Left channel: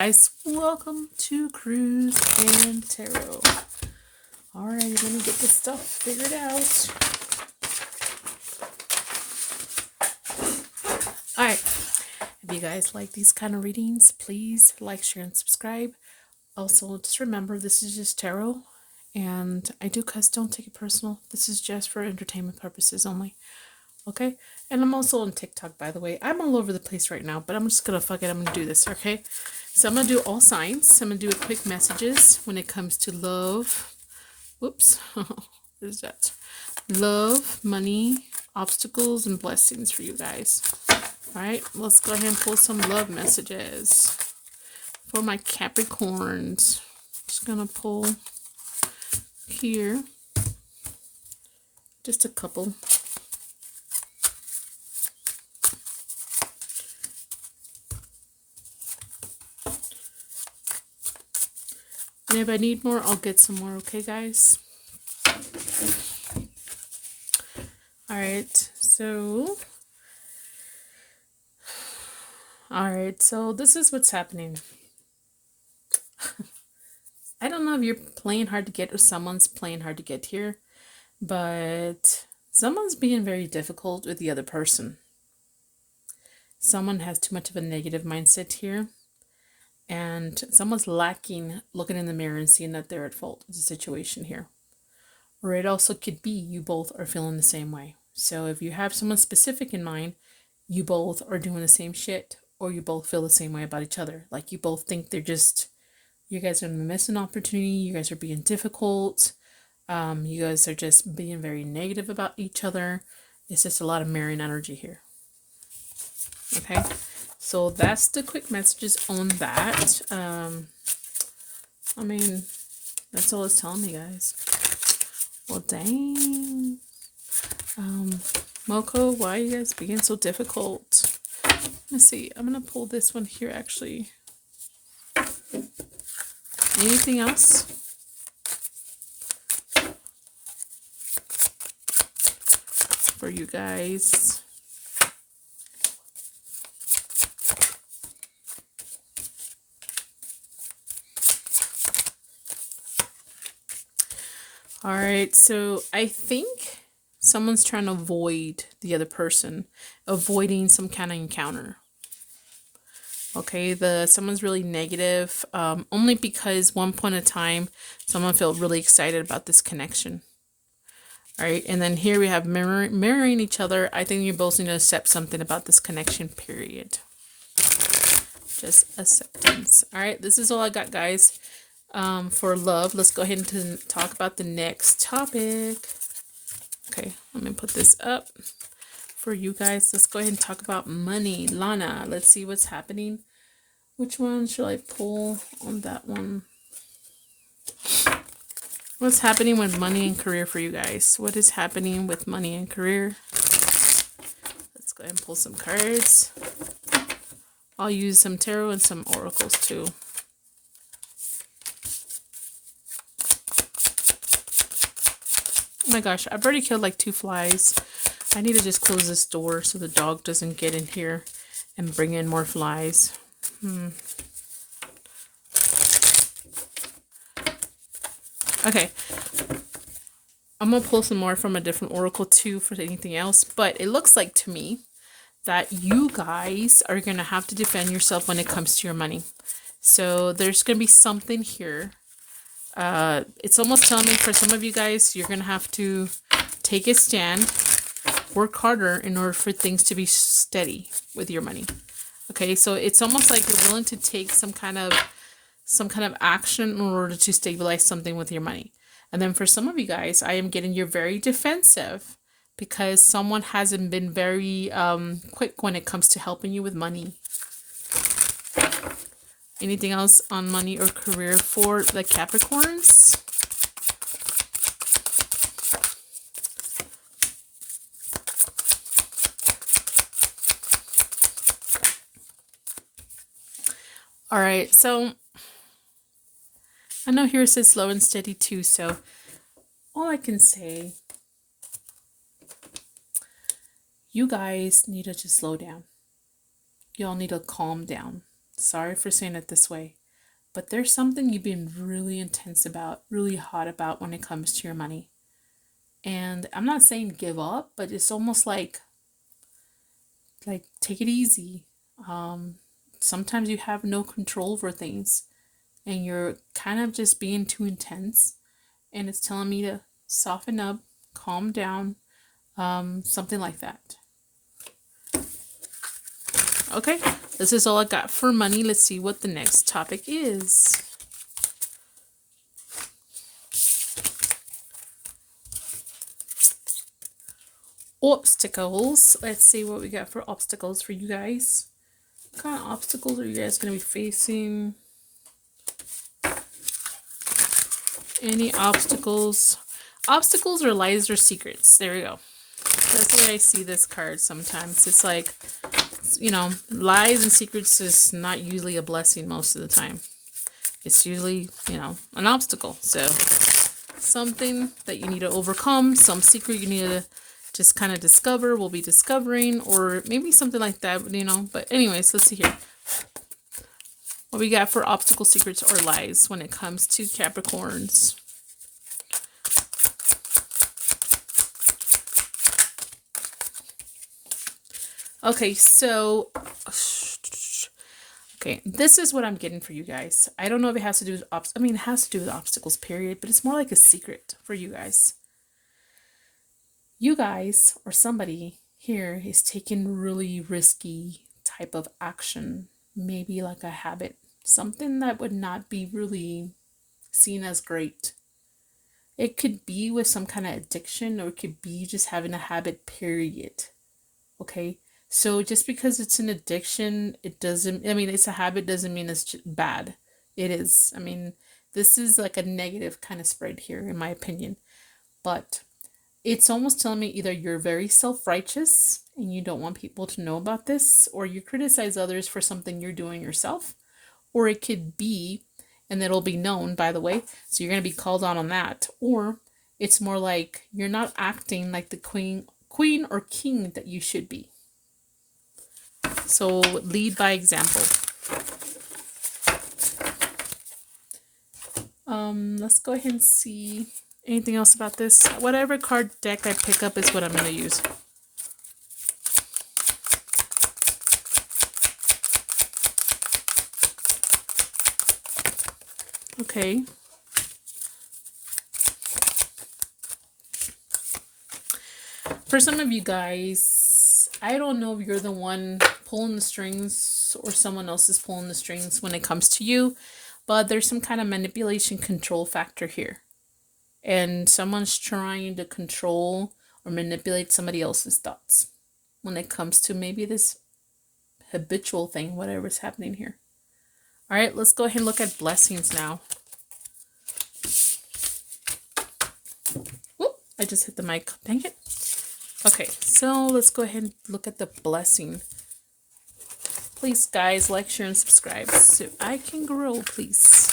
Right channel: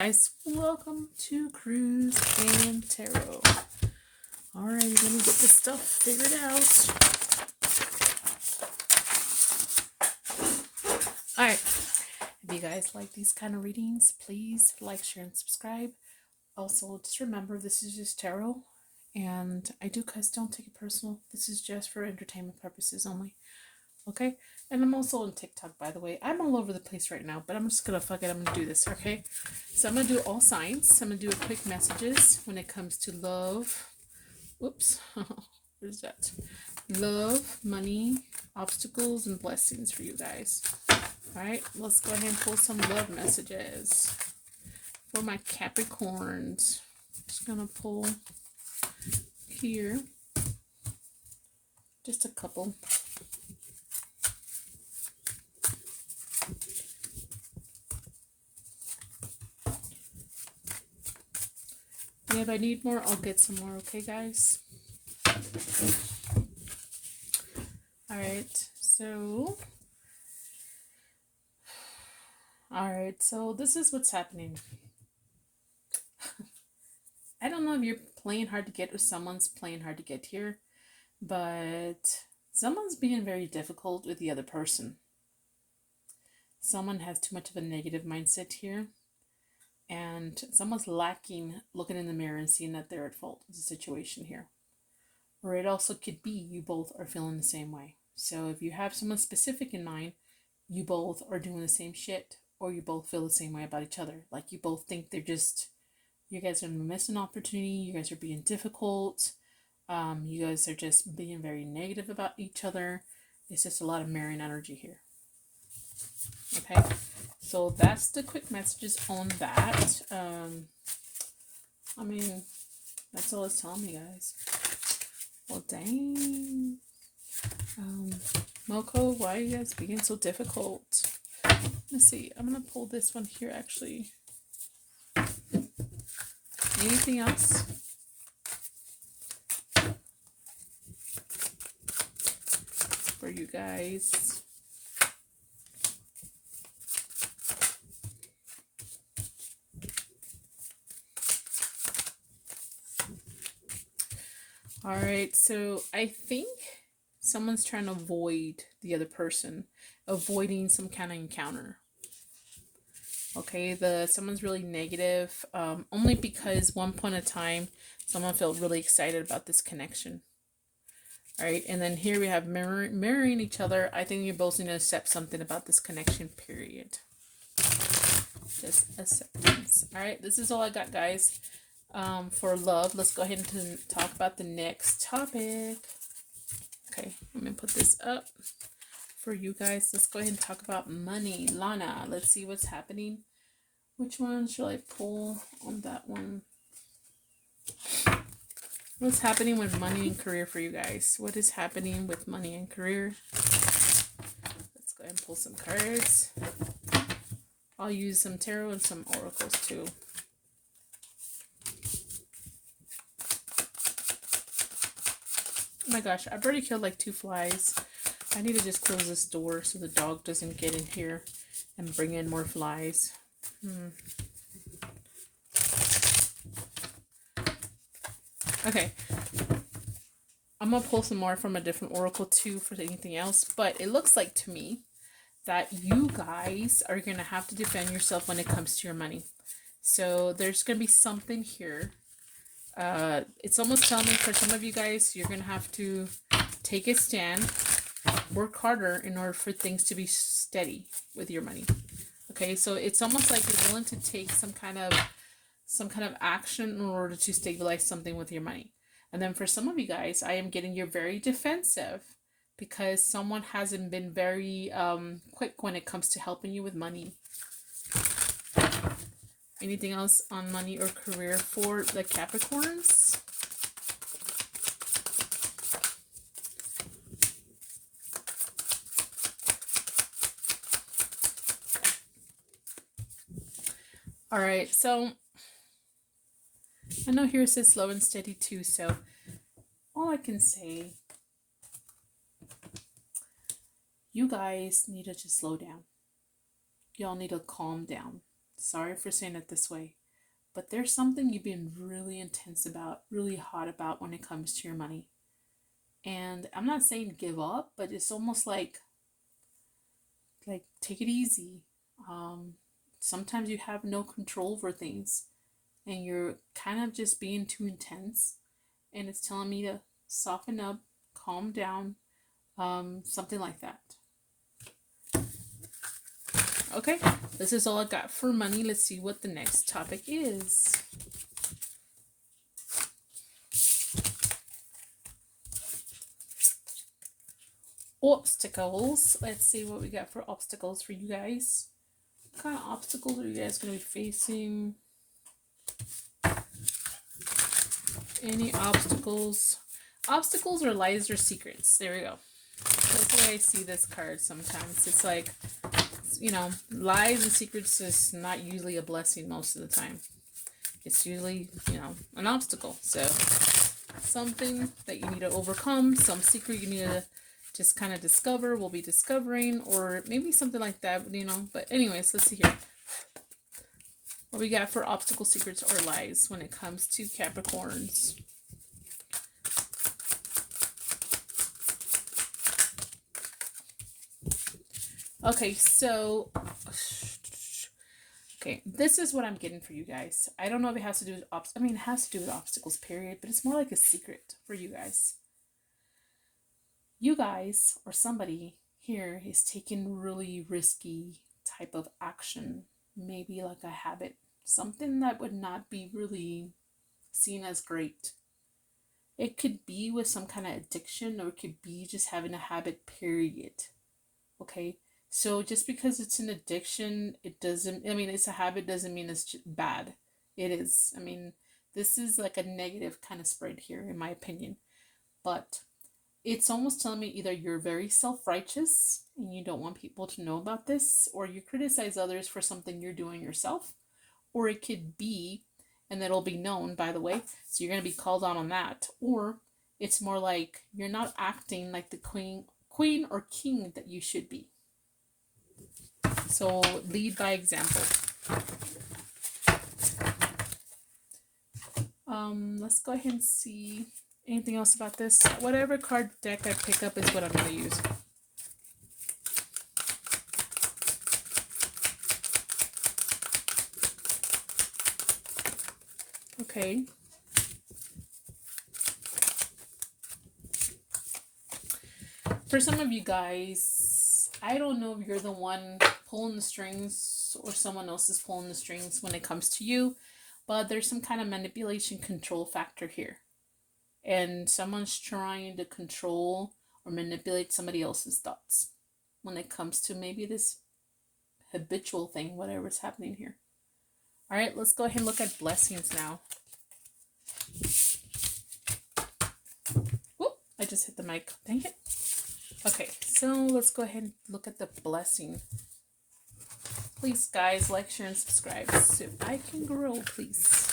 Guys, welcome to Cruise and Tarot. Alright, let me get this stuff figured out. Alright, if you guys like these kind of readings, please like, share, and subscribe. Also, just remember this is just tarot, and I do cuss, don't take it personal. This is just for entertainment purposes only. Okay? And I'm also on TikTok, by the way. I'm all over the place right now, but I'm just gonna fuck it. I'm gonna do this, okay? So I'm gonna do all signs. I'm gonna do a quick messages when it comes to love. Oops. What is that? Love, money, obstacles, and blessings for you guys. Alright, let's go ahead and pull some love messages for my Capricorns. Just gonna pull here. Just a couple. And if I need more, I'll get some more, okay, guys? Alright, so this is what's happening. I don't know if you're playing hard to get or someone's playing hard to get here, but someone's being very difficult with the other person. Someone has too much of a negative mindset here. And someone's lacking looking in the mirror and seeing that they're at fault with the situation here. Or it also could be you both are feeling the same way. So if you have someone specific in mind, you both are doing the same shit, or you both feel the same way about each other. Like you both think you guys are missing an opportunity, you guys are being difficult, you guys are just being very negative about each other. It's just a lot of mirroring energy here. Okay? So that's the quick messages on that. I mean, that's all it's telling me, guys. Well, dang. Moko, why are you guys being so difficult? Let's see. I'm going to pull this one here, actually. Anything else? For you guys. Alright, so I think someone's trying to avoid the other person, avoiding some kind of encounter. Okay, someone's really negative, only because one point in time, someone felt really excited about this connection. Alright, and then here we have mirroring each other. I think you're both going to accept something about this connection, period. Just acceptance. Alright, this is all I got, guys. For love, let's go ahead and talk about the next topic. Okay, let me put this up for you guys. Let's go ahead and talk about money. Lana, let's see what's happening. Which one should I pull on that one? What's happening with money and career for you guys? What is happening with money and career? Let's go ahead and pull some cards. I'll use some tarot and some oracles too. Oh my gosh, I've already killed like 2 flies. I need to just close this door so the dog doesn't get in here and bring in more flies. Okay. I'm going to pull some more from a different oracle too for anything else. But it looks like to me that you guys are going to have to defend yourself when it comes to your money. So there's going to be something here. It's almost telling me for some of you guys, you're going to have to take a stand, work harder in order for things to be steady with your money. Okay, so it's almost like you're willing to take some kind of action in order to stabilize something with your money. And then for some of you guys, I am getting you're very defensive because someone hasn't been very quick when it comes to helping you with money. Anything else on money or career for the Capricorns? All right, so I know here it says slow and steady too, so all I can say, you guys need to just slow down. Y'all need to calm down. Sorry for saying it this way, but there's something you've been really intense about, really hot about when it comes to your money. And I'm not saying give up, but it's almost like take it easy. Sometimes you have no control over things and you're kind of just being too intense, and it's telling me to soften up, calm down, something like that. Okay, this is all I got for money. Let's see what the next topic is. Obstacles. Let's see what we got for obstacles for you guys. What kind of obstacles are you guys going to be facing? Any obstacles? Obstacles or lies or secrets. There we go. That's the way I see this card sometimes. It's like, you know, lies and secrets is not usually a blessing most of the time. It's usually, you know, an obstacle. So something that you need to overcome, some secret you need to just kind of discover, will be discovering, or maybe something like that, you know. But anyways, let's see here. What we got for obstacle, secrets, or lies when it comes to Capricorns. Okay, so, okay, this is what I'm getting for you guys. I don't know if it has to do with, it has to do with obstacles, period, but it's more like a secret for you guys. You guys, or somebody here, is taking really risky type of action. Maybe like a habit. Something that would not be really seen as great. It could be with some kind of addiction, or it could be just having a habit, period. Okay? So just because it's an addiction, it doesn't, it's a habit, doesn't mean it's bad. It is. This is like a negative kind of spread here, in my opinion. But it's almost telling me either you're very self-righteous and you don't want people to know about this, or you criticize others for something you're doing yourself, or it could be, and it'll be known, by the way, so you're going to be called on that, or it's more like you're not acting like the queen or king that you should be. So lead by example. Let's go ahead and see anything else about this. Whatever card deck I pick up is what I'm going to use. Okay. For some of you guys, I don't know if you're the one pulling the strings or someone else is pulling the strings when it comes to you, but there's some kind of manipulation control factor here. And someone's trying to control or manipulate somebody else's thoughts when it comes to maybe this habitual thing, whatever's happening here. All right, let's go ahead and look at blessings now. Whoop, I just hit the mic. Dang it. Okay, so let's go ahead and look at the blessing. Please, guys, like, share, and subscribe so I can grow, please.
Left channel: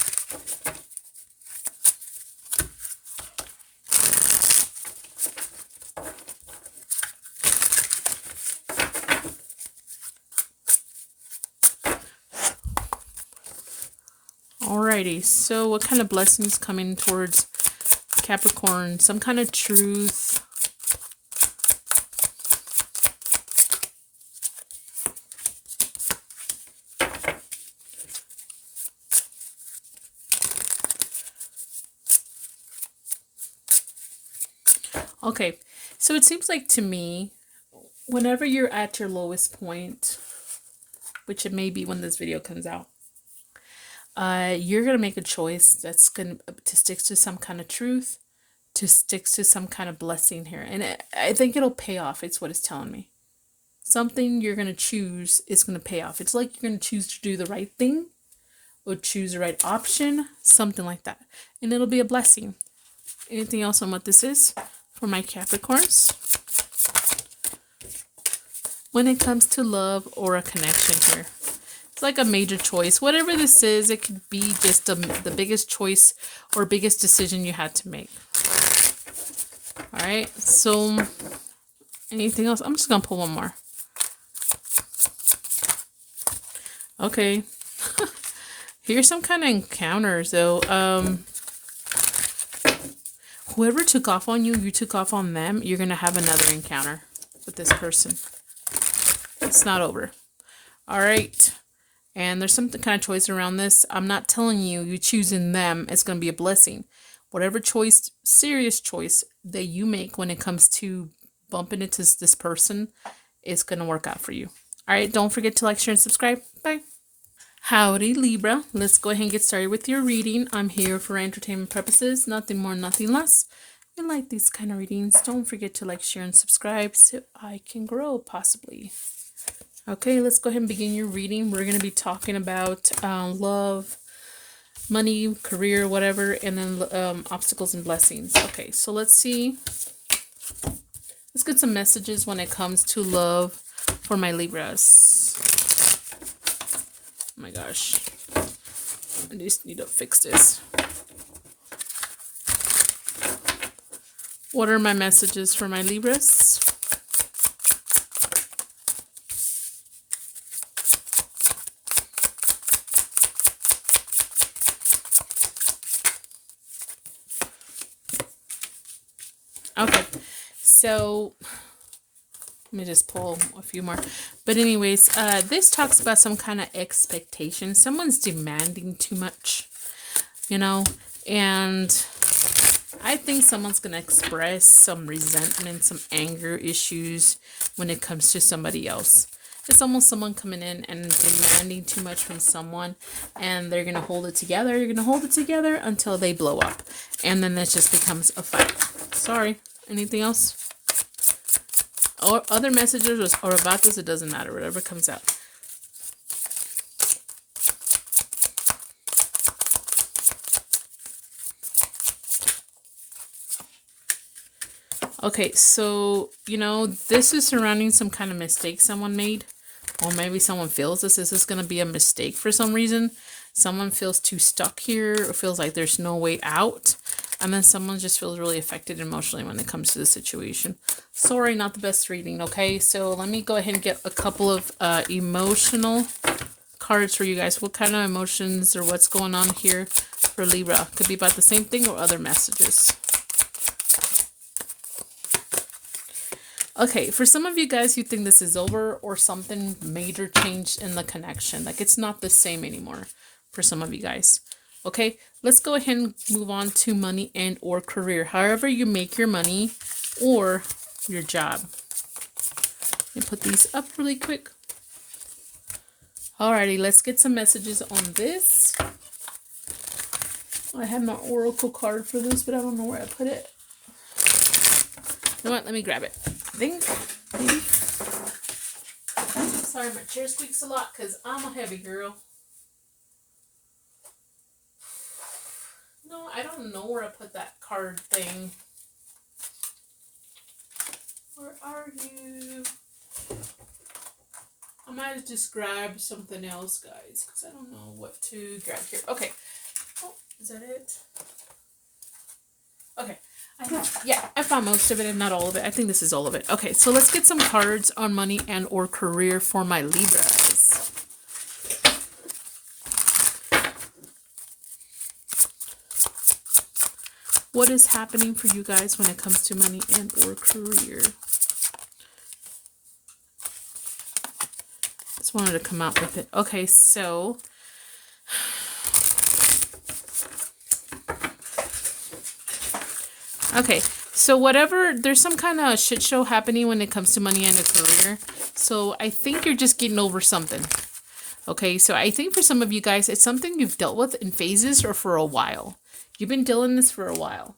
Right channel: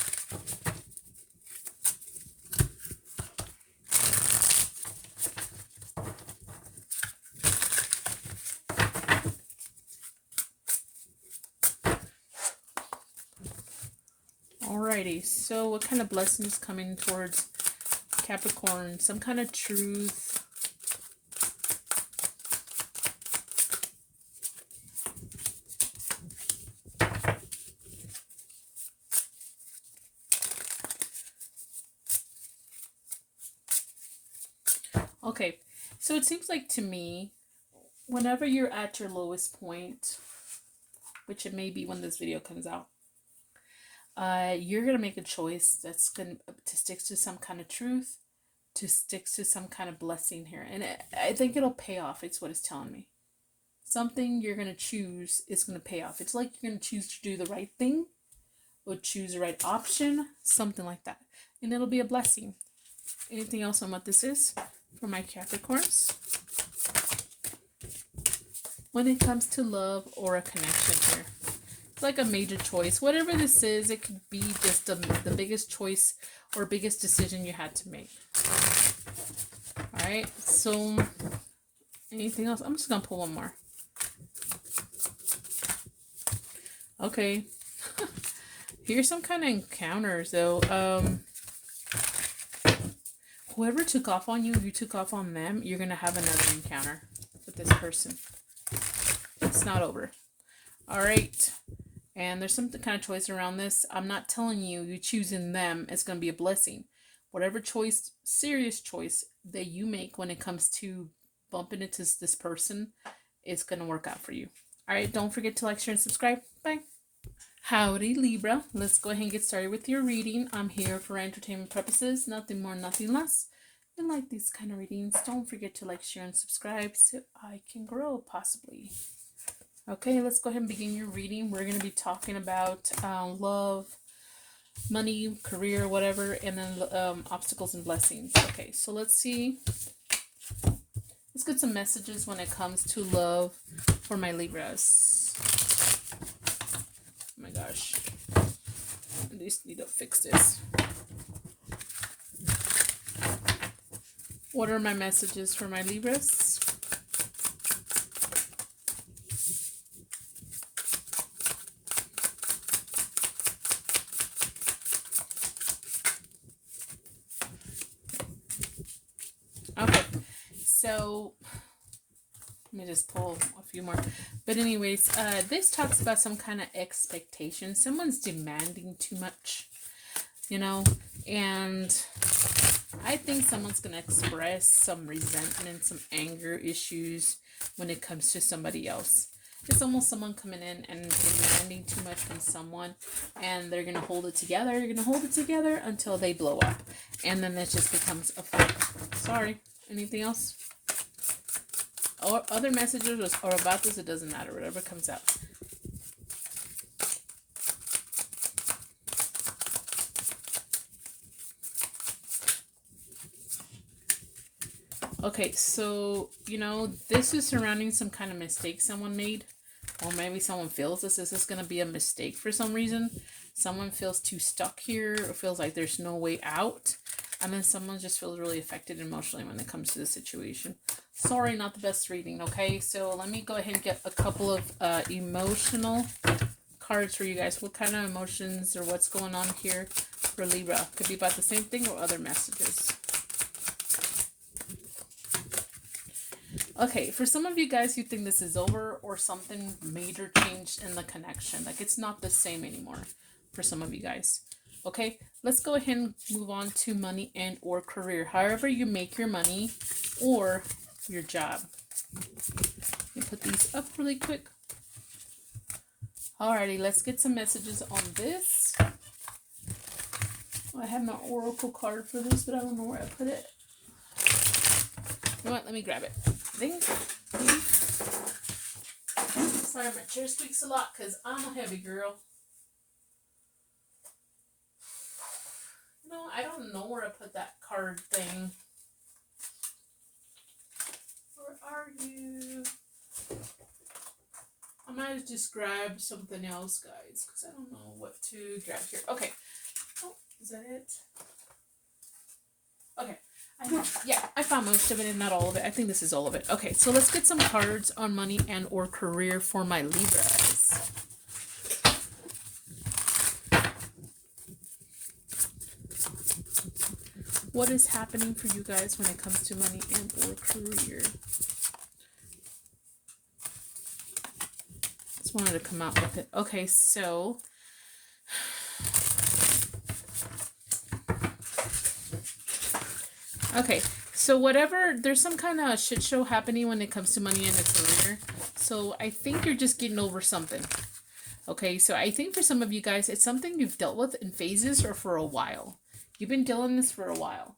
Alrighty, so what kind of blessings coming towards Capricorn? Some kind of truth. Okay, so it seems like to me, whenever you're at your lowest point, which it may be when this video comes out, you're going to make a choice that's going to stick to some kind of truth, to stick to some kind of blessing here. And I think it'll pay off. It's what it's telling me. Something you're going to choose is going to pay off. It's like you're going to choose to do the right thing or choose the right option, something like that. And it'll be a blessing. Anything else on what this is for my Capricorns? When it comes to love or a connection here. It's like a major choice. Whatever this is, it could be just the biggest choice or biggest decision you had to make. All right, so anything else? I'm just going to pull one more. Okay, Here's some kind of encounters, though. Whoever took off on you, you took off on them. You're going to have another encounter with this person. It's not over. All right. And there's some kind of choice around this. I'm not telling you, you choosing them is going to be a blessing. Whatever choice, serious choice that you make when it comes to bumping into this person is going to work out for you. All right. Don't forget to like, share, and subscribe. Bye. Howdy, Libra. Let's go ahead and get started with your reading. I'm here for entertainment purposes. Nothing more, nothing less. If you like these kind of readings, don't forget to like, share, and subscribe so I can grow, possibly. Okay, let's go ahead and begin your reading. We're going to be talking about love, money, career, whatever, and then obstacles and blessings. Okay, so let's see. Let's get some messages when it comes to love for my Libras. Oh my gosh. I just need to fix this. What are my messages for my Libras? Okay, so let me just pull a few more. But anyways, this talks about some kind of expectation. Someone's demanding too much, you know, and I think someone's going to express some resentment, some anger issues when it comes to somebody else. It's almost someone coming in and demanding too much from someone, and they're going to hold it together. You're going to hold it together until they blow up, and then that just becomes a fight. Sorry. Anything else? Or other messages or about this, it doesn't matter. Whatever comes out. Okay, so, you know, this is surrounding some kind of mistake someone made. Or maybe someone feels this is going to be a mistake for some reason. Someone feels too stuck here or feels like there's no way out. And then someone just feels really affected emotionally when it comes to the situation. Sorry, not the best reading, okay? So let me go ahead and get a couple of emotional cards for you guys. What kind of emotions or what's going on here for Libra? Could be about the same thing or other messages. Okay, for some of you guys, you think this is over or something major changed in the connection. Like it's not the same anymore for some of you guys. Okay, let's go ahead and move on to money and or career. However you make your money or your job. Let me put these up really quick. Alrighty, let's get some messages on this. I had my oracle card for this, but I don't know where I put it. You know what? Let me grab it. Ding. Ding. Sorry, my chair squeaks a lot because I'm a heavy girl. No, I don't know where I put that card thing. Where are you? I might have just grabbed something else, guys, because I don't know what to grab here. Okay. Oh, is that it? Okay. I found most of it and not all of it. I think this is all of it. Okay, so let's get some cards on money and or career for my Libras. What is happening for you guys when it comes to money and or career? Just wanted to come out with it. Okay, so okay, so whatever, there's some kind of shit show happening when it comes to money and a career. So I think you're just getting over something. Okay, so I think for some of you guys, it's something you've dealt with in phases or for a while. You've been dealing with this for a while.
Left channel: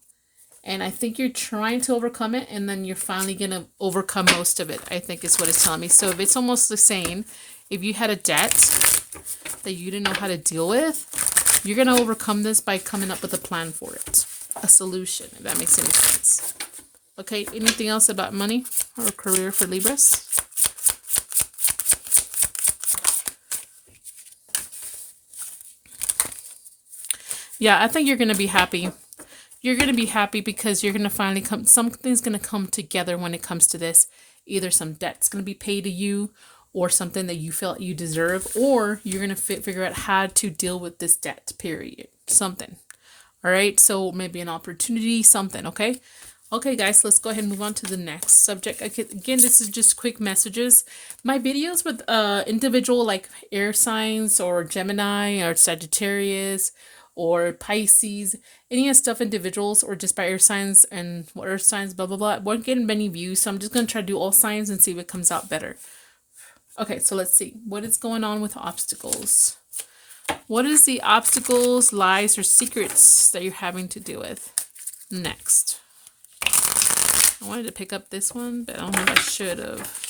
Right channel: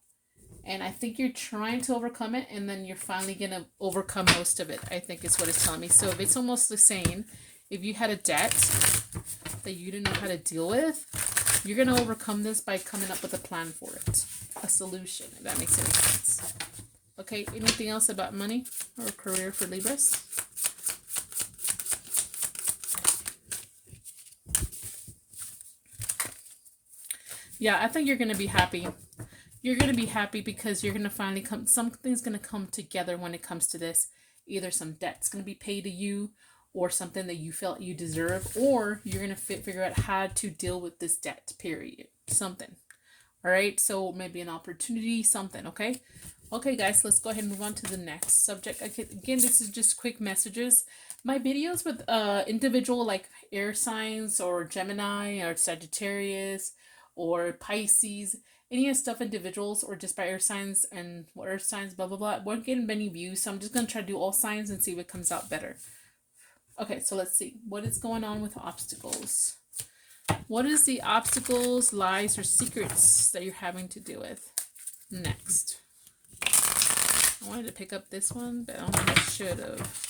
And I think you're trying to overcome it, and then you're finally going to overcome most of it, I think is what it's telling me. So if it's almost the same, if you had a debt that you didn't know how to deal with, you're going to overcome this by coming up with a plan for it. A solution, if that makes any sense. Okay, anything else about money or career for Libras? Yeah, I think you're going to be happy. You're going to be happy because you're going to finally something's going to come together when it comes to this. Either some debt's going to be paid to you, or something that you felt you deserve, or you're going to figure out how to deal with this debt, period. Something. All right. So maybe an opportunity, something. Okay. Okay, guys, let's go ahead and move on to the next subject. Again, this is just quick messages. My videos with individual like air signs or Gemini or Sagittarius or Pisces, any of stuff individuals or just by air signs and earth signs, blah, blah, blah, won't get many views. So I'm just going to try to do all signs and see what comes out better. Okay, so let's see. What is going on with obstacles? What is the obstacles, lies, or secrets that you're having to deal with? Next. I wanted to pick up this one, but I don't think I should have.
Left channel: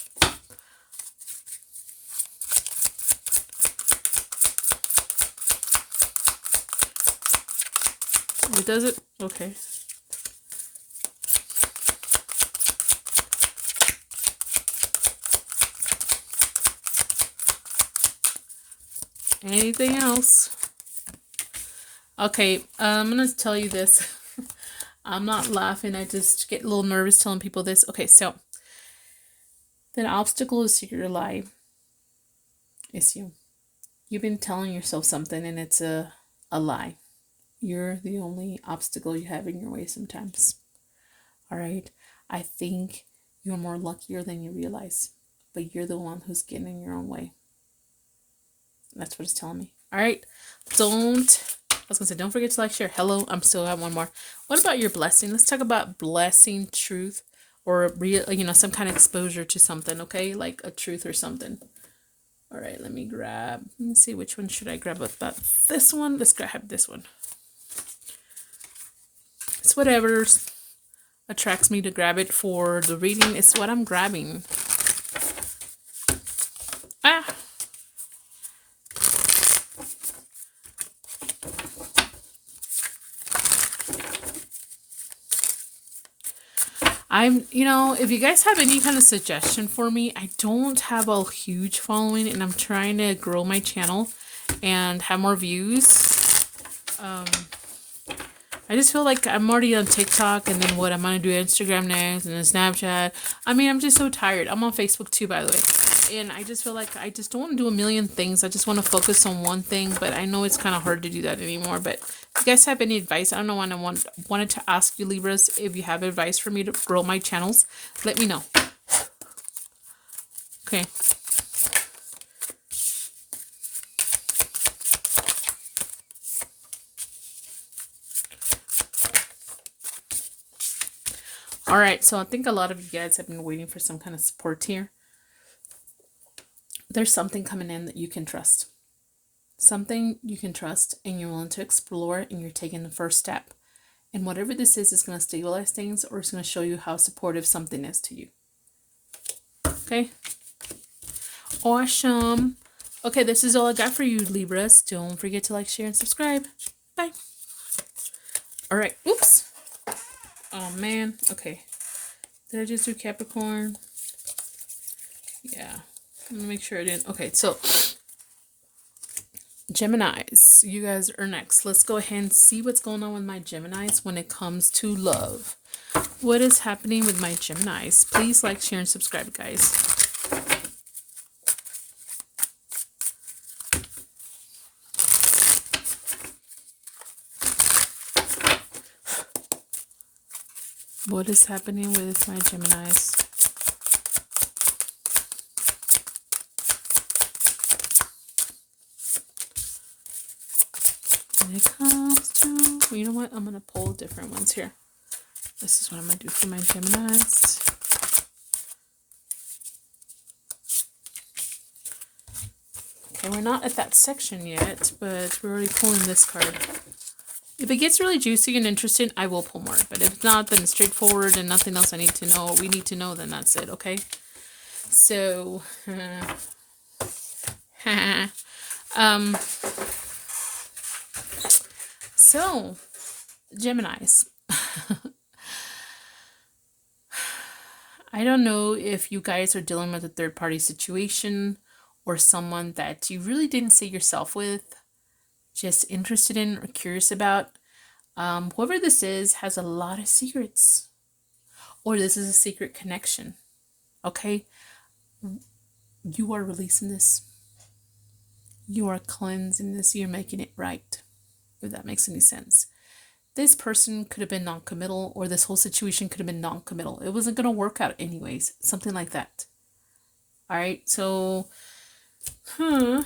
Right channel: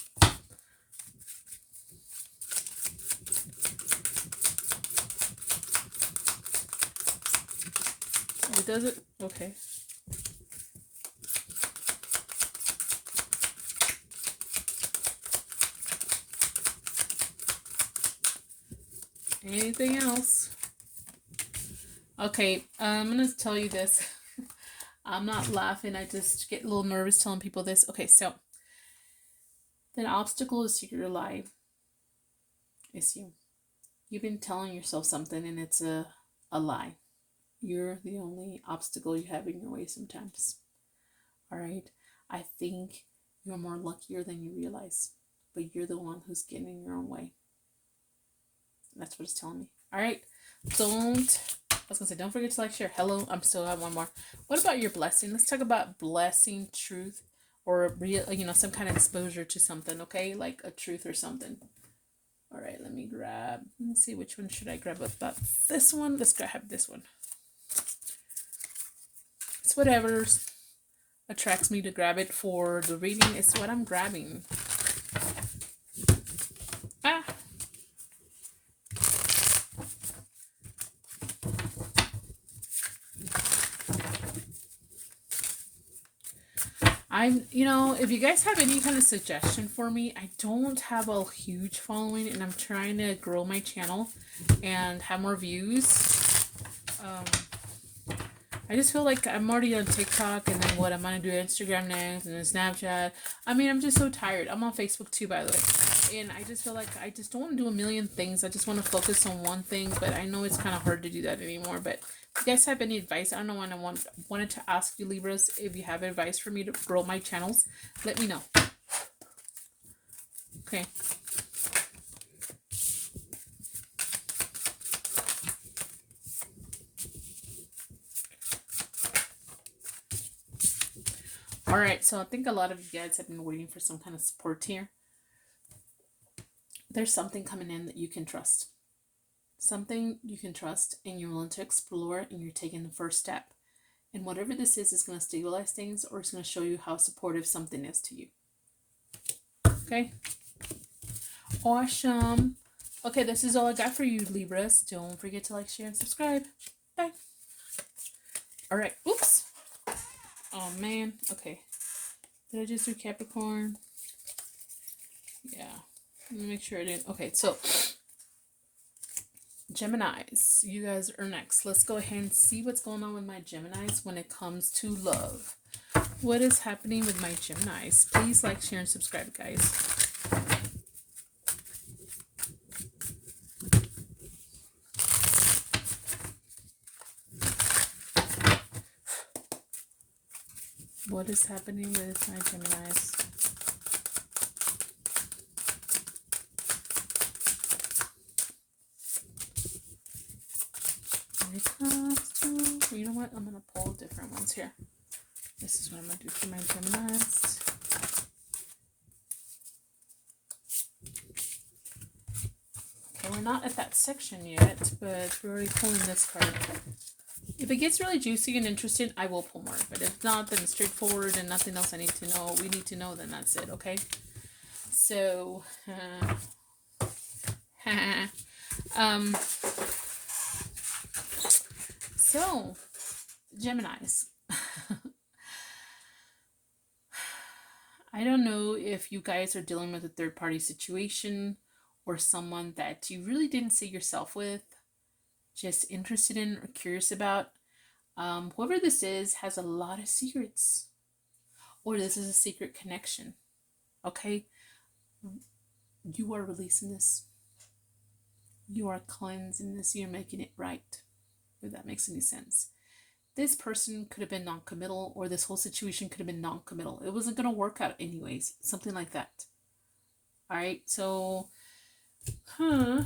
It does it? Okay. Anything else? Okay, I'm going to tell you this. I'm not laughing. I just get a little nervous telling people this. Okay, so the obstacle is secret lie. It's you. You've been telling yourself something and it's a lie. You're the only obstacle you have in your way sometimes. All right? I think you're more luckier than you realize, but you're the one who's getting in your own way. That's what it's telling me. All right? I was going to say, don't forget to like, share. Hello, I'm still at one more. What about your blessing? Let's talk about blessing, truth, or real, some kind of exposure to something, okay? Like a truth or something. All right, let me see, which one should I grab? About this one? Let's grab this one. It's whatever attracts me to grab it for the reading. It's what I'm grabbing. Ah! If you guys have any kind of suggestion for me, I don't have a huge following and I'm trying to grow my channel and have more views. I just feel like I'm already on TikTok and then I'm going to do Instagram next and then Snapchat. I'm just so tired. I'm on Facebook too, by the way. And I just feel like I just don't want to do a million things. I just want to focus on one thing, but I know it's kind of hard to do that anymore. But if you guys have any advice, I don't know when I wanted to ask you, Libras, if you have advice for me to grow my channels, let me know. Okay. All right, so I think a lot of you guys have been waiting for some kind of support here. There's something coming in that you can trust. Something you can trust and you're willing to explore and you're taking the first step. And whatever this is going to stabilize things or it's going to show you how supportive something is to you. Okay? Awesome. Okay, this is all I got for you, Libras. Don't forget to like, share, and subscribe. Bye. All right. Oops. Oh, man. Okay. Did I just do Capricorn? Yeah. Let me make sure I didn't. Okay, so Geminis, you guys are next. Let's go ahead and see what's going on with my Geminis when it comes to love. What is happening with my Geminis? Please like, share, and subscribe, guys. What is happening with my Geminis? When it comes to, you know what? I'm going to pull different ones here. This is what I'm going to do for my Geminis. Okay, we're not at that section yet, but we're already pulling this card. If it gets really juicy and interesting, I will pull more. But if not, then it's straightforward and nothing else I need to know. We need to know, then that's it, okay? So, so, Geminis. I don't know if you guys are dealing with a third-party situation or someone that you really didn't see yourself with, just interested in or curious about. Whoever this is has a lot of secrets, or this is a secret connection. Okay, You are releasing this. You are cleansing this. You're making it right. If that makes any sense. This person could have been non-committal, or this whole situation could have been non-committal. It wasn't going to work out anyways. Something like that. All right. So, I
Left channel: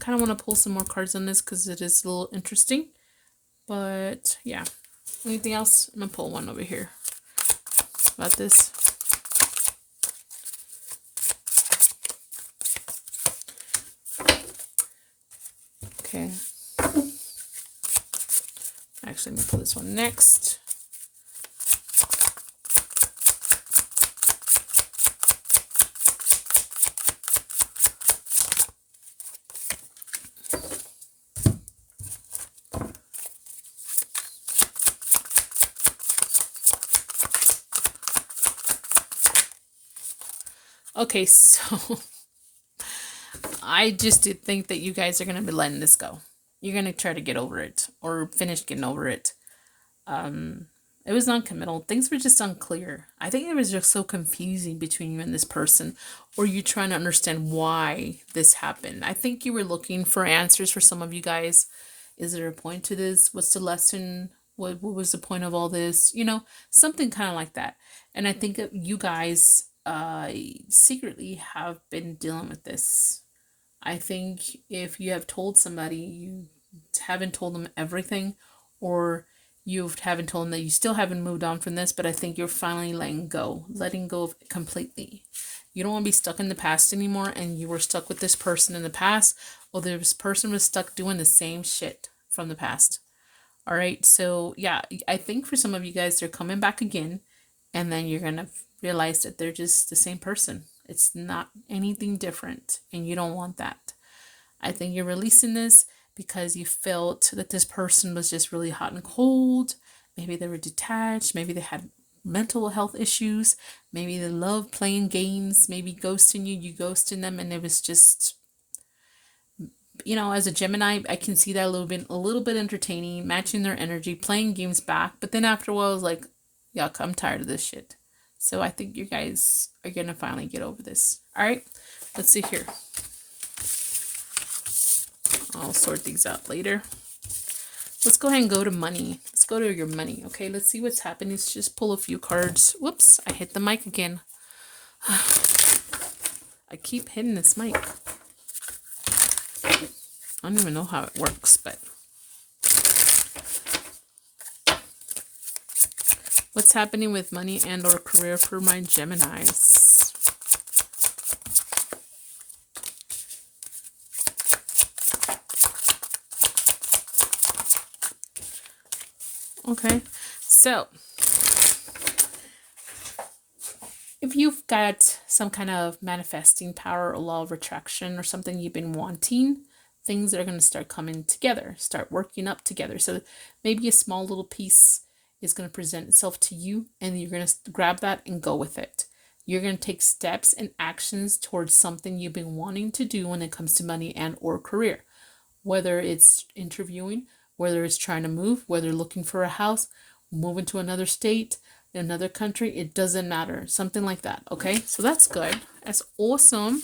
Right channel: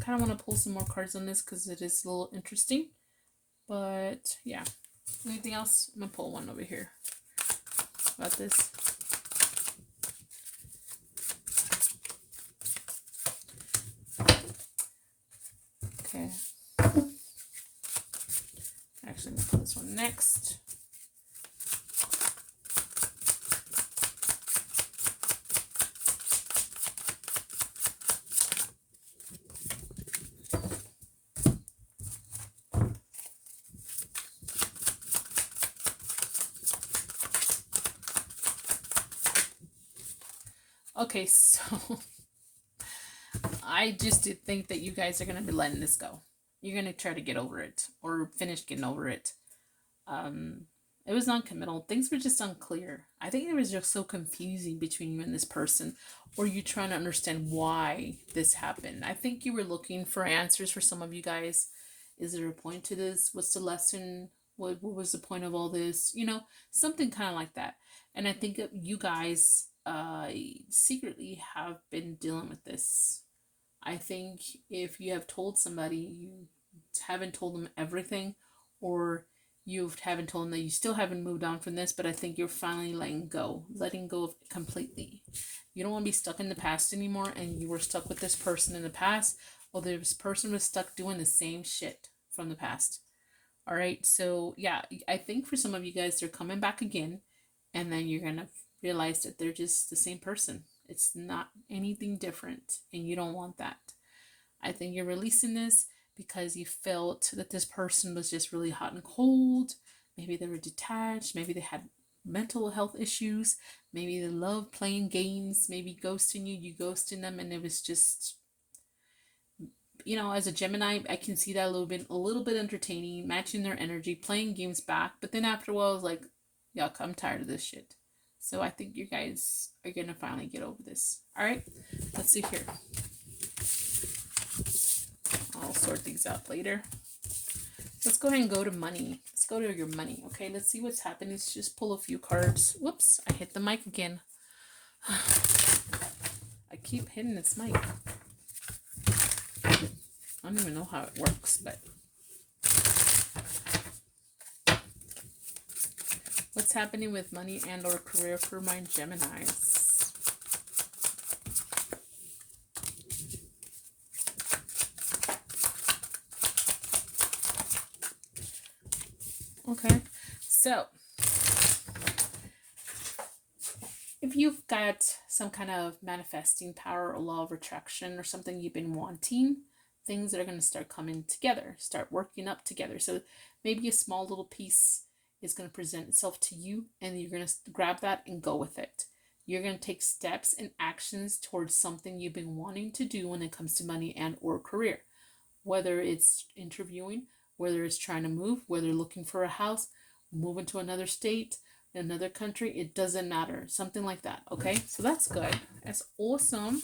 kind of want to pull some more cards on this because it is a little interesting. But yeah. Anything else? I'm going to pull one over here about this. Okay. Actually, I'm going to pull this one next. Okay, so I just did think that you guys are going to be letting this go. You're going to try to get over it or finish getting over it. It was non-committal. Things were just unclear. I think it was just so confusing between you and this person, or you trying to understand why this happened. I think you were looking for answers for some of you guys. Is there a point to this? What's the lesson? What was the point of all this? You know, something kind of like that. And I think you guys secretly have been dealing with this. I think if you have told somebody, you haven't told them everything, or you haven't told them that you still haven't moved on from this, but I think you're finally letting go of it completely. You don't want to be stuck in the past anymore, and you were stuck with this person in the past, or this person was stuck doing the same shit from the past. All right, so yeah, I think for some of you guys, they're coming back again, and then you're going to realize that they're just the same person. It's not anything different, and you don't want that. I think you're releasing this because you felt that this person was just really hot and cold. Maybe they were detached. Maybe they had mental health issues. Maybe they love playing games. Maybe ghosting you ghosting them, and it was just, you know, as a Gemini, I can see that a little bit entertaining, matching their energy, playing games back. But then after a while, I was like, yuck, I'm tired of this shit. So I think you guys are going to finally get over this. All right, let's see here. I'll sort these out later. Let's go ahead and go to money. Let's go to your money. Okay, let's see what's happening. Let's just pull a few cards. Whoops, I hit the mic again. I keep hitting this mic. I don't even know how it works, but what's happening with money and or career for my Geminis? Okay, so if you've got some kind of manifesting power or law of attraction or something you've been wanting, things that are going to start coming together, start working up together. So maybe a small little piece is going to present itself to you, and you're going to grab that and go with it. You're going to take steps and actions towards something you've been wanting to do when it comes to money and or career. Whether it's interviewing, whether it's trying to move, whether looking for a house, moving to another state, another country, it doesn't matter. Something like that, okay? So that's good. That's awesome.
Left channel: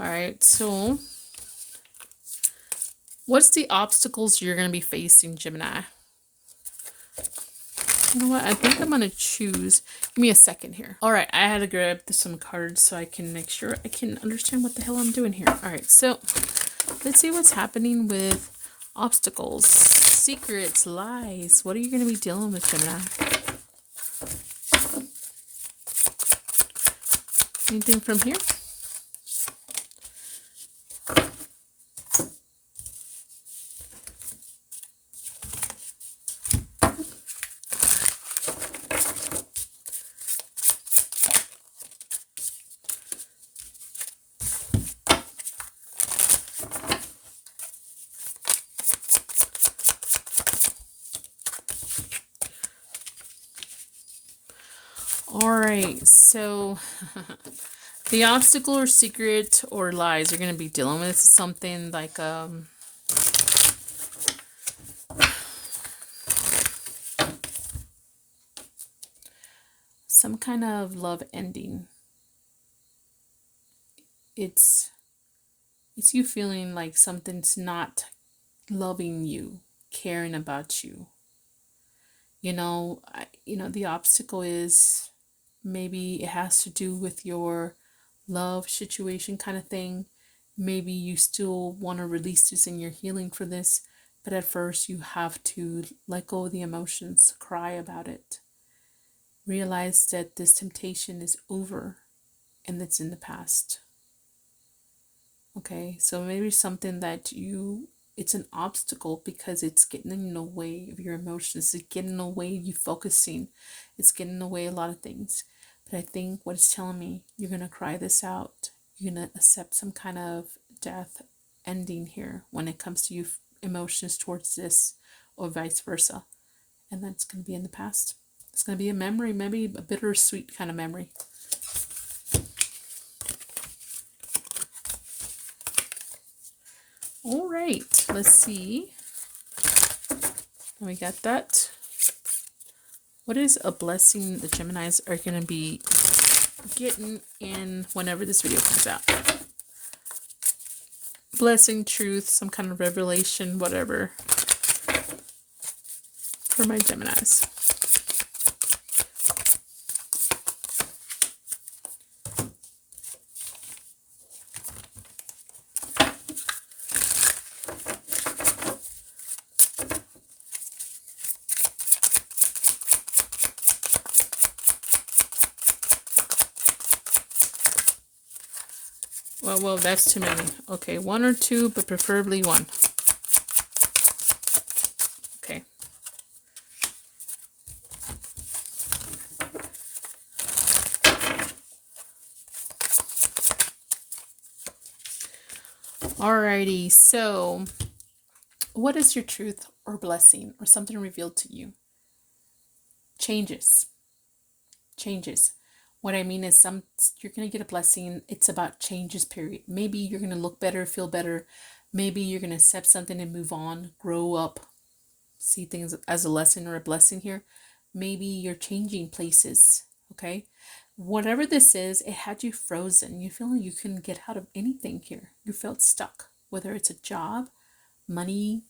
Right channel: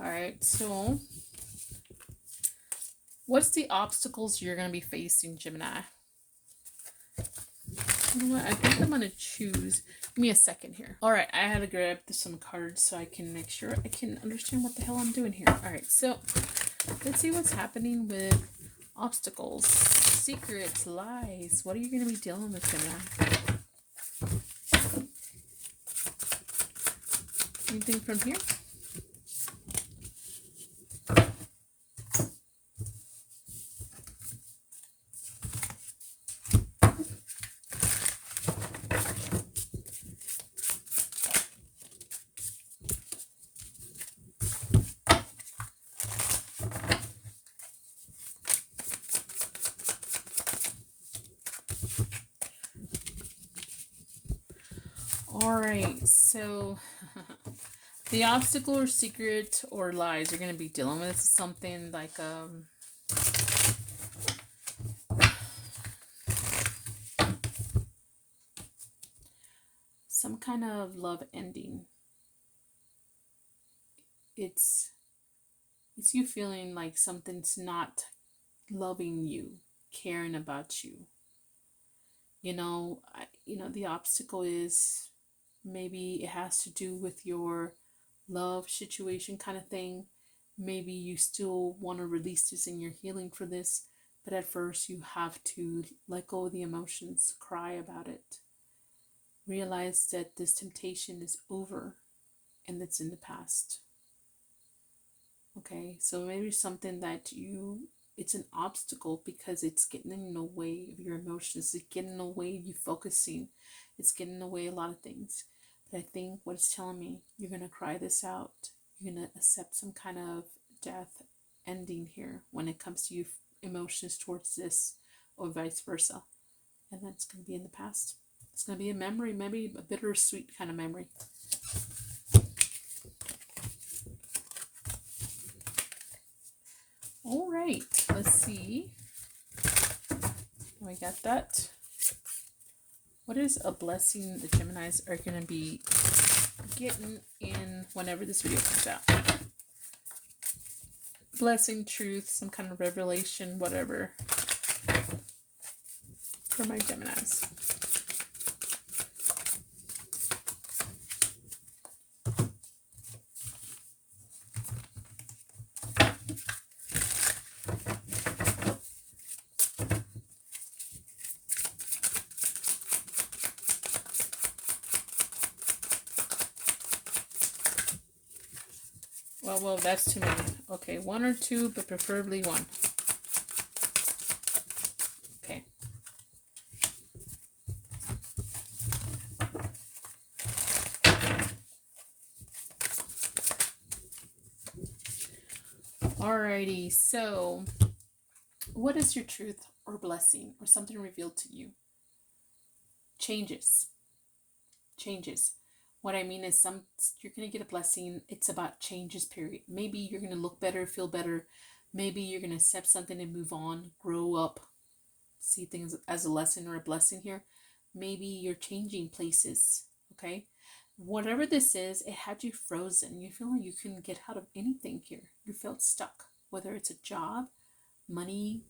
All right, so what's the obstacles you're going to be facing, Gemini? You know what? I think I'm going to choose. Give me a second here. All right, I had to grab some cards so I can make sure I can understand what the hell I'm doing here. All right, so let's see what's happening with obstacles, secrets, lies. What are you going to be dealing with, Gemini? Anything from here? All right, so the obstacle or secret or lies you're going to be dealing with is something like some kind of love ending. it's you feeling like something's not loving you, caring about you. The obstacle is maybe it has to do with your love situation kind of thing. Maybe you still want to release this and you're healing for this, but at first you have to let go of the emotions, cry about it. Realize that this temptation is over and it's in the past. Okay, so maybe something that it's an obstacle because it's getting in the way of your emotions, it's getting in the way of you focusing, it's getting in the way of a lot of things. But I think what it's telling me, you're going to cry this out. You're going to accept some kind of death ending here when it comes to you emotions towards this or vice versa. And that's going to be in the past. It's going to be a memory, maybe a bittersweet kind of memory. All right, let's see. We got that. What is a blessing the Geminis are going to be getting in whenever this video comes out? Blessing, truth, some kind of revelation, whatever, for my Geminis. Well, that's too many. Okay, one or two, but preferably one. Okay. Alrighty, so what is your truth or blessing or something revealed to you? Changes. What I mean is you're going to get a blessing. It's about changes, period. Maybe you're going to look better, feel better. Maybe you're going to accept something and move on, grow up, see things as a lesson or a blessing here. Maybe you're changing places, okay? Whatever this is, it had you frozen. You feel like you couldn't get out of anything here. You felt stuck, whether it's a job, money,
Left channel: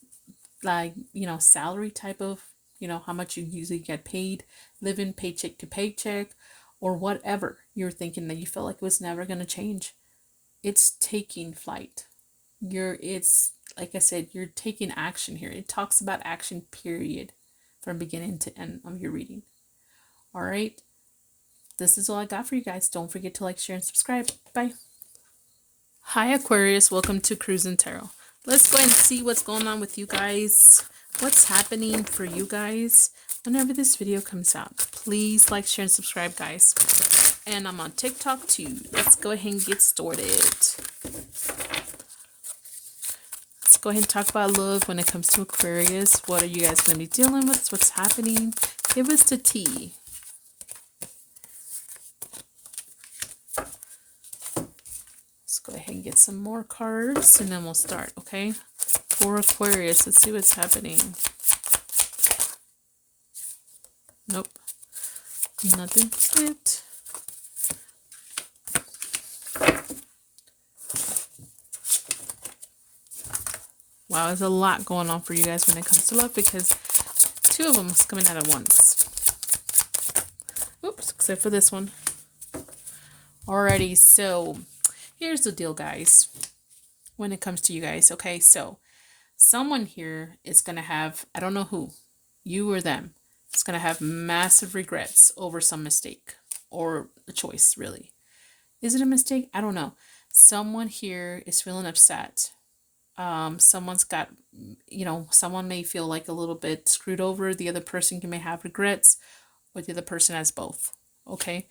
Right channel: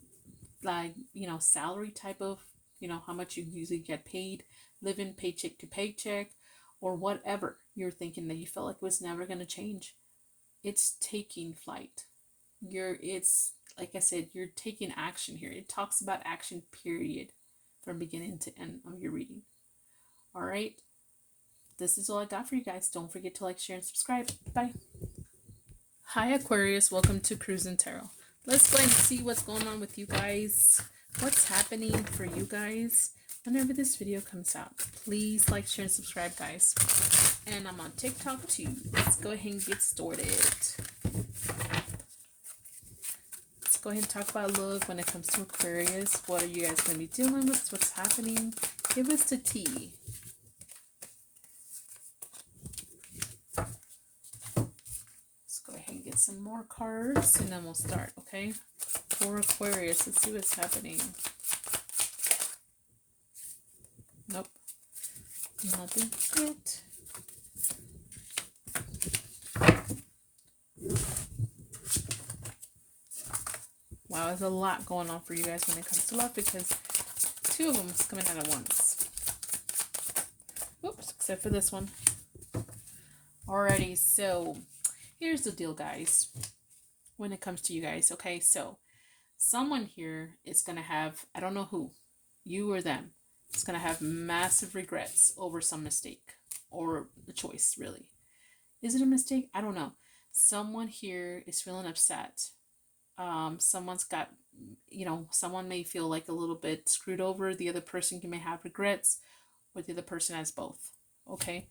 like, salary type of, how much you usually get paid, living paycheck to paycheck, or whatever you're thinking that you felt like it was never going to change. It's taking flight. It's like I said, you're taking action here. It talks about action, period, from beginning to end of your reading. All right. This is all I got for you guys. Don't forget to like, share, and subscribe. Bye. Hi, Aquarius. Welcome to Cruising Tarot. Let's go ahead and see what's going on with you guys. What's happening for you guys whenever this video comes out. Please like, share, and subscribe, guys. And I'm on TikTok too. Let's go ahead and get started. Let's go ahead and talk about love when it comes to Aquarius. What are you guys going to be dealing with? What's happening? Give us the tea. Let's go ahead and get some more cards and then we'll start, okay? For Aquarius, let's see what's happening. Nope. Nothing yet. Wow, there's a lot going on for you guys when it comes to love because two of them is coming out at once. Oops, except for this one. Alrighty, so here's the deal, guys. When it comes to you guys, okay? So someone here is going to have, I don't know who, you or them, is going to have massive regrets over some mistake or a choice, really. Is it a mistake? I don't know. Someone here is feeling upset. Someone's got, someone may feel like a little bit screwed over. The other person may have regrets, or the other person has both. Okay,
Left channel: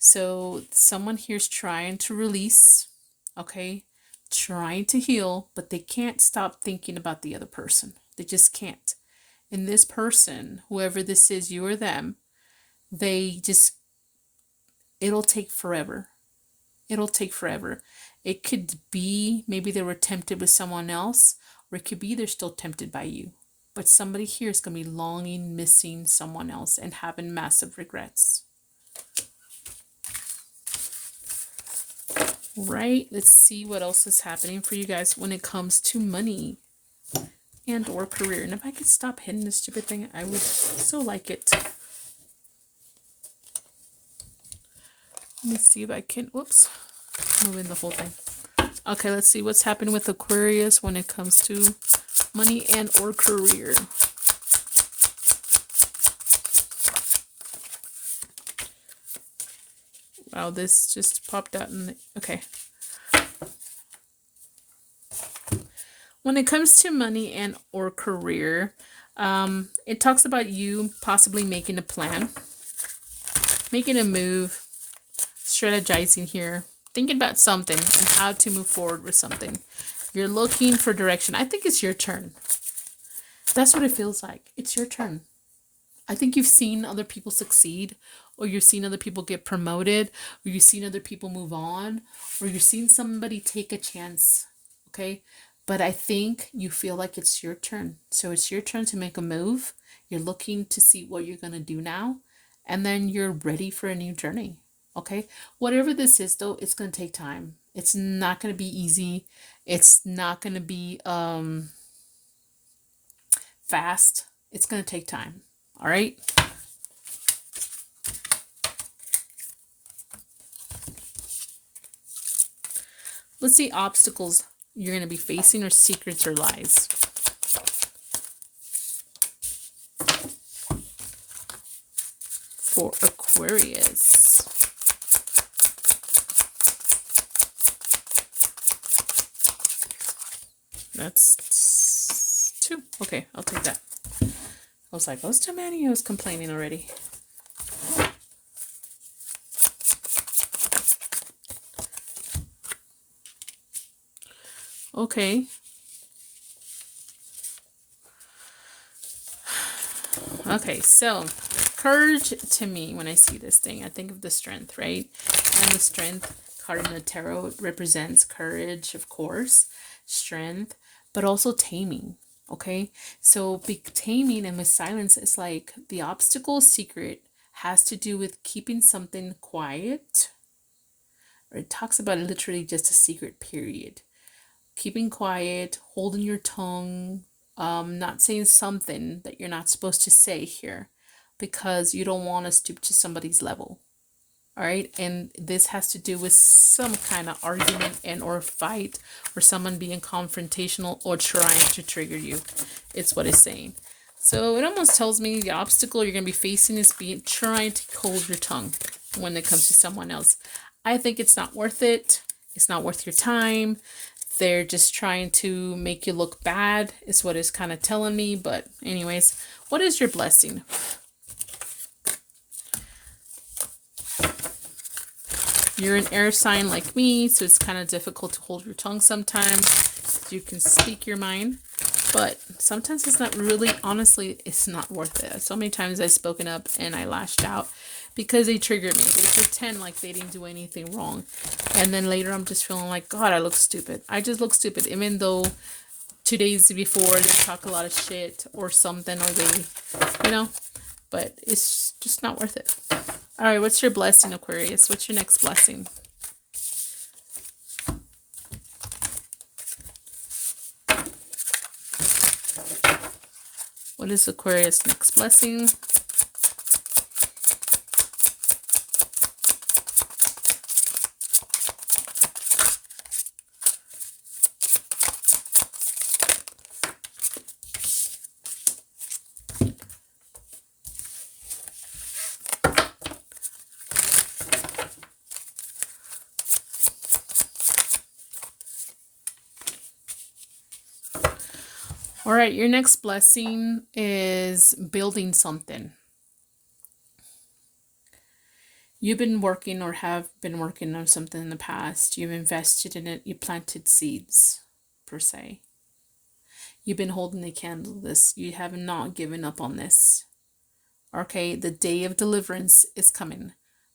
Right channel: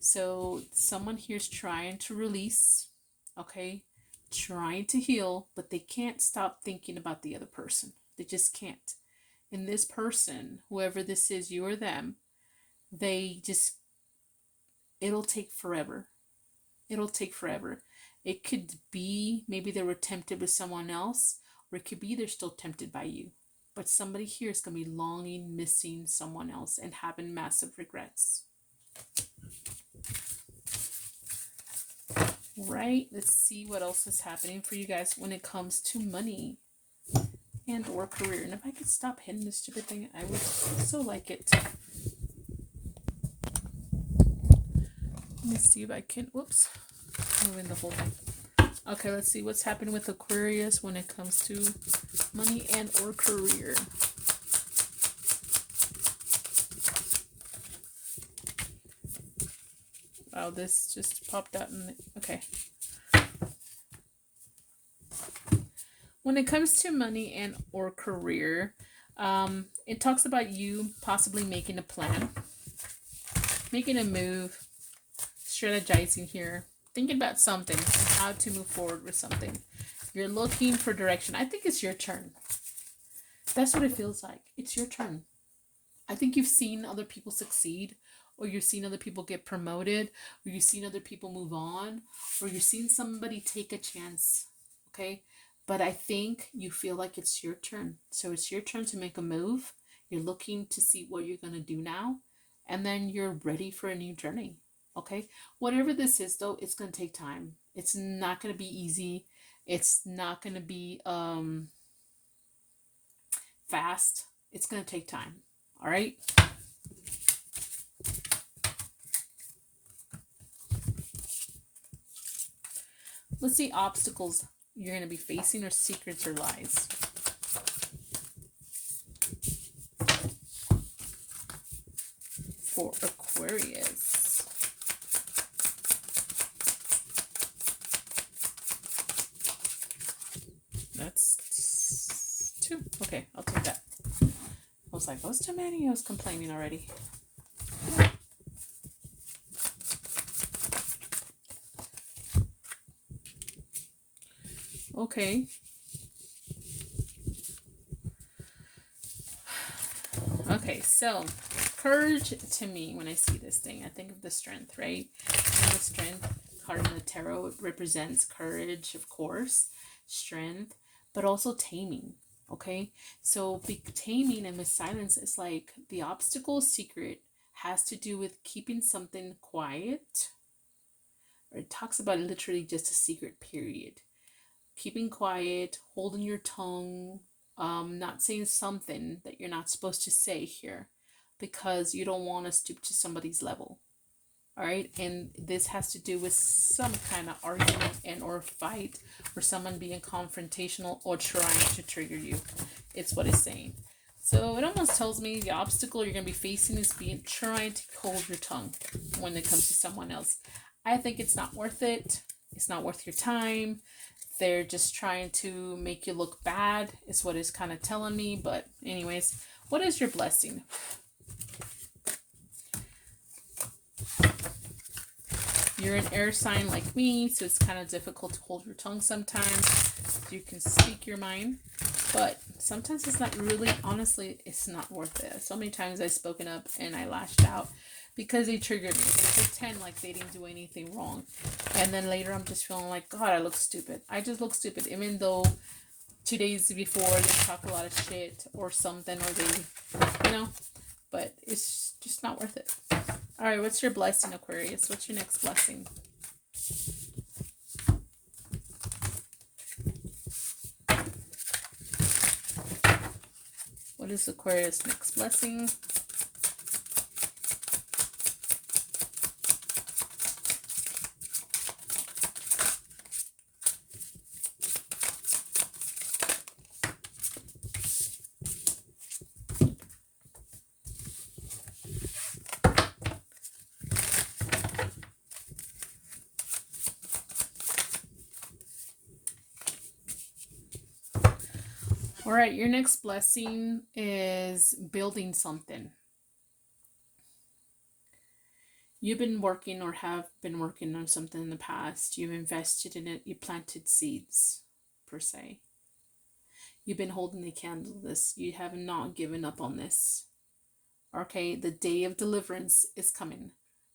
so someone here's trying to release, okay, trying to heal, but they can't stop thinking about the other person. They just can't. And this person, whoever this is, you or them, it'll take forever. It'll take forever. It could be maybe they were tempted with someone else, or it could be they're still tempted by you. But somebody here is going to be longing, missing someone else, and having massive regrets. Right, let's see what else is happening for you guys when it comes to money and or career. And if I could stop hitting this stupid thing, I would so like it. Let me see if I can, whoops, moving the whole thing. Okay, let's see what's happening with Aquarius when it comes to money and or career. Wow, this just popped out in the, okay. When it comes to money and or career, it talks about you possibly making a plan, making a move, strategizing here, thinking about something and how to move forward with something. You're looking for direction. I think it's your turn. That's what it feels like. It's your turn. I think you've seen other people succeed, or you've seen other people get promoted, or you've seen other people move on, or you've seen somebody take a chance. Okay? But I think you feel like it's your turn. So it's your turn to make a move. You're looking to see what you're going to do now. And then you're ready for a new journey. Okay? Whatever this is, though, it's going to take time. It's not going to be easy. It's not going to be fast. It's going to take time. All right? Let's see obstacles you're going to be facing, or secrets or lies. For Aquarius. That's 2. Okay, I'll take that. I was like, those too many. I was complaining already. Okay. Okay, so courage to me, when I see this thing, I think of the strength, right? And the strength card in the tarot represents courage, of course, strength, but also taming. Okay, so taming and with silence is like the obstacle secret has to do with keeping something quiet, or it talks about literally just a secret, period. Keeping quiet, holding your tongue, not saying something that you're not supposed to say here, because you don't want to stoop to somebody's level. All right, and this has to do with some kind of argument and or fight, or someone being confrontational or trying to trigger you. It's what it's saying. So it almost tells me the obstacle you're going to be facing is trying to hold your tongue when it comes to someone else. I think it's not worth it. It's not worth your time. They're just trying to make you look bad, is what it's kind of telling me. But anyways, what is your blessing? You're an air sign like me, so it's kind of difficult to hold your tongue sometimes. You can speak your mind, but sometimes it's not really, honestly, it's not worth it. So many times I've spoken up and I lashed out because they trigger me. They pretend like they didn't do anything wrong. And then later I'm just feeling like, God, I look stupid. I just look stupid. Even though 2 days before they talk a lot of shit or something, or they, you know, but it's just not worth it. All right, what's your blessing, Aquarius? What's your next blessing? What is Aquarius' next blessing? All right, your next blessing is building something. You've been working or have been working on something in the past. You've invested in it. You planted seeds, per se. You've been holding the candle to this. You have not given up on this. Okay, the day of deliverance is coming.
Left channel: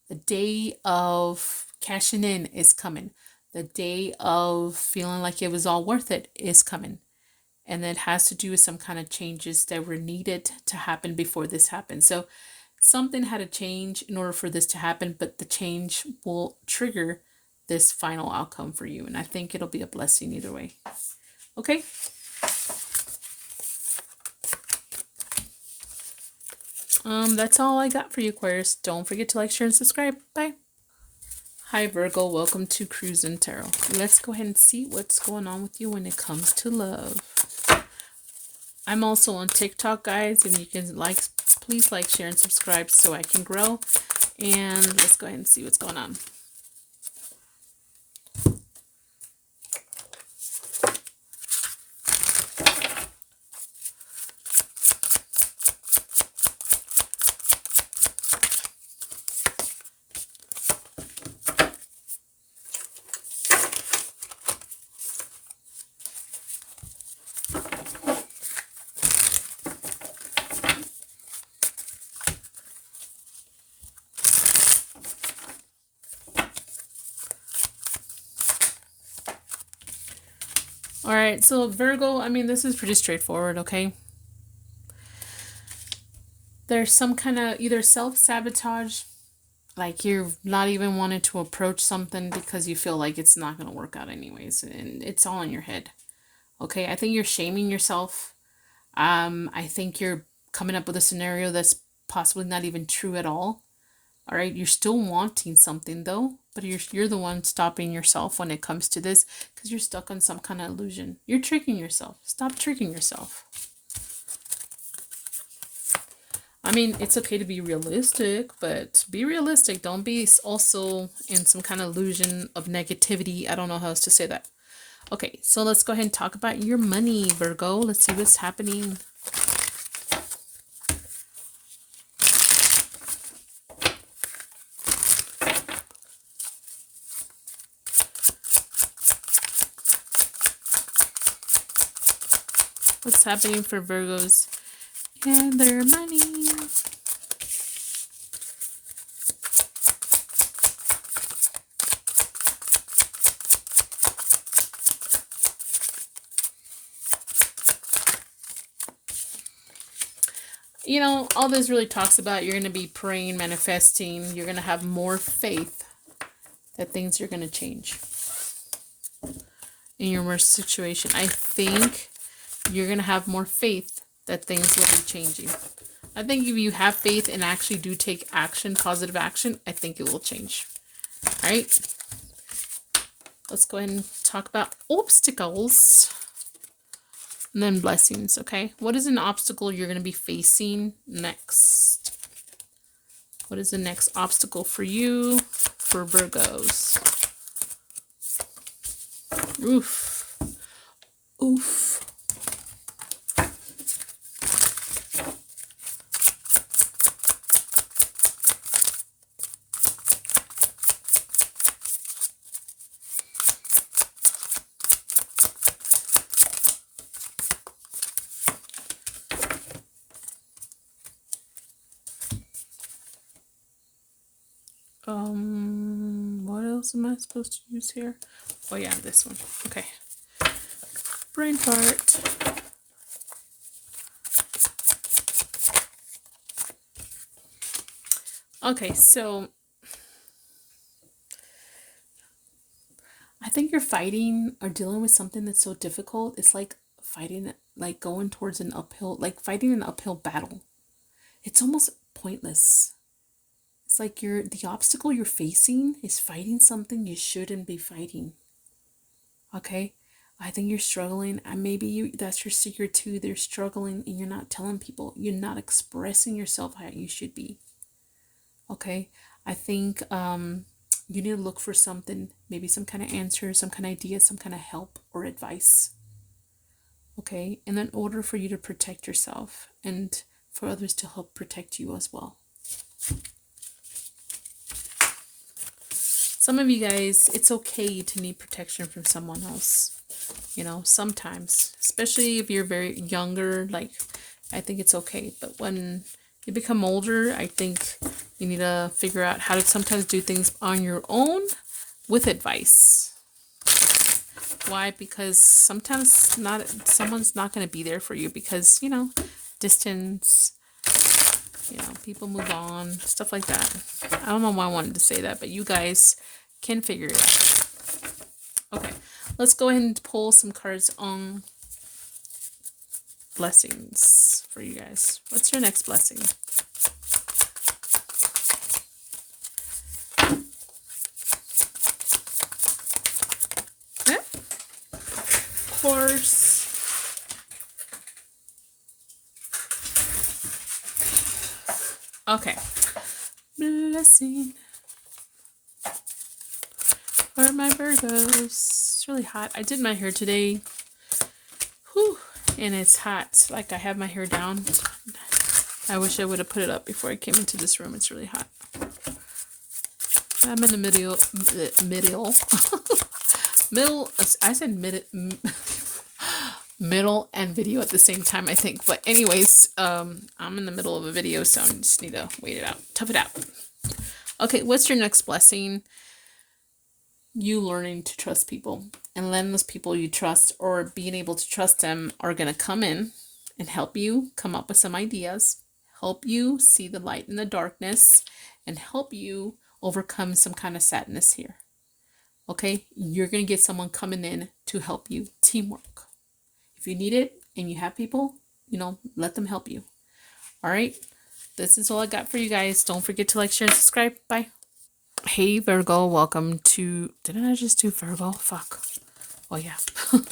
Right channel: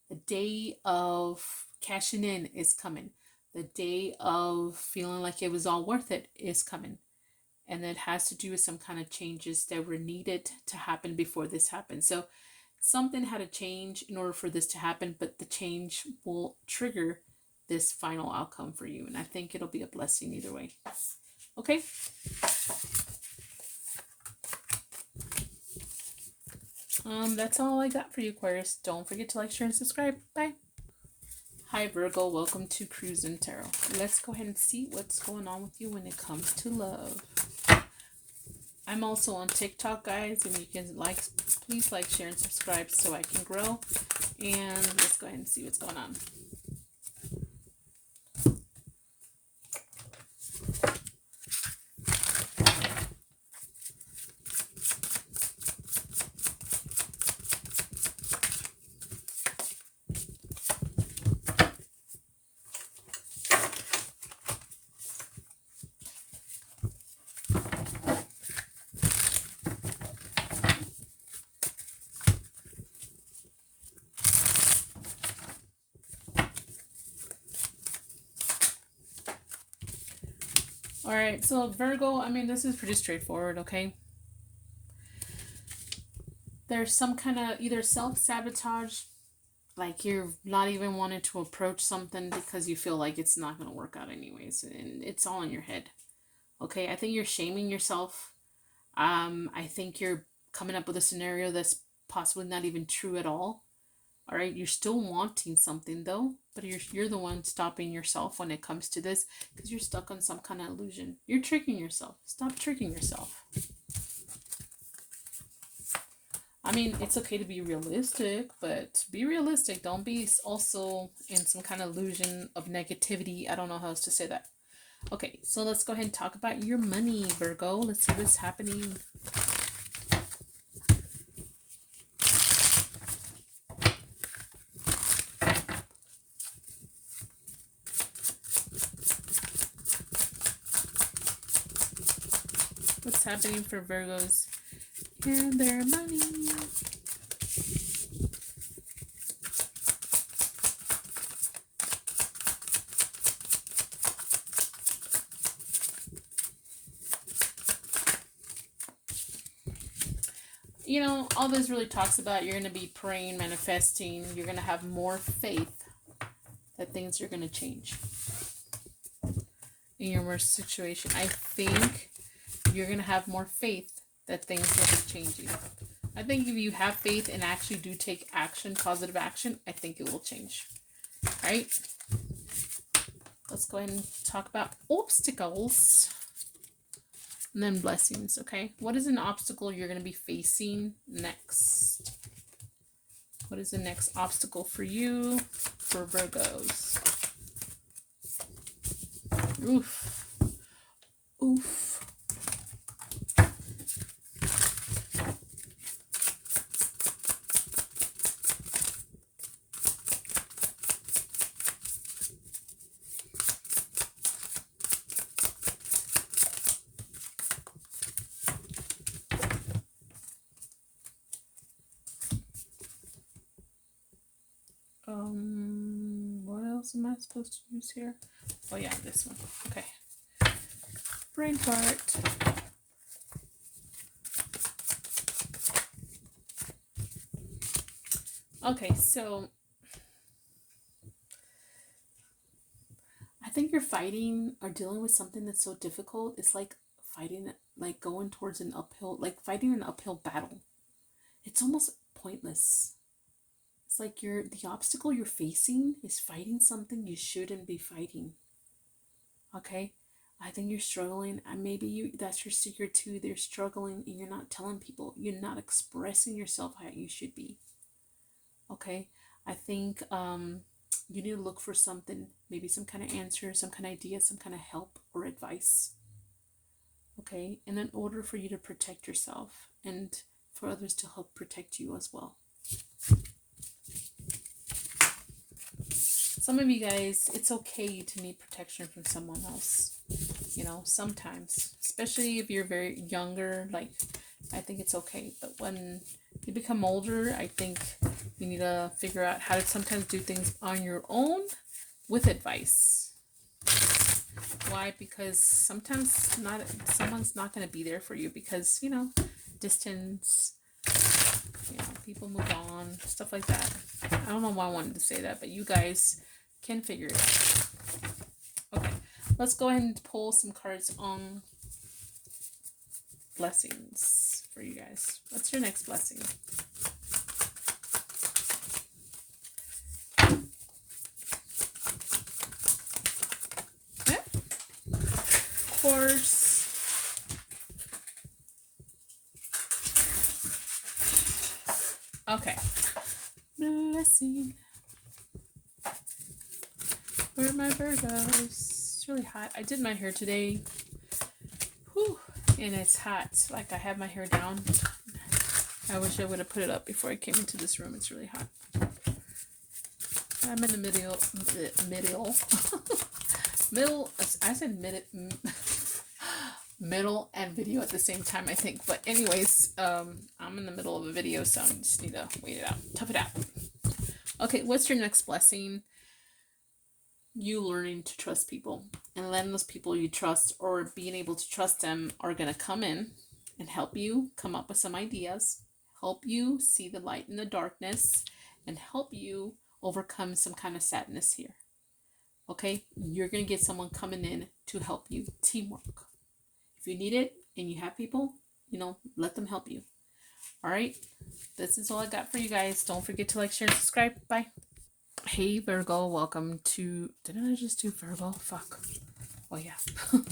The day of cashing in is coming. The day of feeling like it was all worth it is coming. And it has to do with some kind of changes that were needed to happen before this happened. So something had to change in order for this to happen, but the change will trigger this final outcome for you. And I think it'll be a blessing either way. Okay. That's all I got for you, Aquarius. Don't forget to like, share, and subscribe. Bye. Hi, Virgo. Welcome to Cruise and Tarot. Let's go ahead and see what's going on with you when it comes to love. I'm also on TikTok, guys, and you can please like, share, and subscribe so I can grow. And let's go ahead and see what's going on. Alright, so Virgo, I mean, this is pretty straightforward, okay? There's some kind of either self-sabotage, like you're not even wanting to approach something because you feel like it's not going to work out anyways, and it's all in your head, okay? I think you're shaming yourself. I think you're coming up with a scenario that's possibly not even true at all. All right, you're still wanting something though, but you're the one stopping yourself when it comes to this because you're stuck on some kind of illusion. You're tricking yourself. Stop tricking yourself. I mean, it's okay to be realistic, but be realistic. Don't be also in some kind of illusion of negativity. I don't know how else to say that. Okay, so let's go ahead and talk about your money, Virgo. Let's see what's happening. What's happening for Virgos and their money? You know, all this really talks about you're going to be praying, manifesting. You're going to have more faith that things are going to change in your worst situation. I think you're going to have more faith that things will be changing. I think if you have faith and actually do take action, positive action, I think it will change. All right. Let's go ahead and talk about obstacles and then blessings. Okay. What is an obstacle you're going to be facing next? What is the next obstacle for you, for Virgos? Oof. Oof. What else am I supposed to use here? Oh yeah, this one. Okay. Brain fart. Okay, so I think you're fighting or dealing with something that's so difficult. It's like fighting, like going towards an uphill, like fighting an uphill battle. It's almost pointless. It's like the obstacle you're facing is fighting something you shouldn't be fighting. Okay? I think you're struggling, and maybe that's your secret too. They're struggling and you're not telling people. You're not expressing yourself how you should be. Okay? I think you need to look for something, maybe some kind of answer, some kind of idea, some kind of help or advice. Okay? And in order for you to protect yourself and for others to help protect you as well. Some of you guys, it's okay to need protection from someone else. You know, sometimes, especially if you're very younger, like, I think it's okay. But when you become older, I think you need to figure out how to sometimes do things on your own with advice. Why? Because sometimes someone's not going to be there for you because, you know, distance, you know, people move on, stuff like that. I don't know why I wanted to say that, but you guys can figure it out. Okay, let's go ahead and pull some cards on blessings for you guys. What's your next blessing? Horse. Okay. Blessing. Where are my Virgos? It's really hot. I did my hair today. Whew. And it's hot. Like I have my hair down. I wish I would have put it up before I came into this room. It's really hot. I'm in the middle. Middle. I said middle and video at the same time, I think. But anyways, I'm in the middle of a video, so I just need to wait it out. Tough it out. Okay, what's your next blessing? You learning to trust people and letting those people you trust or being able to trust them are going to come in and help you come up with some ideas, help you see the light in the darkness, and help you overcome some kind of sadness here. Okay, you're going to get someone coming in to help you. Teamwork. If you need it and you have people, let them help you. All right, this is all I got for you guys. Don't forget to like, share, and subscribe. Bye. Hey Virgo, welcome to, didn't I just do Virgo? Fuck. Oh yeah.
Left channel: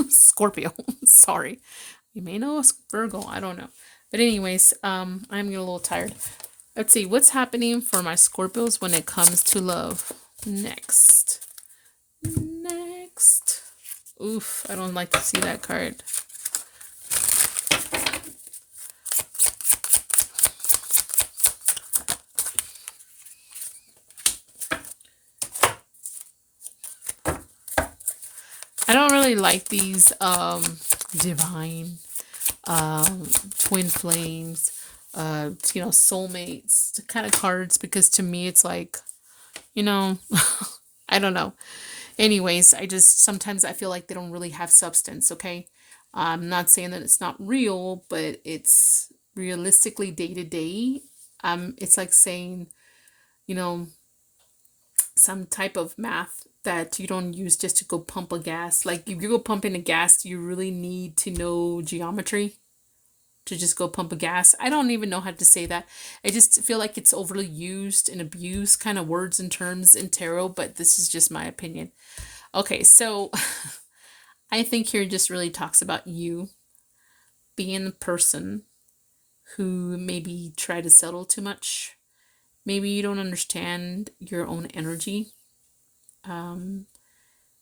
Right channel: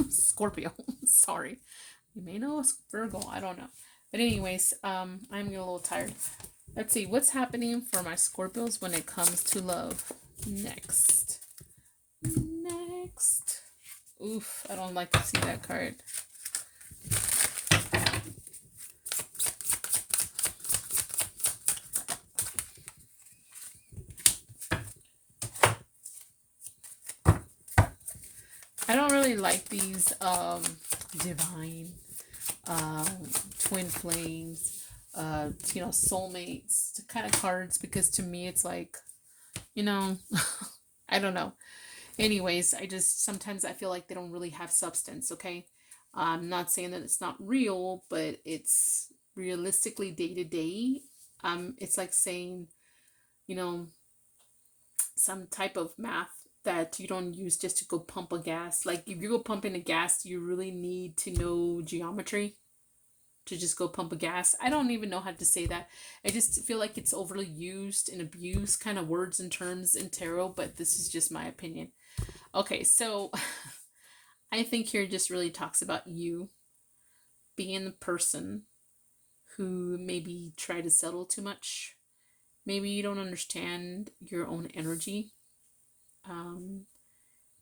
Scorpio. Sorry. You may know us Virgo, I don't know. But anyways, I'm getting a little tired. Let's see what's happening for my Scorpios when it comes to love. Next. Oof, I don't like to see that card. I don't really like these divine twin flames, soulmates kind of cards, because to me it's like, I don't know. Anyways, sometimes I feel like they don't really have substance, okay? I'm not saying that it's not real, but it's realistically day to day. It's like saying, some type of math that you don't use just to go pump a gas. Like if you go pumping a gas, you really need to know geometry to just go pump a gas. I don't even know how to say that. I just feel like it's overly used and abused kind of words and terms in tarot, but this is just my opinion. Okay, so I think here just really talks about you being the person who maybe try to settle too much. Maybe you don't understand your own energy.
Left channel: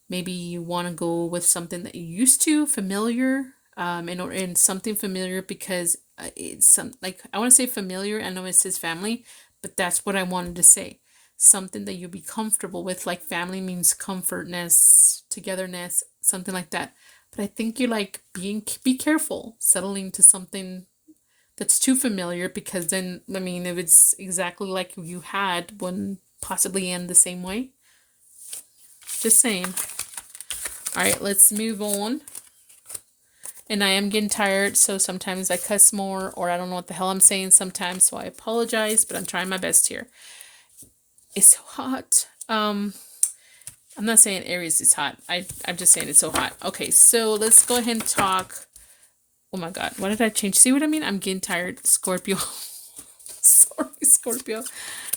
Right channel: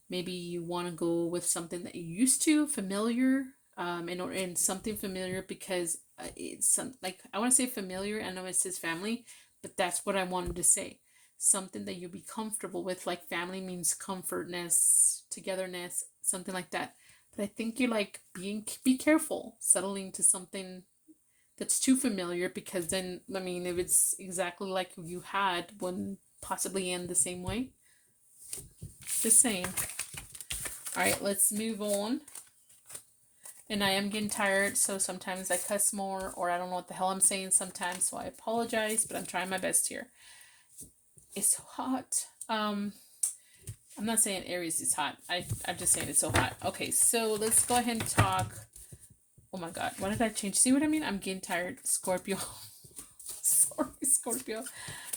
Maybe you want to go with something that you're used to, familiar, and something familiar because it's like, I want to say familiar. I know it says family, but that's what I wanted to say. Something that you'll be comfortable with, like family means comfortness, togetherness, something like that. But I think you like be careful settling to something that's too familiar, because then, if it's exactly like you had, wouldn't possibly end the same way. Just saying. All right, let's move on. And I am getting tired, so sometimes I cuss more, or I don't know what the hell I'm saying sometimes, so I apologize, but I'm trying my best here. It's so hot. I'm not saying Aries is hot. I'm just saying it's so hot. Okay, so let's go ahead and talk. Oh my God, what did I change? See what I mean? I'm getting tired. Scorpio. Sorry, Scorpio.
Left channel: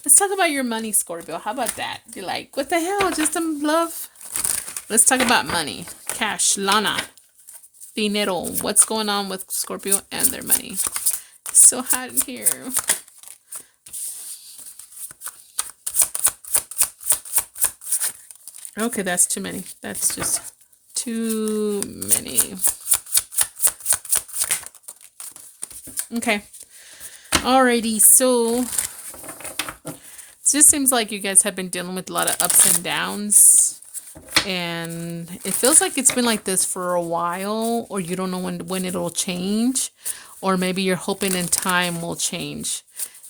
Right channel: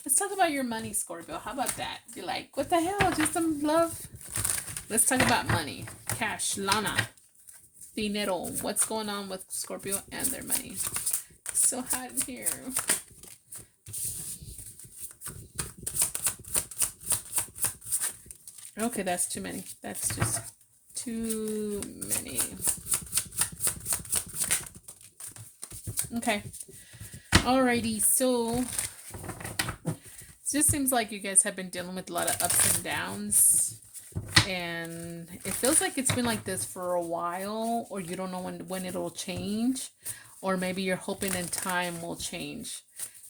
Let's talk about your money, Scorpio. How about that? You're like, what the hell? Just some love? Let's talk about money. Cash. Lana. Dinero. What's going on with Scorpio and their money? It's so hot in here. Okay, that's too many. That's just too many. Okay. Alrighty, so it just seems like you guys have been dealing with a lot of ups and downs, and it feels like it's been like this for a while, or you don't know when it'll change, or maybe you're hoping in time will change.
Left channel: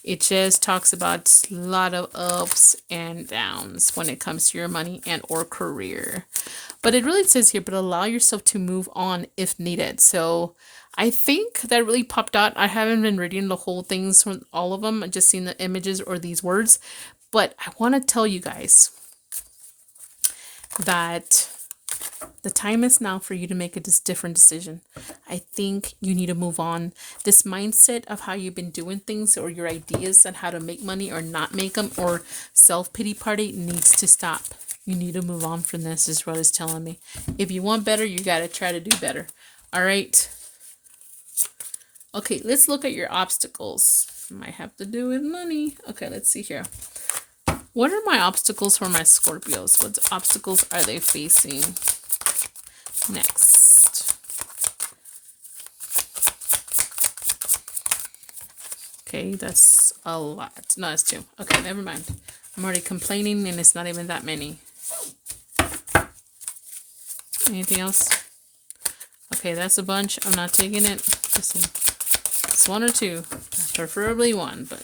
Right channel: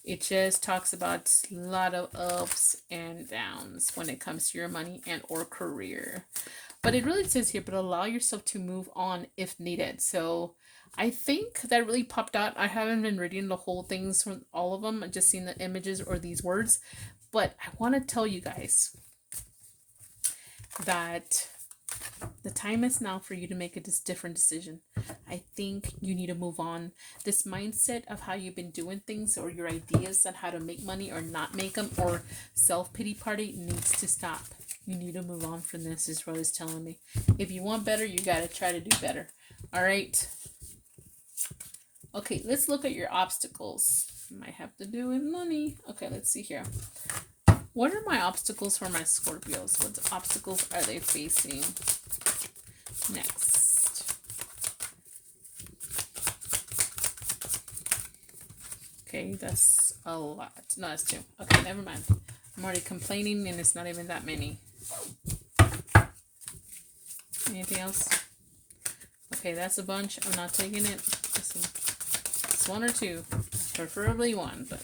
It just talks about a lot of ups and downs when it comes to your money and or career. But it really says here, but allow yourself to move on if needed. So I think that really popped out. I haven't been reading the whole things from all of them. I've just seen the images or these words. But I want to tell you guys, that the time is now for you to make a different decision. I think you need to move on. This mindset of how you've been doing things, or your ideas on how to make money or not make them, or self-pity party, needs to stop. You need to move on from this, is what it's telling me. If you want better, you got to try to do better. All right. Okay, let's look at your obstacles. Might have to do with money. Okay, let's see here. What are my obstacles for my Scorpios? What obstacles are they facing next? Okay, that's a lot. No, it's 2. Okay, never mind. I'm already complaining and it's not even that many. Anything else? Okay, that's a bunch. I'm not taking it. Listen, it's 1 or 2. Preferably 1, but...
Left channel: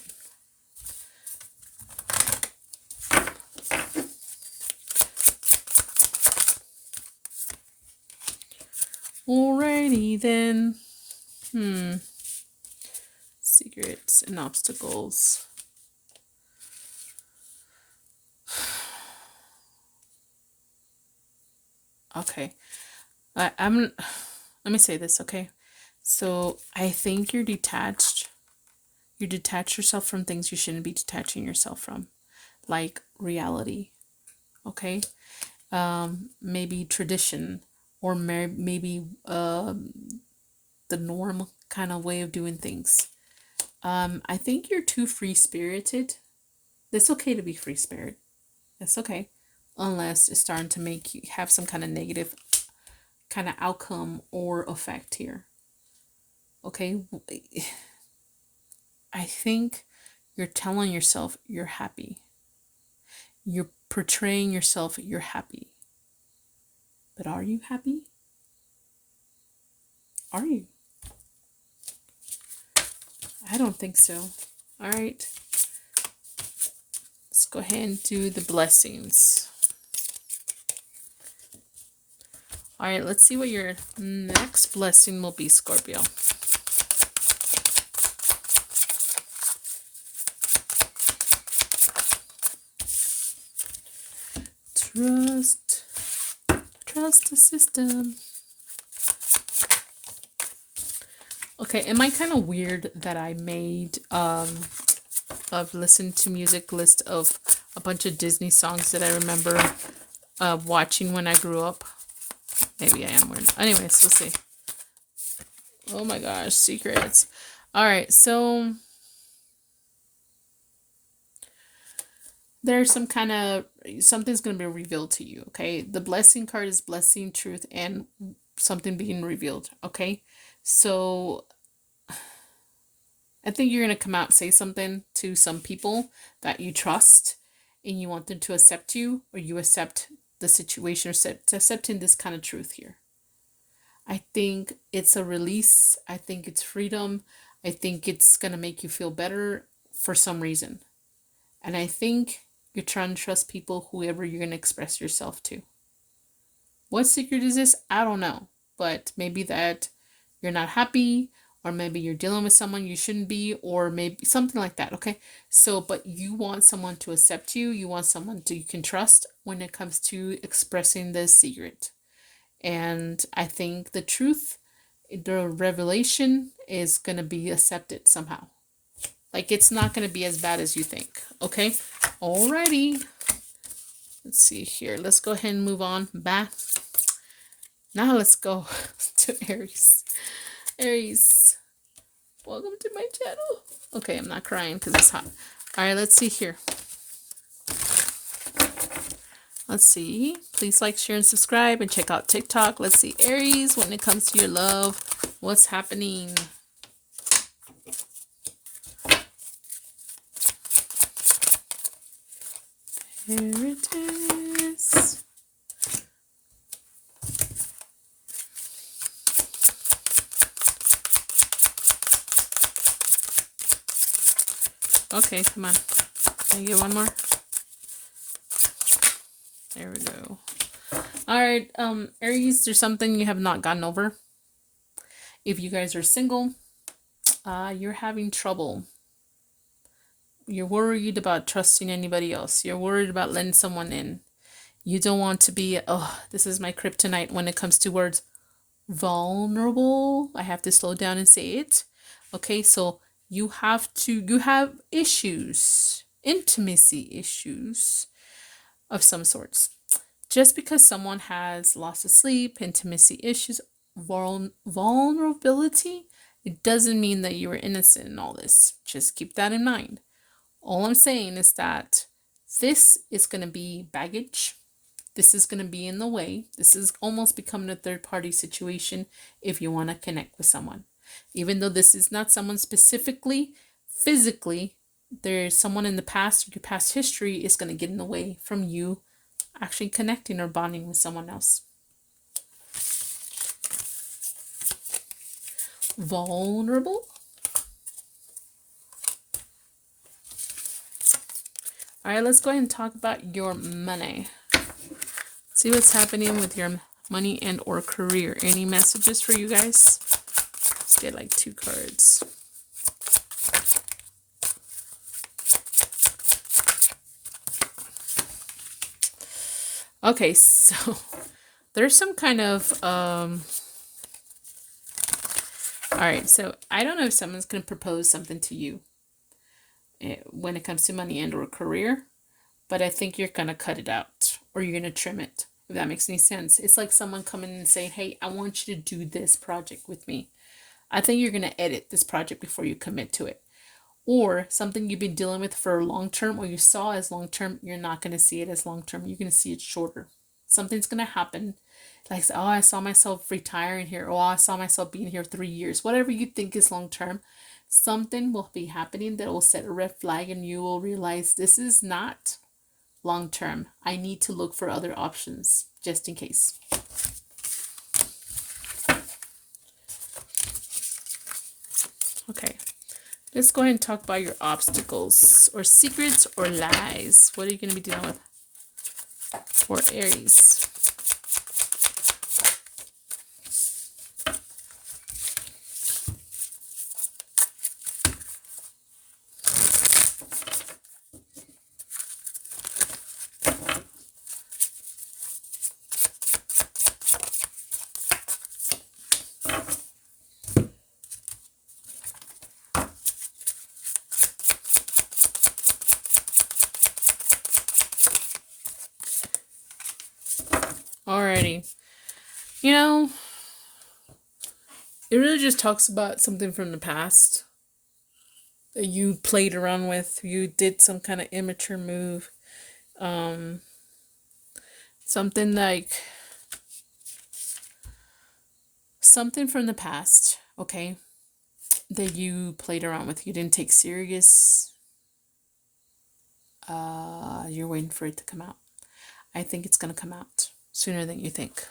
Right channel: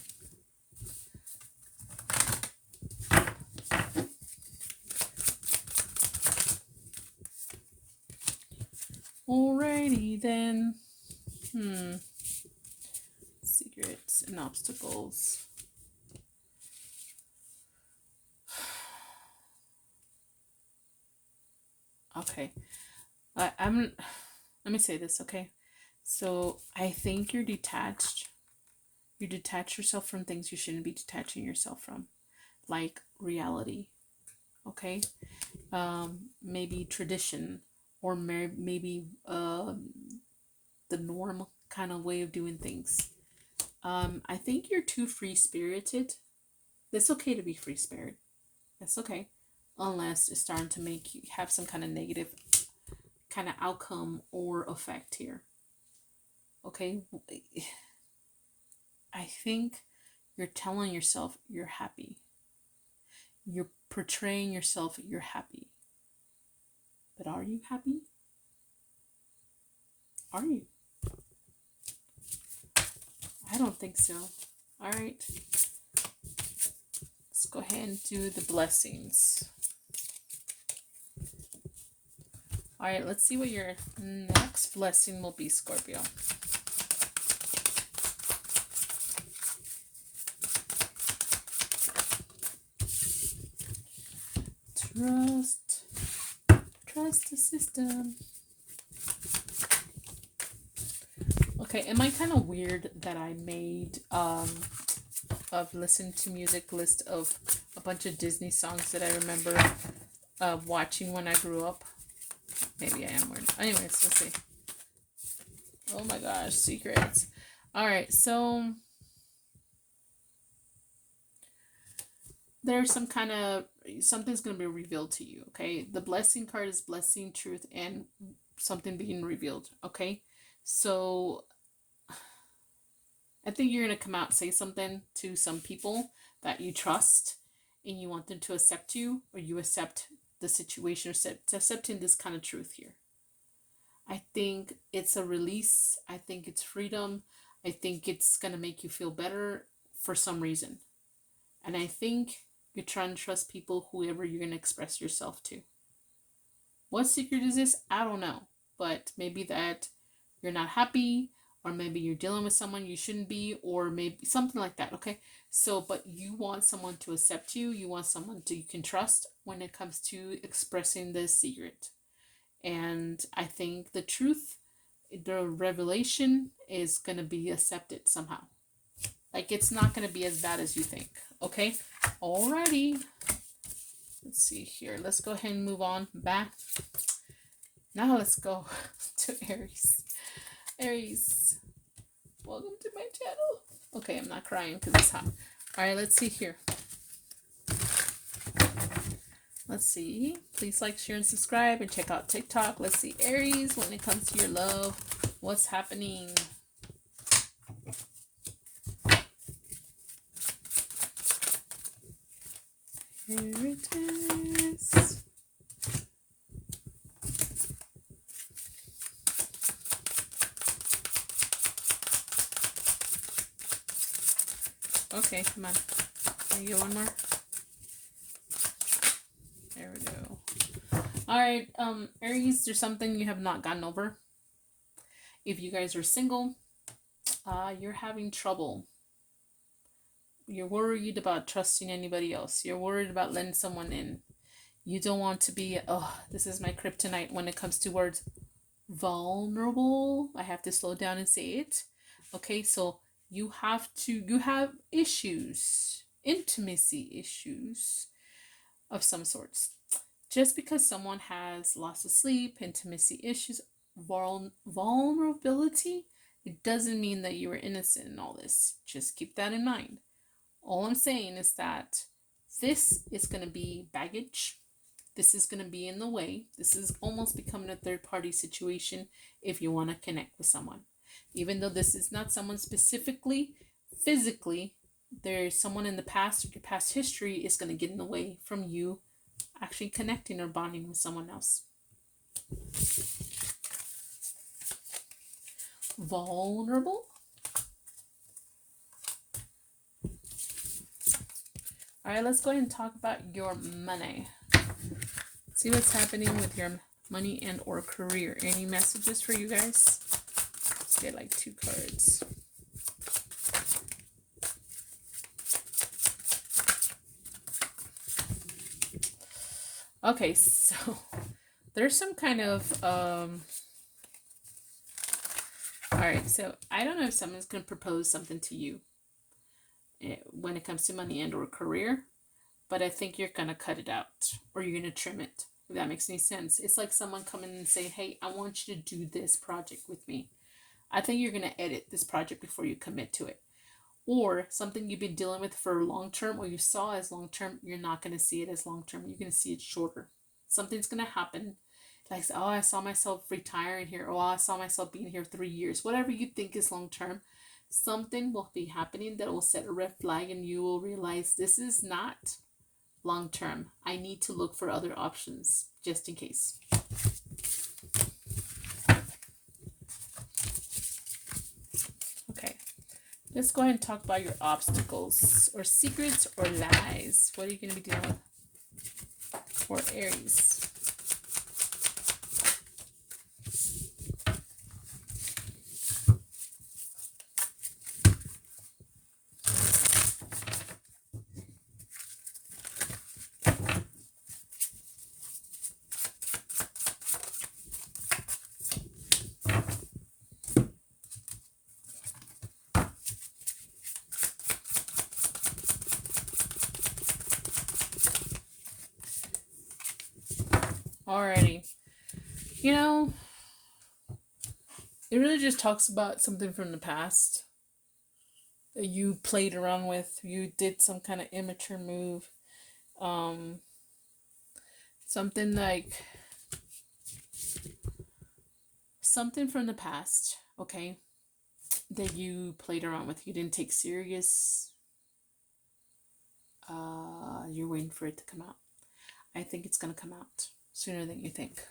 Alrighty then. Secrets and obstacles. Okay. Let me say this, okay? So I think you're detached. You detach yourself from things you shouldn't be detaching yourself from, like reality. Okay? Maybe tradition, or maybe the norm kind of way of doing things. I think you're too free-spirited. It's okay to be free-spirited. That's okay. Unless it's starting to make you have some kind of negative kind of outcome or effect here. Okay? I think you're telling yourself you're happy. You're portraying yourself you're happy. But are you happy? Are you? I don't think so. All right. Let's go ahead and do the blessings. All right, let's see what your next blessing will be, Scorpio. Trust the system. Okay, am I kind of weird that I made of listen to music list of a bunch of Disney songs that I remember watching when I grew up? Maybe I am weird. Anyways, we'll see. Oh my gosh, secrets. All right, so there's some kind of something's going to be revealed to you. Okay, the blessing card is blessing, truth, and something being revealed. Okay, so I think you're going to come out and say something to some people that you trust, and you want them to accept you, or you accept the situation, or accepting this kind of truth here. I think it's a release. I think it's freedom. I think it's going to make you feel better for some reason. And I think you're trying to trust people, whoever you're going to express yourself to. What secret is this? I don't know. But maybe that you're not happy, or maybe you're dealing with someone you shouldn't be, or maybe something like that. Okay. So, but you want someone to accept you. You want someone you can trust when it comes to expressing this secret. And I think the truth, the revelation is going to be accepted somehow. Like, it's not going to be as bad as you think. Okay. Alrighty. Let's see here. Let's go ahead and move on back. Now let's go to Aries. Aries, welcome to my channel. Okay, I'm not crying because it's hot. All right, let's see here. Let's see. Please like, share, and subscribe, and check out TikTok. Let's see, Aries, when it comes to your love, what's happening? Here it is. Okay, come on. Can I get one more? There we go. All right, Aries, there's something you have not gotten over. If you guys are single, you're having trouble. You're worried about trusting anybody else. You're worried about letting someone in. You don't want to be, oh, this is my kryptonite when it comes to words. Vulnerable. I have to slow down and say it. Okay, so you have issues, intimacy issues of some sorts. Just because someone has lost of sleep, intimacy issues, vulnerability, it doesn't mean that you were innocent in all this. Just keep that in mind. All I'm saying is that this is going to be baggage. This is going to be in the way. This is almost becoming a third party situation if you want to connect with someone. Even though this is not someone specifically, physically, there's someone in the past or your past history is going to get in the way from you actually connecting or bonding with someone else. Vulnerable. All right, let's go ahead and talk about your money. See what's happening with your money and or career. Any messages for you guys? Let's get like 2 cards. Okay, so there's some kind of all right, so I don't know if someone's going to propose something to you when it comes to money and or career, but I think you're going to cut it out or you're going to trim it, if that makes any sense. It's like someone coming in and saying, hey, I want you to do this project with me. I think you're going to edit this project before you commit to it. Or something you've been dealing with for long term or you saw as long term, you're not going to see it as long term. You're going to see it shorter. Something's going to happen. Like, oh, I saw myself retiring here. Oh, I saw myself being here 3 years. Whatever you think is long term, something will be happening that will set a red flag and you will realize this is not long term. I need to look for other options just in case. Okay. Let's go ahead and talk about your obstacles or secrets or lies. What are you going to be dealing with for Aries? Alrighty. You know, it really just talks about something from the past that you played around with. You did some kind of immature move. Something like something from the past, okay, that you played around with. You didn't take serious. You're waiting for it to come out. I think it's going to come out sooner than you think.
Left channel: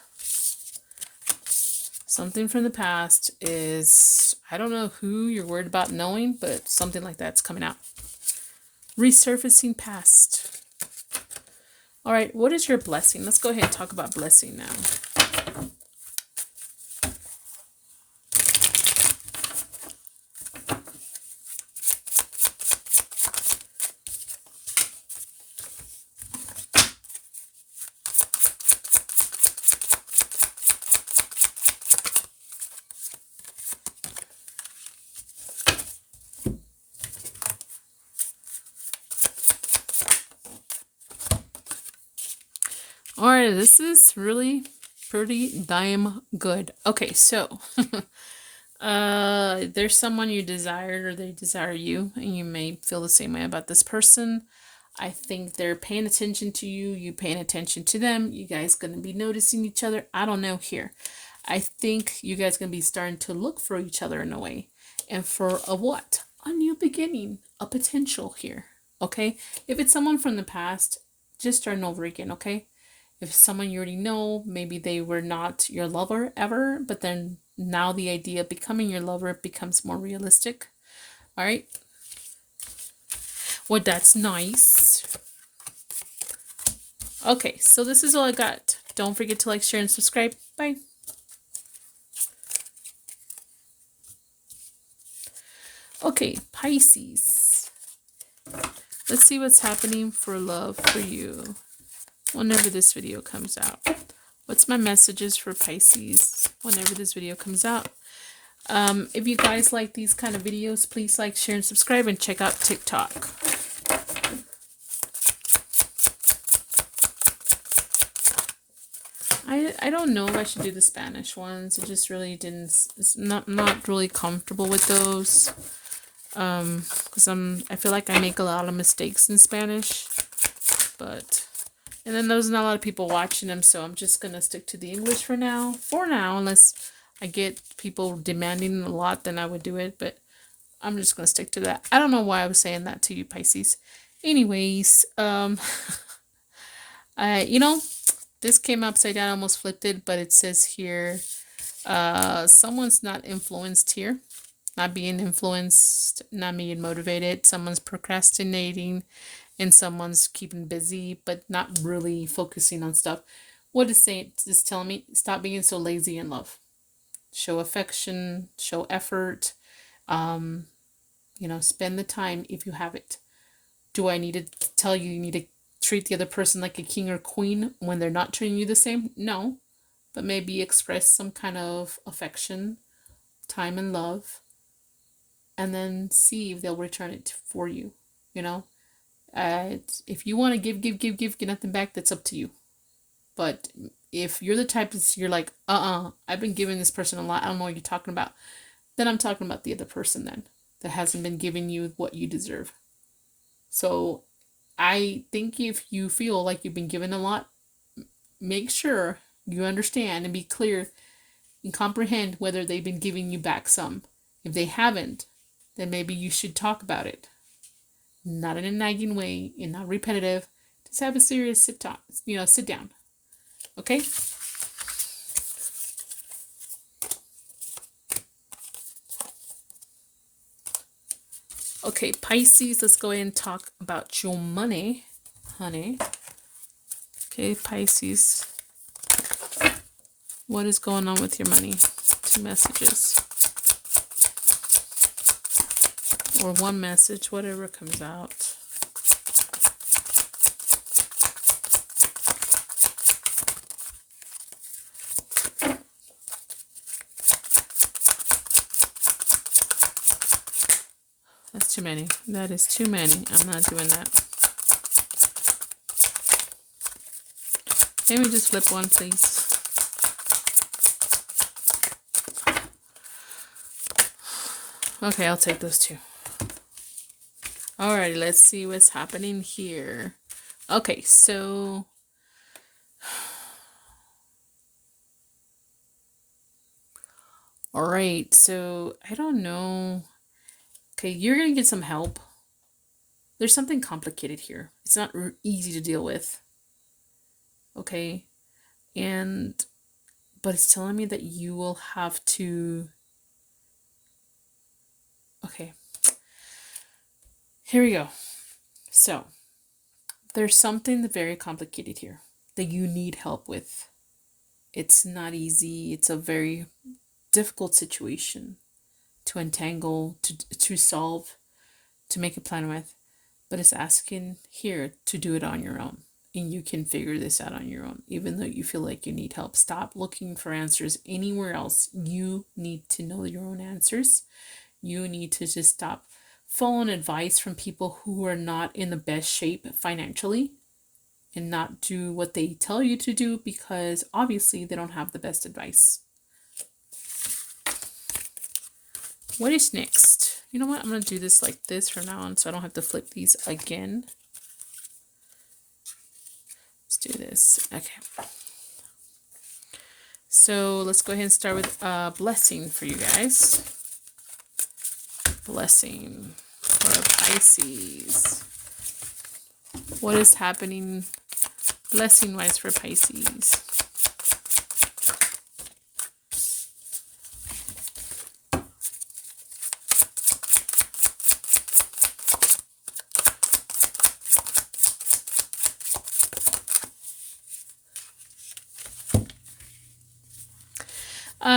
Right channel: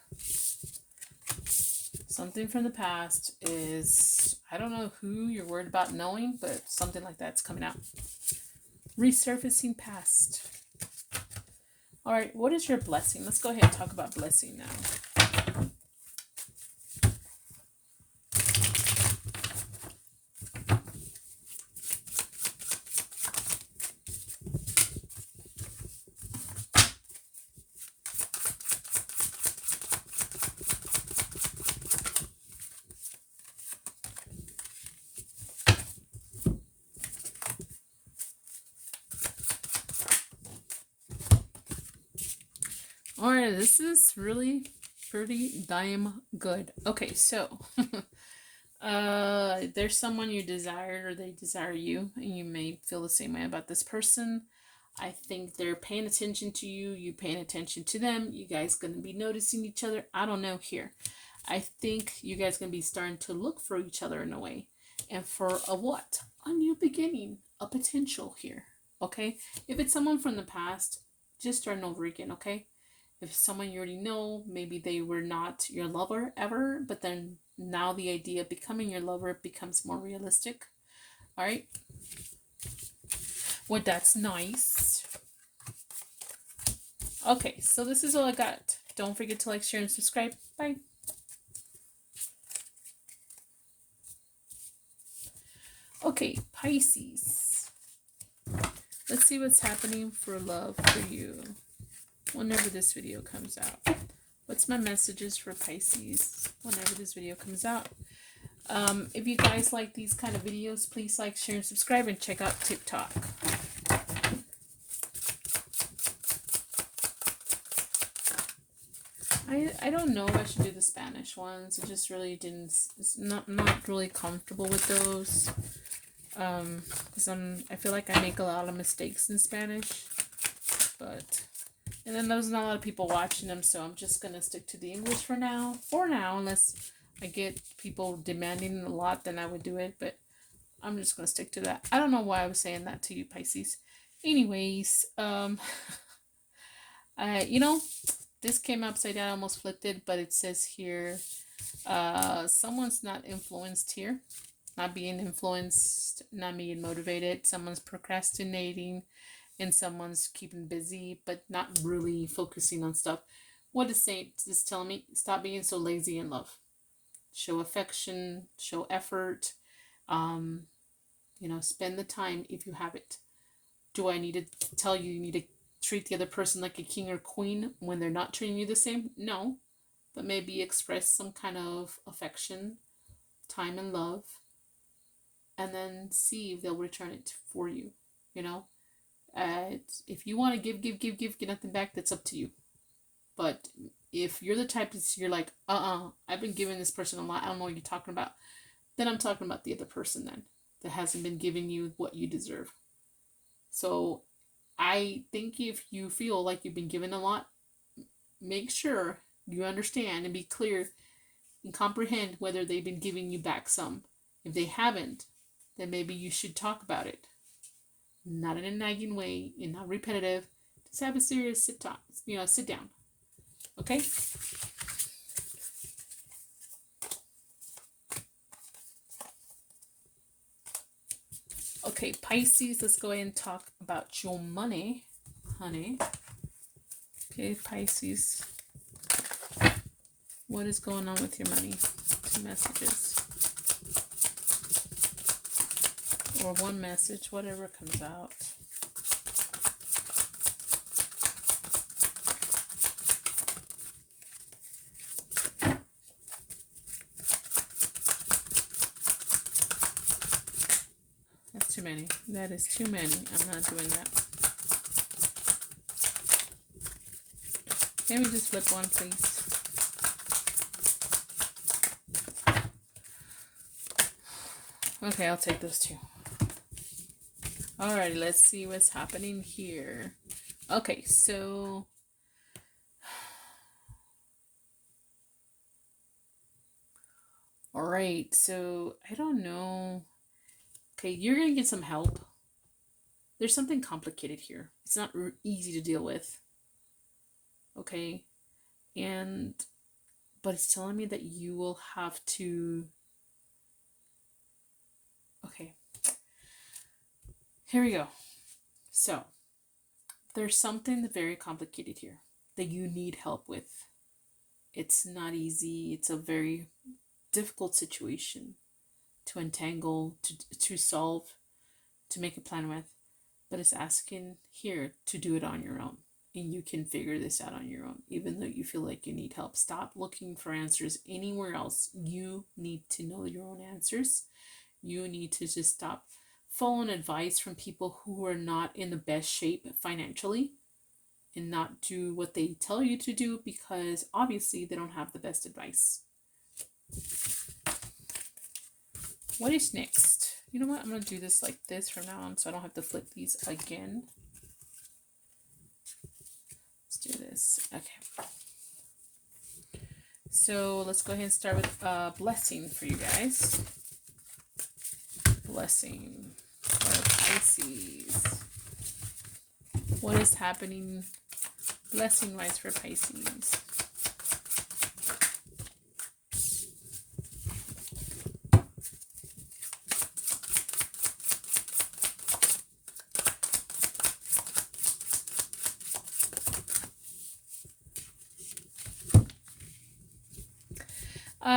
Something from the past is, I don't know who you're worried about knowing, but something like that's coming out. Resurfacing past. All right, what is your blessing? Let's go ahead and talk about blessing now. All right, this is really pretty damn good. Okay, so there's someone you desired or they desire you, and you may feel the same way about this person. I think they're paying attention to you, you paying attention to them. You guys gonna be noticing each other. I don't know here. I think you guys gonna be starting to look for each other in a way. And for a what? A new beginning, a potential here. Okay? If it's someone from the past, just starting over again, okay? If someone you already know, maybe they were not your lover ever, but then now the idea of becoming your lover becomes more realistic. All right. Well, that's nice. Okay, so this is all I got. Don't forget to like, share, and subscribe. Bye. Okay, Pisces. Let's see what's happening for love for you. whenever this video comes out. What's my messages for Pisces whenever this video comes out? If you guys like these kind of videos, please like, share, and subscribe, and check out TikTok. I don't know if I should do the Spanish ones. It just really didn't. It's not really comfortable with those. Because I feel like I make a lot of mistakes in Spanish. And then there's not a lot of people watching them, so I'm just gonna stick to the English for now. Unless I get people demanding a lot, then I would do it. But I'm just gonna stick to that. I don't know why I was saying that to you, Pisces. Anyways, this came upside down, almost flipped it, but it says here, someone's not influenced here, not being influenced, not being motivated. Someone's procrastinating, and someone's keeping busy, but not really focusing on stuff. What is saying? It's telling me, stop being so lazy in love. Show affection, show effort. Spend the time if you have it. Do I need to tell you you need to treat the other person like a king or queen when they're not treating you the same? No, but maybe express some kind of affection, time, and love, and then see if they'll return it for you. If you want to give, get nothing back, that's up to you. But if you're the type you're like, I've been giving this person a lot, I don't know what you're talking about, then I'm talking about the other person then that hasn't been giving you what you deserve. So I think if you feel like you've been given a lot, make sure you understand and be clear and comprehend whether they've been giving you back some. If they haven't, then maybe you should talk about it. Not in a nagging way and not repetitive. Just have a serious sit down. Okay? Okay, Pisces, let's go ahead and talk about your money, honey. Okay, Pisces. What is going on with your money? 2 messages. Or 1 message, whatever comes out. That's too many. That is too many. I'm not doing that. Maybe just flip one, please. Okay, I'll take those 2. Alrighty, let's see what's happening here. Okay, so alright, so I don't know. Okay, you're gonna get some help. There's something complicated here. It's not easy to deal with. Okay, but it's telling me that you will have to. Okay, here we go. So there's something very complicated here that you need help with. It's not easy. It's a very difficult situation to untangle, to solve, to make a plan with, but it's asking here to do it on your own, and you can figure this out on your own, even though you feel like you need help. Stop looking for answers anywhere else. You need to know your own answers. You need to just stop following advice from people who are not in the best shape financially, and not do what they tell you to do, because obviously they don't have the best advice. What is next? You know what? I'm going to do this like this from now on so I don't have to flip these again. Let's do this. Okay. So let's go ahead and start with a blessing for you guys. Blessing for Pisces. What is happening blessing-wise for Pisces?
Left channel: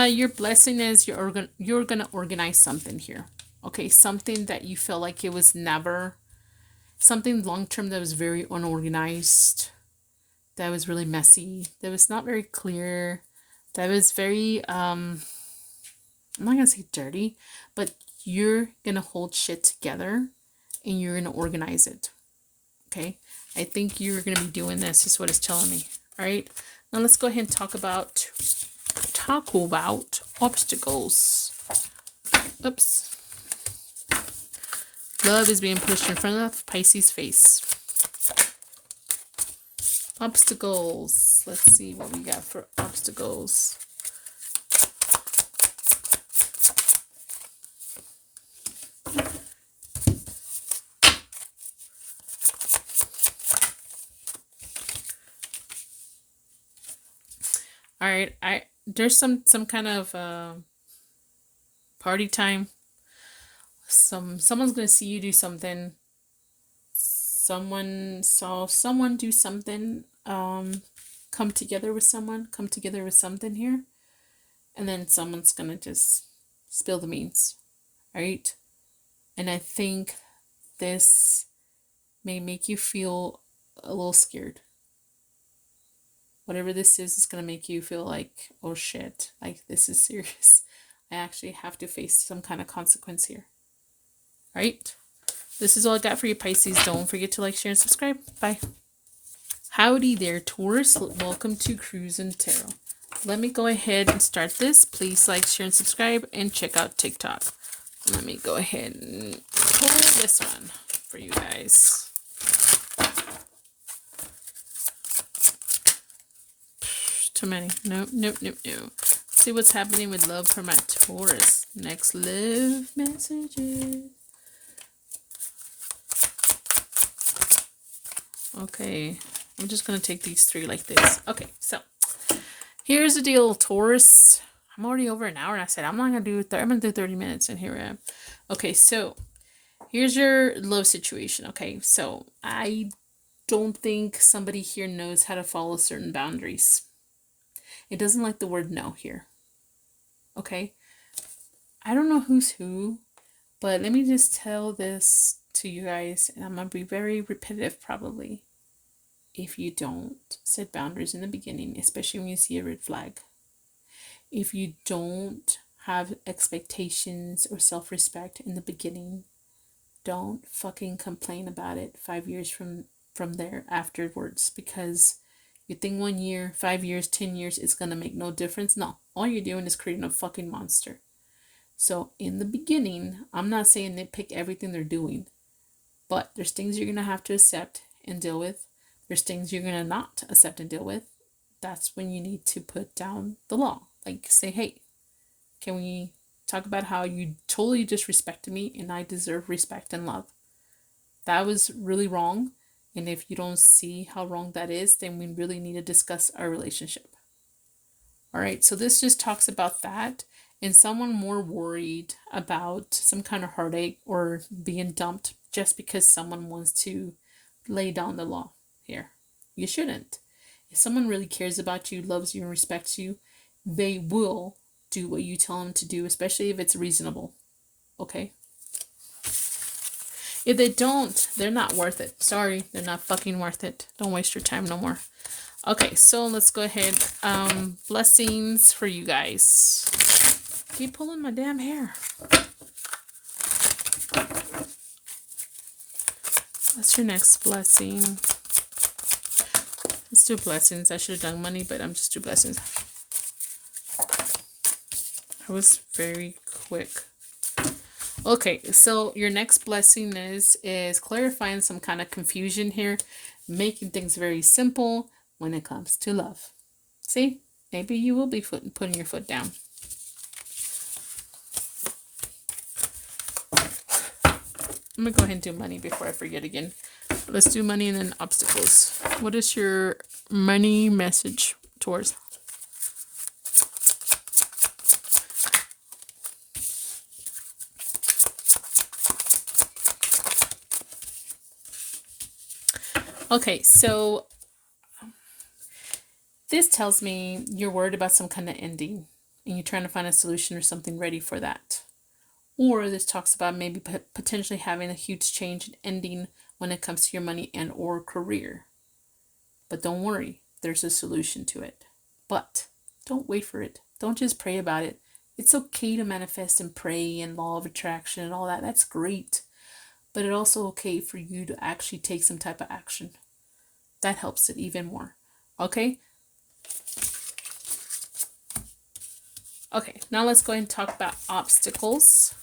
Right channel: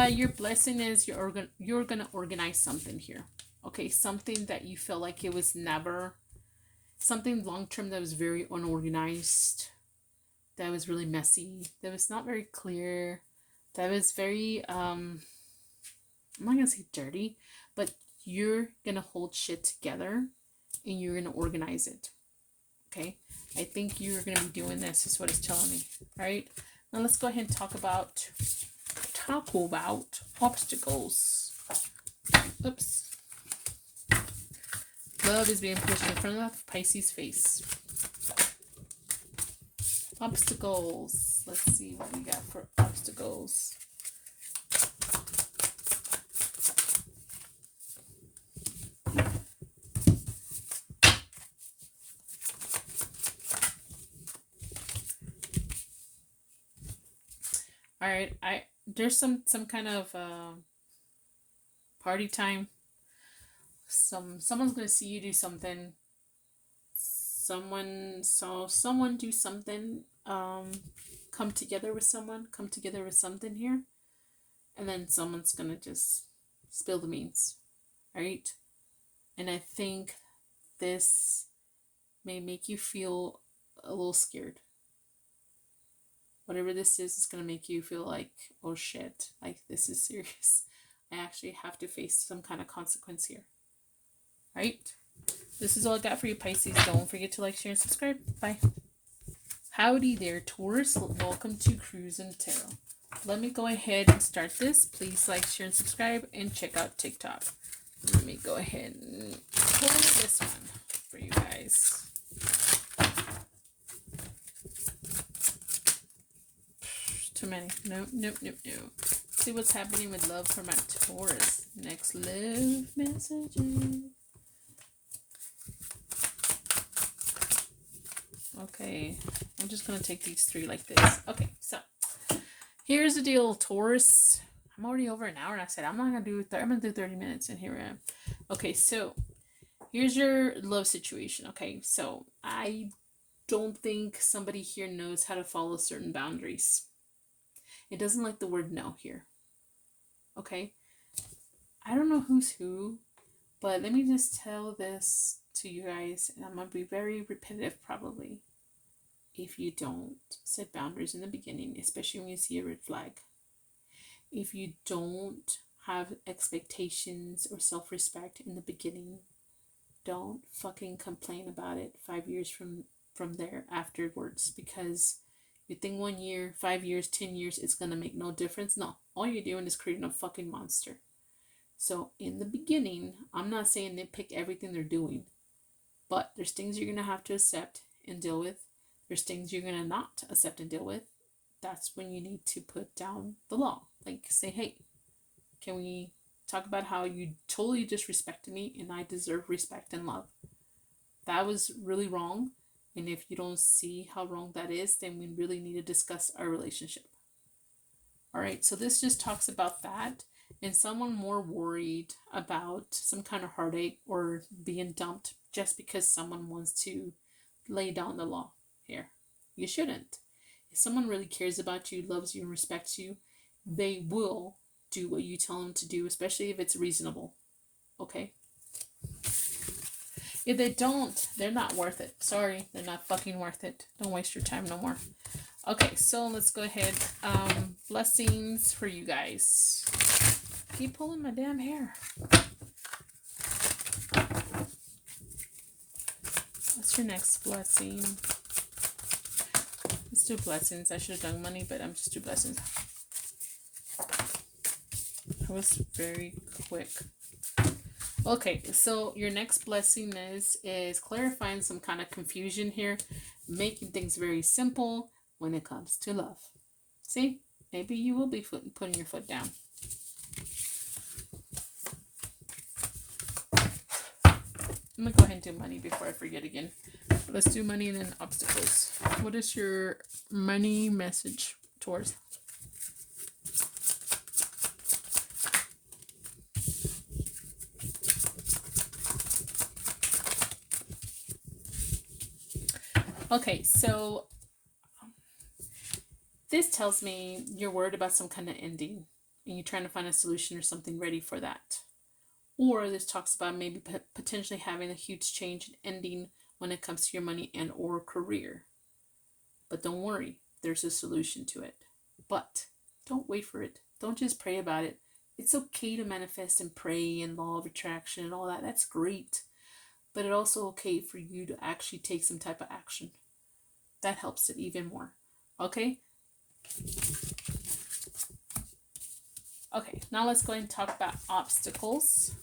Your blessing is you're gonna organize something here. Okay, something that you feel like it was never, something long term that was very unorganized, that was really messy, that was not very clear, that was very, I'm not gonna say dirty, but you're gonna hold shit together and you're gonna organize it. Okay, I think you're gonna be doing this, is what it's telling me. All right, now let's go ahead and talk about obstacles. Oops. Love is being pushed in front of Pisces' face. Obstacles. Let's see what we got for obstacles. All right, there's some kind of party time. Someone's gonna see you do something. Someone saw someone do something. Come together with something here, and then someone's gonna just spill the beans. All right, and I think this may make you feel a little scared. Whatever this is going to make you feel like, oh shit, like this is serious. I actually have to face some kind of consequence here. All right. This is all I got for you, Pisces. Don't forget to like, share, and subscribe. Bye. Howdy there, Taurus. Welcome to Cruise and Tarot. Let me go ahead and start this. Please like, share, and subscribe, and check out TikTok. Let me go ahead and pull this one for you guys. Too many. No. See what's happening with love for my Taurus. Next love messages. Okay, I'm just gonna take these three like this. Okay, so here's the deal, Taurus. I'm already over an hour, and I said I'm not gonna do. I'm gonna do 30 minutes, and here I am. Okay, so here's your love situation. Okay, so I don't think somebody here knows how to follow certain boundaries. It doesn't like the word no here. Okay? I don't know who's who, but let me just tell this to you guys, and I'm going to be very repetitive probably. If you don't set boundaries in the beginning, especially when you see a red flag, if you don't have expectations or self-respect in the beginning, don't fucking complain about it 5 years from there afterwards, because you think 1 year, 5 years, 10 years, it's going to make no difference. No, all you're doing is creating a fucking monster. So in the beginning, I'm not saying nitpick everything they're doing, but there's things you're going to have to accept and deal with. There's things you're going to not accept and deal with. That's when you need to put down the law. Like say, hey, can we talk about how you totally disrespected me and I deserve respect and love? That was really wrong. And if you don't see how wrong that is, then we really need to discuss our relationship. All right, so this just talks about that, and someone more worried about some kind of heartache or being dumped just because someone wants to lay down the law here. You shouldn't. If someone really cares about you, loves you, and respects you, they will do what you tell them to do, especially if it's reasonable. Okay? If they don't, they're not worth it. Sorry, they're not fucking worth it. Don't waste your time no more. Okay, so let's go ahead. Blessings for you guys. Keep pulling my damn hair. What's your next blessing? Let's do blessings. I should have done money, but I'm just do blessings. I was very quick. Okay, so your next blessing is clarifying some kind of confusion here, making things very simple when it comes to love. See, maybe you will be putting your foot down. I'm gonna go ahead and do money before I forget again. Let's do money and then obstacles. What is your money message towards? Okay, so this tells me you're worried about some kind of ending and you're trying to find a solution or something ready for that. Or this talks about maybe potentially having a huge change and ending when it comes to your money and or career. But don't worry, there's a solution to it. But don't wait for it. Don't just pray about it. It's okay to manifest and pray and law of attraction and all that. That's great. But it's also okay for you to actually take some type of action. That helps it even more. Okay? Okay, now let's go ahead and talk about obstacles.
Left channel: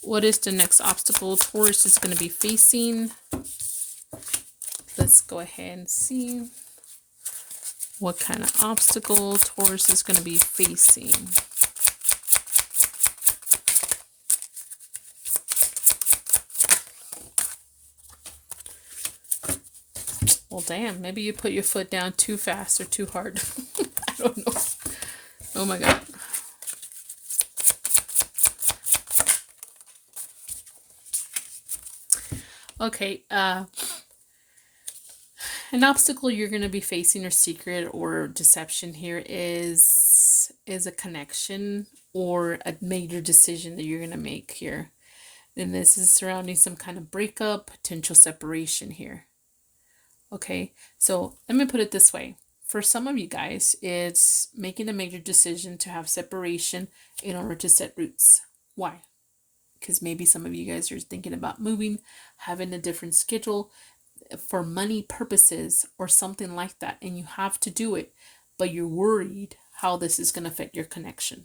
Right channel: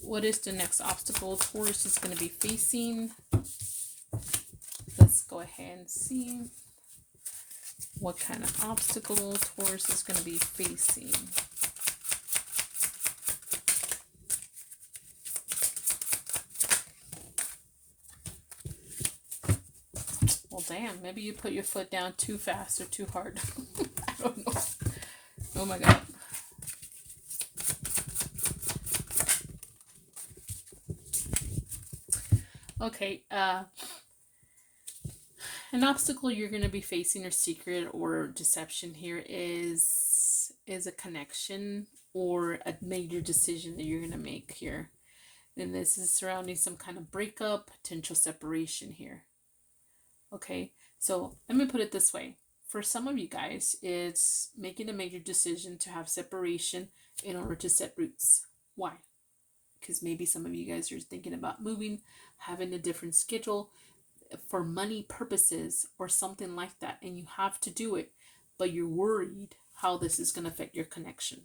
What is the next obstacle Taurus is going to be facing? Let's go ahead and see what kind of obstacle Taurus is going to be facing. Well, damn, maybe you put your foot down too fast or too hard. I don't know. Oh my God. Okay, an obstacle you're going to be facing, or secret or deception here, is a connection or a major decision that you're going to make here. And this is surrounding some kind of breakup, potential separation here. Okay, so let me put it this way. For some of you guys, it's making a major decision to have separation in order to set roots. Why? Because maybe some of you guys are thinking about moving, having a different schedule for money purposes or something like that, and you have to do it, but you're worried how this is going to affect your connection.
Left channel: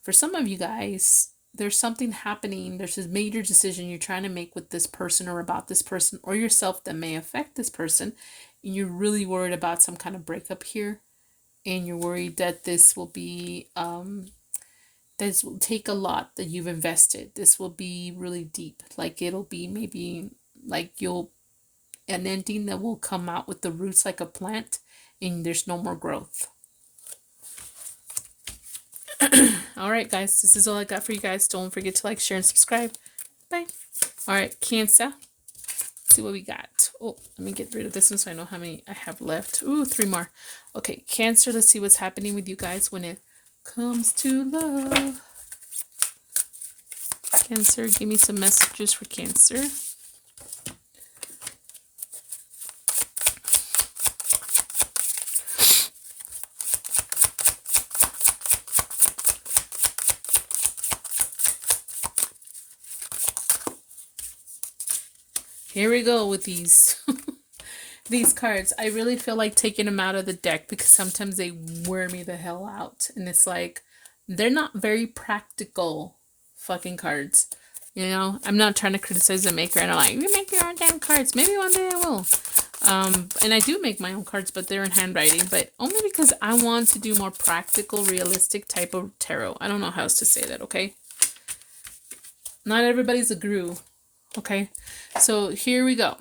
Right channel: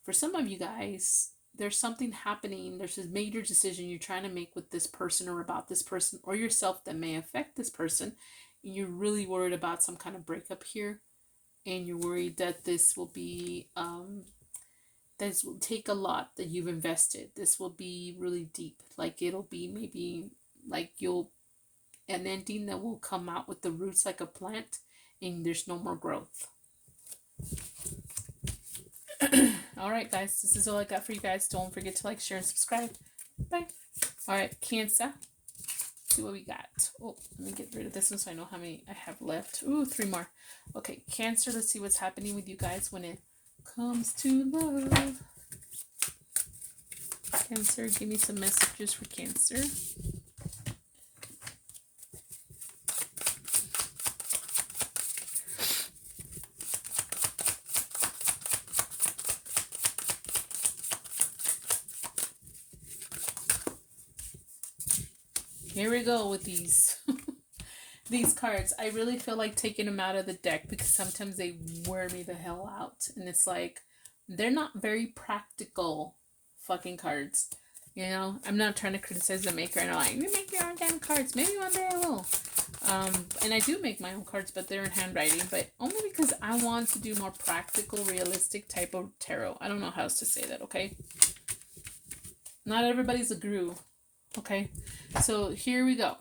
For some of you guys, there's something happening, there's this major decision you're trying to make with this person or about this person or yourself that may affect this person, and you're really worried about some kind of breakup here, and you're worried that this will be this will take a lot that you've invested. This will be really deep, like it'll be maybe like an ending that will come out with the roots like a plant, and there's no more growth. All right, guys, this is all I got for you guys. Don't forget to like, share, and subscribe. Bye. All right, Cancer. Let's see what we got. Oh, let me get rid of this one so I know how many I have left. Ooh, 3 more. Okay, Cancer, let's see what's happening with you guys when it comes to love. Cancer, give me some messages for Cancer. Here we go with these these cards. I really feel like taking them out of the deck because sometimes they wear me the hell out. And it's like, they're not very practical fucking cards. You know, I'm not trying to criticize the maker, and I'm like, you make your own damn cards. Maybe one day I will. And I do make my own cards, but they're in handwriting. But only because I want to do more practical, realistic type of tarot. I don't know how else to say that, okay? Not everybody's a guru. Okay, so here we go.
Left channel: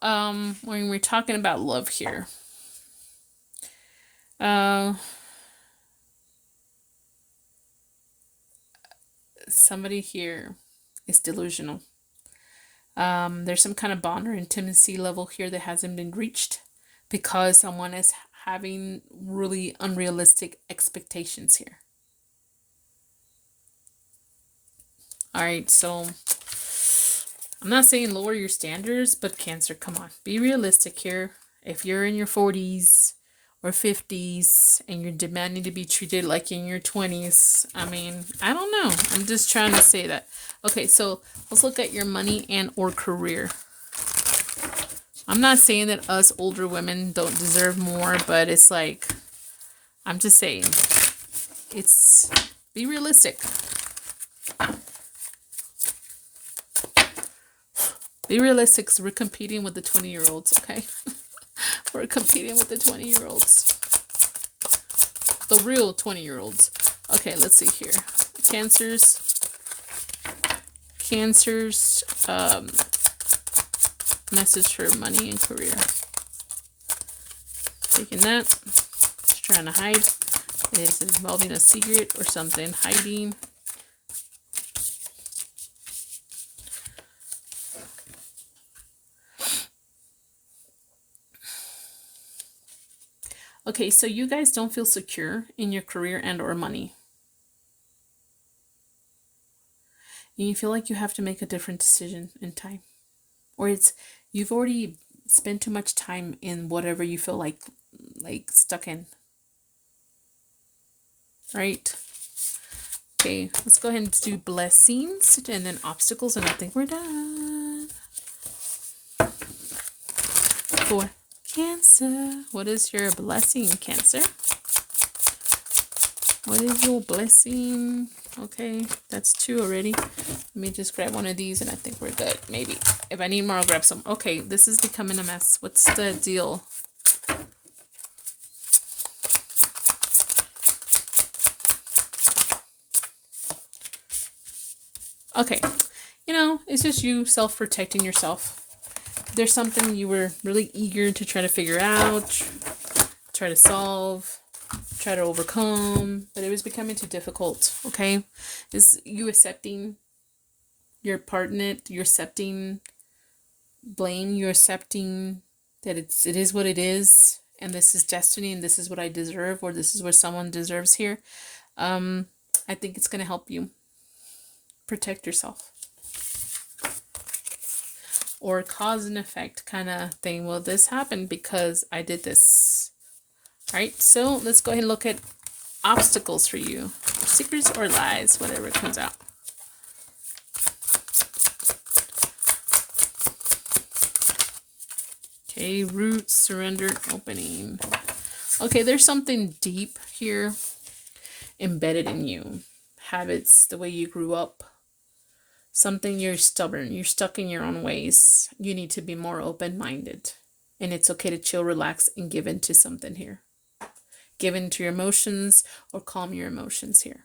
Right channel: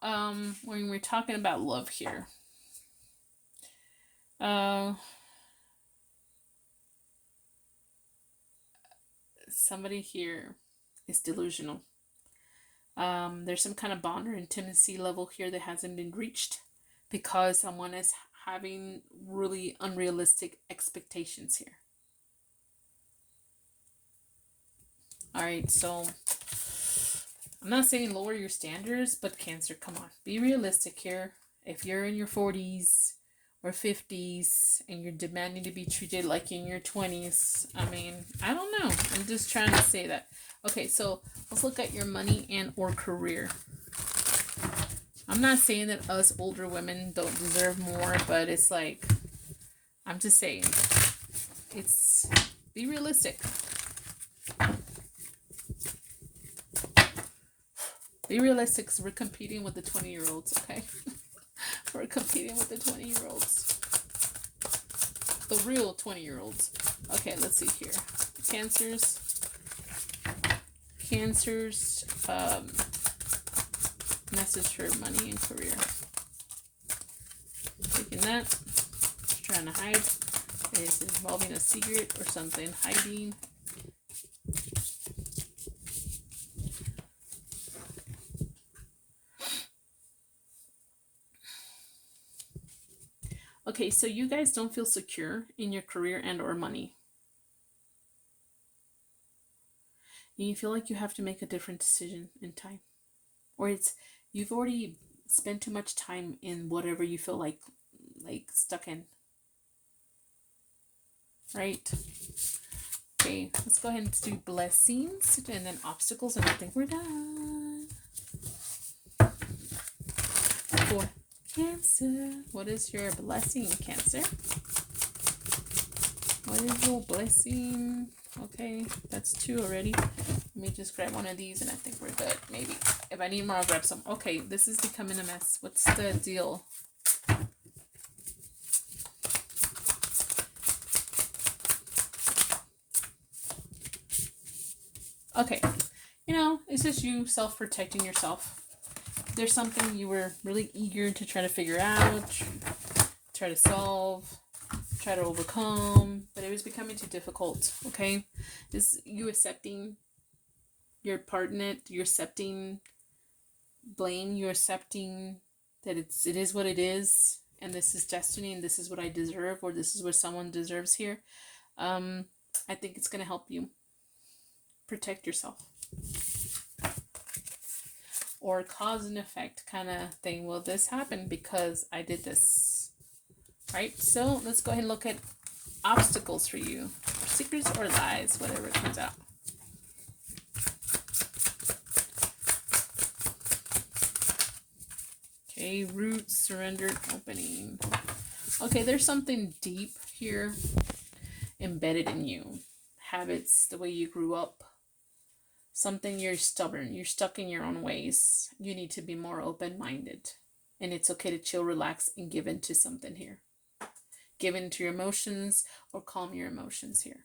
When we're talking about love here, somebody here is delusional. There's some kind of bond or intimacy level here that hasn't been reached because someone is having really unrealistic expectations here. All right, so I'm not saying lower your standards, but Cancer, come on. Be realistic here. If you're in your 40s or 50s and you're demanding to be treated like in your 20s, I mean, I don't know. I'm just trying to say that. Okay, so let's look at your money and or career. I'm not saying that us older women don't deserve more, but it's like, I'm just saying, it's, be realistic. Be realistic, because we're competing with the 20-year-olds, okay? We're competing with the 20-year-olds. The real 20-year-olds. Okay, let's see here. Cancer's message for money and career. Taking that. Just trying to hide. Is it involving a secret or something? Hiding. Okay, so you guys don't feel secure in your career and or money. And you feel like you have to make a different decision in time. Or it's, you've already spend too much time in whatever you feel like stuck in. Right? Okay, let's go ahead and do blessings and then obstacles, and I think we're done. For Cancer, what is your blessing, Cancer? What is your blessing? Okay, that's 2 already. Let me just grab one of these and I think we're good. Maybe. If I need more, I'll grab some. Okay, this is becoming a mess. What's the deal? Okay, you know, it's just you self-protecting yourself. There's something you were really eager to try to figure out, try to solve, try to overcome, but it was becoming too difficult. Okay, is you accepting your part in it? You're accepting blame. You're accepting that it is what it is, and this is destiny, and this is what I deserve, or this is what someone deserves here. I think it's gonna help you protect yourself. Or cause and effect kind of thing. Well, this happened because I did this. Right? So let's go ahead and look at obstacles for you. Secrets or lies, whatever comes out. Okay, root, surrender, opening. Okay, there's something deep here embedded in you. Habits, the way you grew up. Something you're stubborn. You're stuck in your own ways. You need to be more open-minded. And it's okay to chill, relax, and give in to something here. Give in to your emotions or calm your emotions here.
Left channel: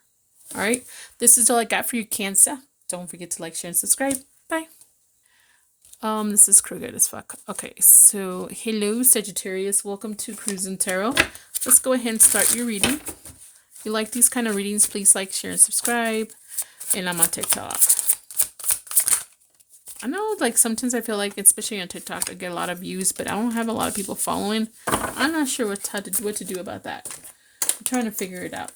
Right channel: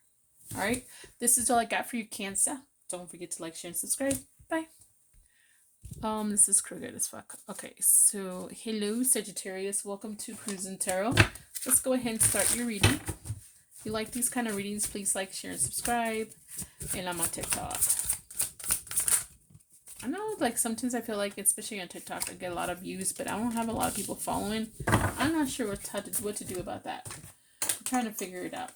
All right. This is all I got for you, Cancer. Don't forget to like, share, and subscribe. Bye. This is crooked as fuck. Okay, so hello, Sagittarius. Welcome to Cruising Tarot. Let's go ahead and start your reading. If you like these kind of readings, please like, share, and subscribe. And I'm on TikTok. I know, like, sometimes I feel like, especially on TikTok, I get a lot of views, but I don't have a lot of people following. I'm not sure what to do about that. I'm trying to figure it out.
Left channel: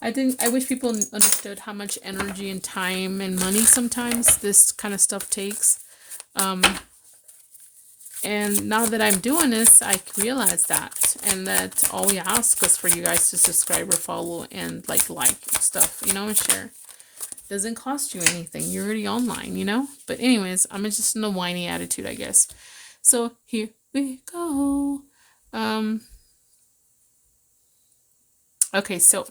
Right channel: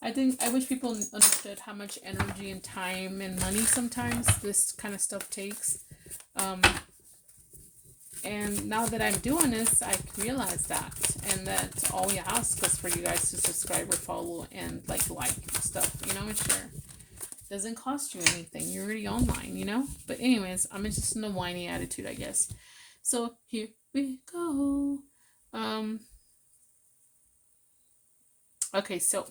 I wish people understood how much energy and time and money sometimes this kind of stuff takes. And now that I'm doing this, I realize that. And that all we ask is for you guys to subscribe or follow and like stuff, you know, and share. Doesn't cost you anything. You're already online, you know? But anyways, I'm just in a whiny attitude, I guess. So here we go. Okay, so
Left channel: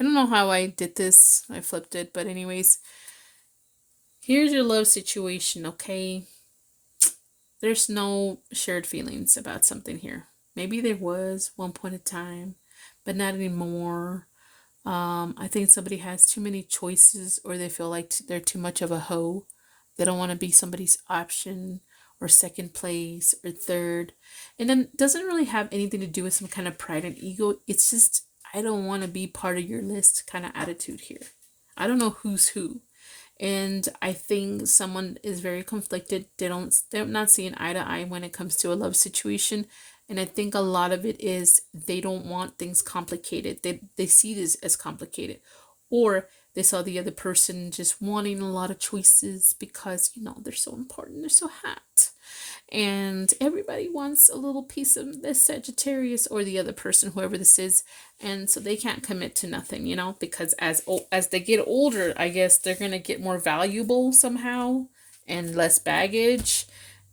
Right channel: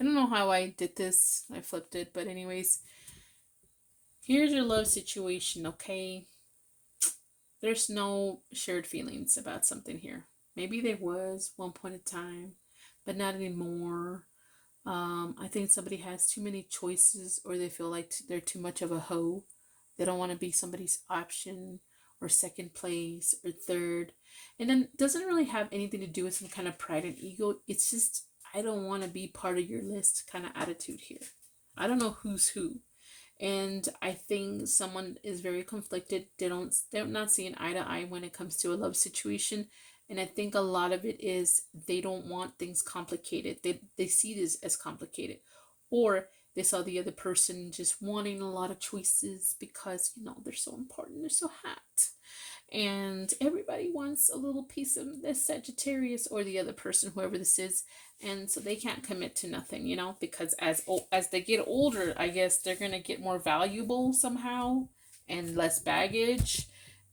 I don't know how I did this. I flipped it, but anyways, here's your love situation, okay? There's no shared feelings about something here. Maybe there was one point in time, but not anymore. I think somebody has too many choices, or they feel like they're too much of a hoe. They don't want to be somebody's option or second place or third. And then it doesn't really have anything to do with some kind of pride and ego. It's just, I don't want to be part of your list kind of attitude here. I don't know who's who. And I think someone is very conflicted. They're not seeing eye to eye when it comes to a love situation. And I think a lot of it is they don't want things complicated. They see this as complicated. Or they saw the other person just wanting a lot of choices because, you know, they're so important. They're so hot. And everybody wants a little piece of this Sagittarius or the other person, whoever this is. And so they can't commit to nothing, you know, because as they get older, I guess they're going to get more valuable somehow and less baggage.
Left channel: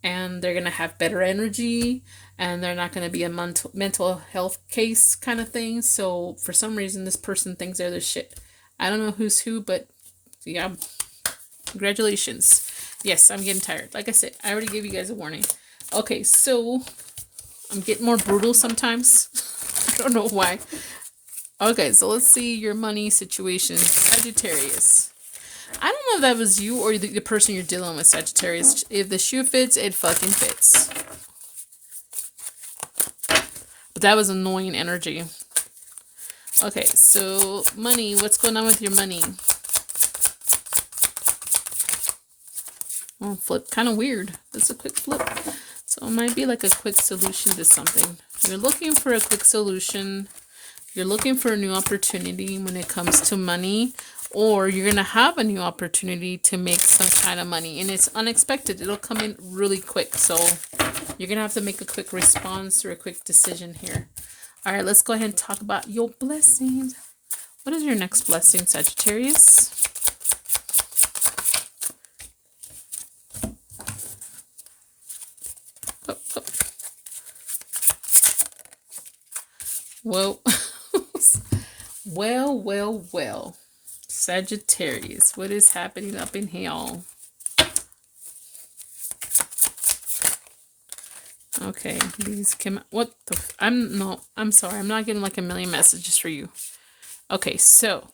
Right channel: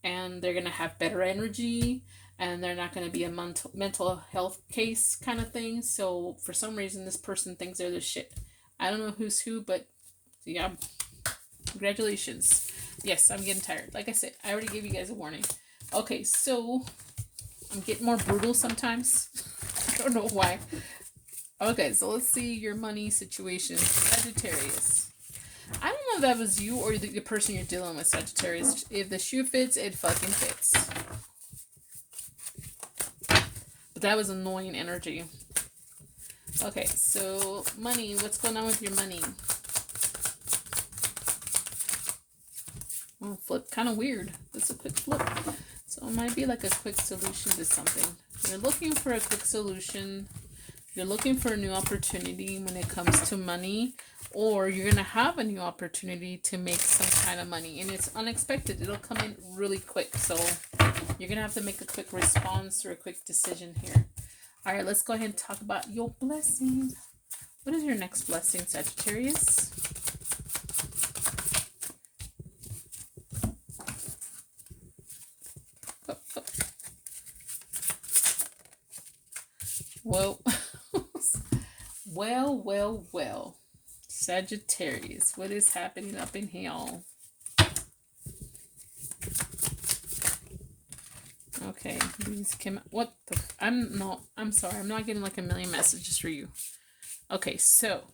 And they're going to have better energy. And they're not going to be a mental health case kind of thing. So for some reason, this person thinks they're the shit. I don't know who's who, but yeah, congratulations. Yes, I'm getting tired. Like I said, I already gave you guys a warning. Okay, so I'm getting more brutal sometimes. I don't know why. Okay, so let's see your money situation. Sagittarius. I don't know if that was you or the person you're dealing with, Sagittarius. If the shoe fits, it fucking fits. But that was annoying energy. Okay, so money. What's going on with your money? Oh, flip. Kind of weird. That's a quick flip. So it might be like a quick solution to something. You're looking for a quick solution. You're looking for a new opportunity when it comes to money. or you're going to have a new opportunity to make some kind of money, and it's unexpected. It'll come in really quick. So you're going to have to make a quick response or a quick decision here. All right, let's go ahead and talk about your blessings. What is your next blessing, Sagittarius? Oh, oh. Well, well. Sagittarius, what is happening up in here? Okay, these came. What the? I'm sorry. I'm not getting like a million messages for you. Okay, so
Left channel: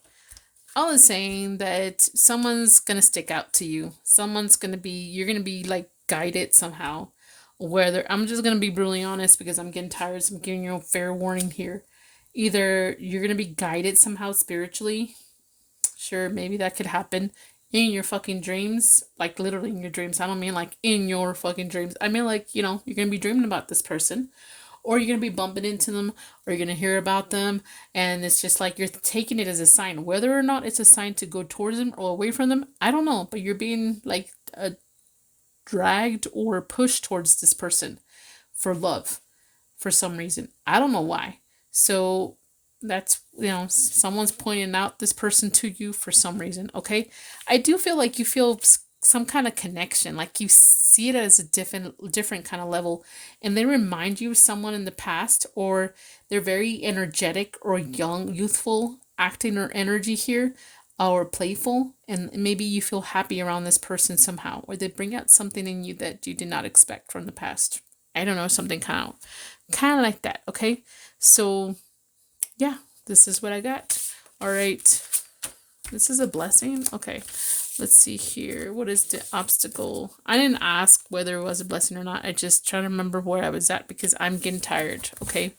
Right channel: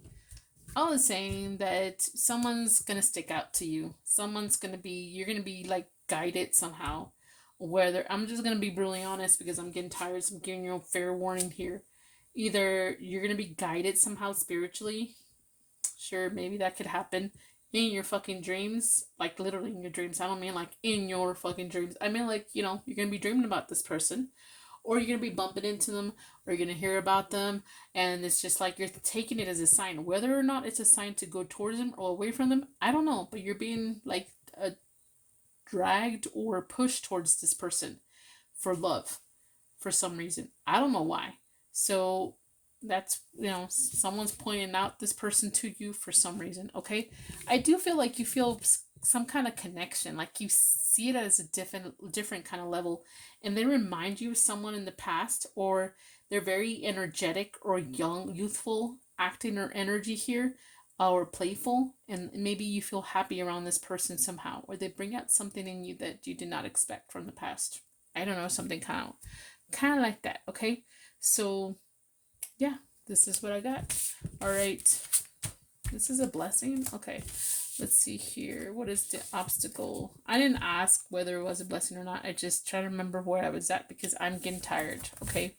I was saying that someone's gonna stick out to you. You're gonna be like guided somehow. Whether I'm just gonna be brutally honest because I'm getting tired. So I'm giving you a fair warning here. Either you're gonna be guided somehow spiritually. Sure, maybe that could happen in your fucking dreams, like literally in your dreams. I don't mean like in your fucking dreams. I mean like, you know, you're gonna be dreaming about this person, or you're gonna be bumping into them, or you're gonna hear about them, and it's just like you're taking it as a sign. Whether or not it's a sign to go towards them or away from them, I don't know, but you're being like dragged or pushed towards this person for love for some reason. I don't know why. So that's, you know, someone's pointing out this person to you for some reason. Okay, I do feel like you feel some kind of connection, like you see it as a different kind of level, and they remind you of someone in the past, or they're very energetic or young, youthful acting or energy here, or playful, and maybe you feel happy around this person somehow, or they bring out something in you that you did not expect from the past. I don't know, something kind of like that. Okay, so yeah, this is what I got. All right, this is a blessing. Okay, let's see here. What is the obstacle? I didn't ask whether it was a blessing or not. I just try to remember where I was at because I'm getting tired. Okay,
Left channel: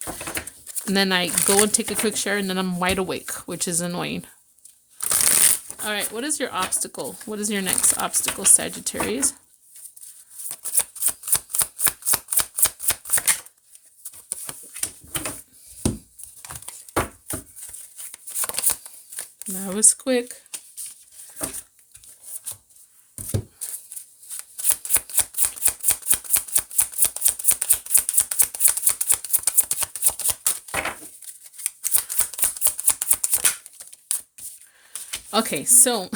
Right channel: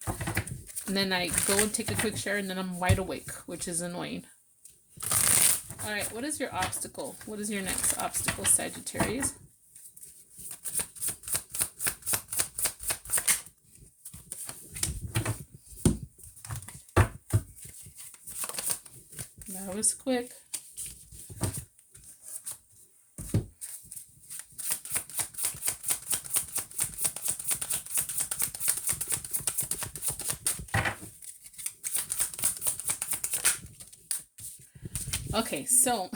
and then I go and take a quick shower, and then I'm wide awake, which is annoying. All right, what is your obstacle? What is your next obstacle, Sagittarius? That was quick. Okay, so,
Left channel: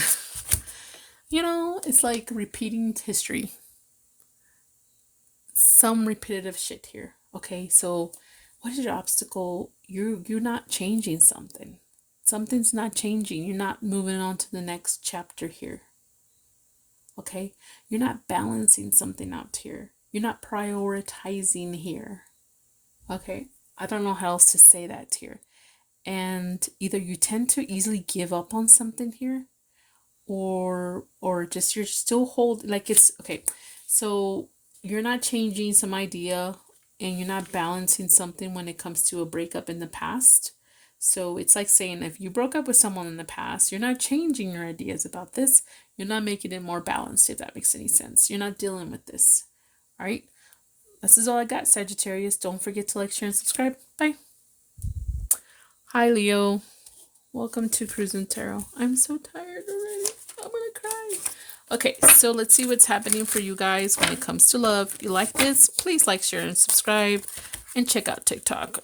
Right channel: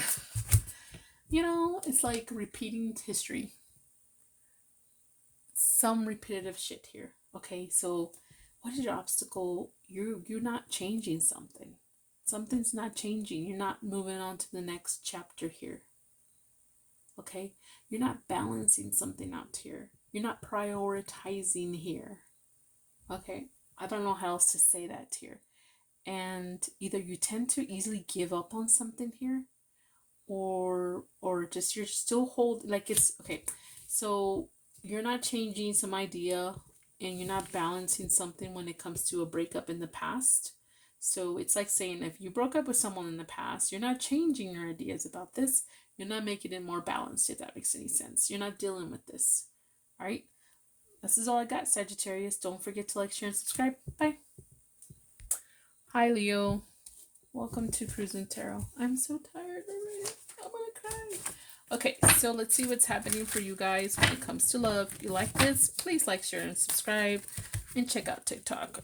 you know, it's like repeating history. Some repetitive shit here. Okay, so what is your obstacle? You're not changing something. Something's not changing. You're not moving on to the next chapter here. Okay? You're not balancing something out here. You're not prioritizing here. Okay? I don't know how else to say that here. And either you tend to easily give up on something here, or just you're still holding, like, it's okay. So you're not changing some idea, and you're not balancing something when it comes to a breakup in the past. So it's like saying, if you broke up with someone in the past, you're not changing your ideas about this. You're not making it more balanced, if that makes any sense. You're not dealing with this. All right. This is all I got, Sagittarius. Don't forget to like, share, and subscribe. Bye. Hi, Leo. Welcome to Cruising Tarot. I'm so tired already. I'm gonna cry. Okay, so let's see what's happening for you guys when it comes to love. If you like this, please like, share, and subscribe. And check out TikTok.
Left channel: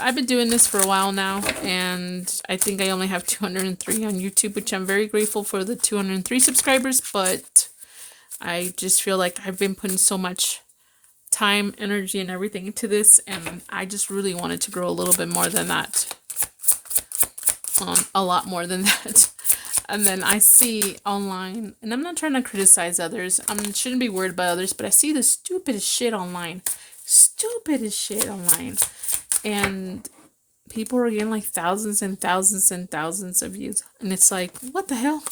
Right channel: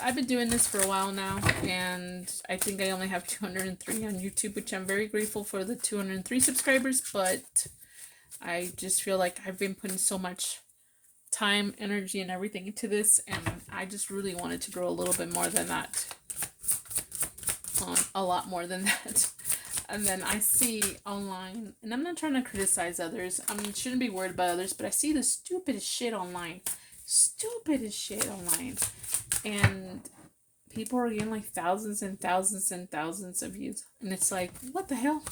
I've been doing this for a while now, and I think I only have 203 on YouTube, which I'm very grateful for the 203 subscribers, but I just feel like I've been putting so much time, energy, and everything into this, and I just really wanted to grow a little bit more than that. A lot more than that. And then I see online, and I'm not trying to criticize others, I shouldn't be worried about others, but I see the stupidest shit online. And people are getting like thousands and thousands and thousands of views, and it's like, what the hell?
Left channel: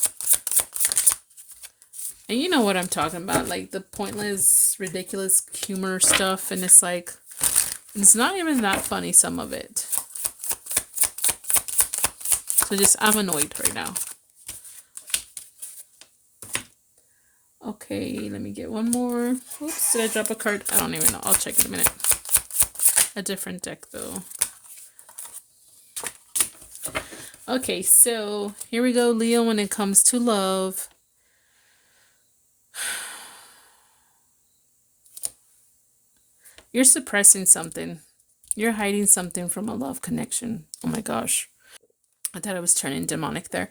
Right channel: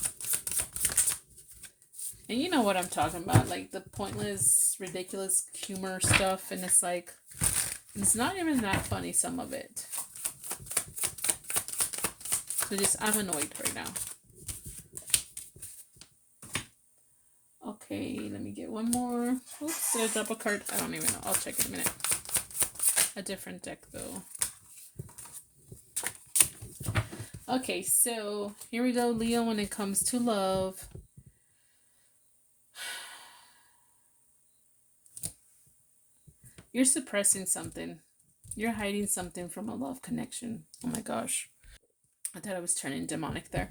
And you know what I'm talking about, like the pointless, ridiculous humor stuff, and it's like, it's not even that funny, some of it. So I'm annoyed right now. Okay, let me get one more. Oops, did I drop a card? I don't even know. I'll check in a minute. A different deck, though. Okay, so here we go, Leo, when it comes to love. You're suppressing something. You're hiding something from a love connection. Oh my gosh. I thought I was turning demonic there.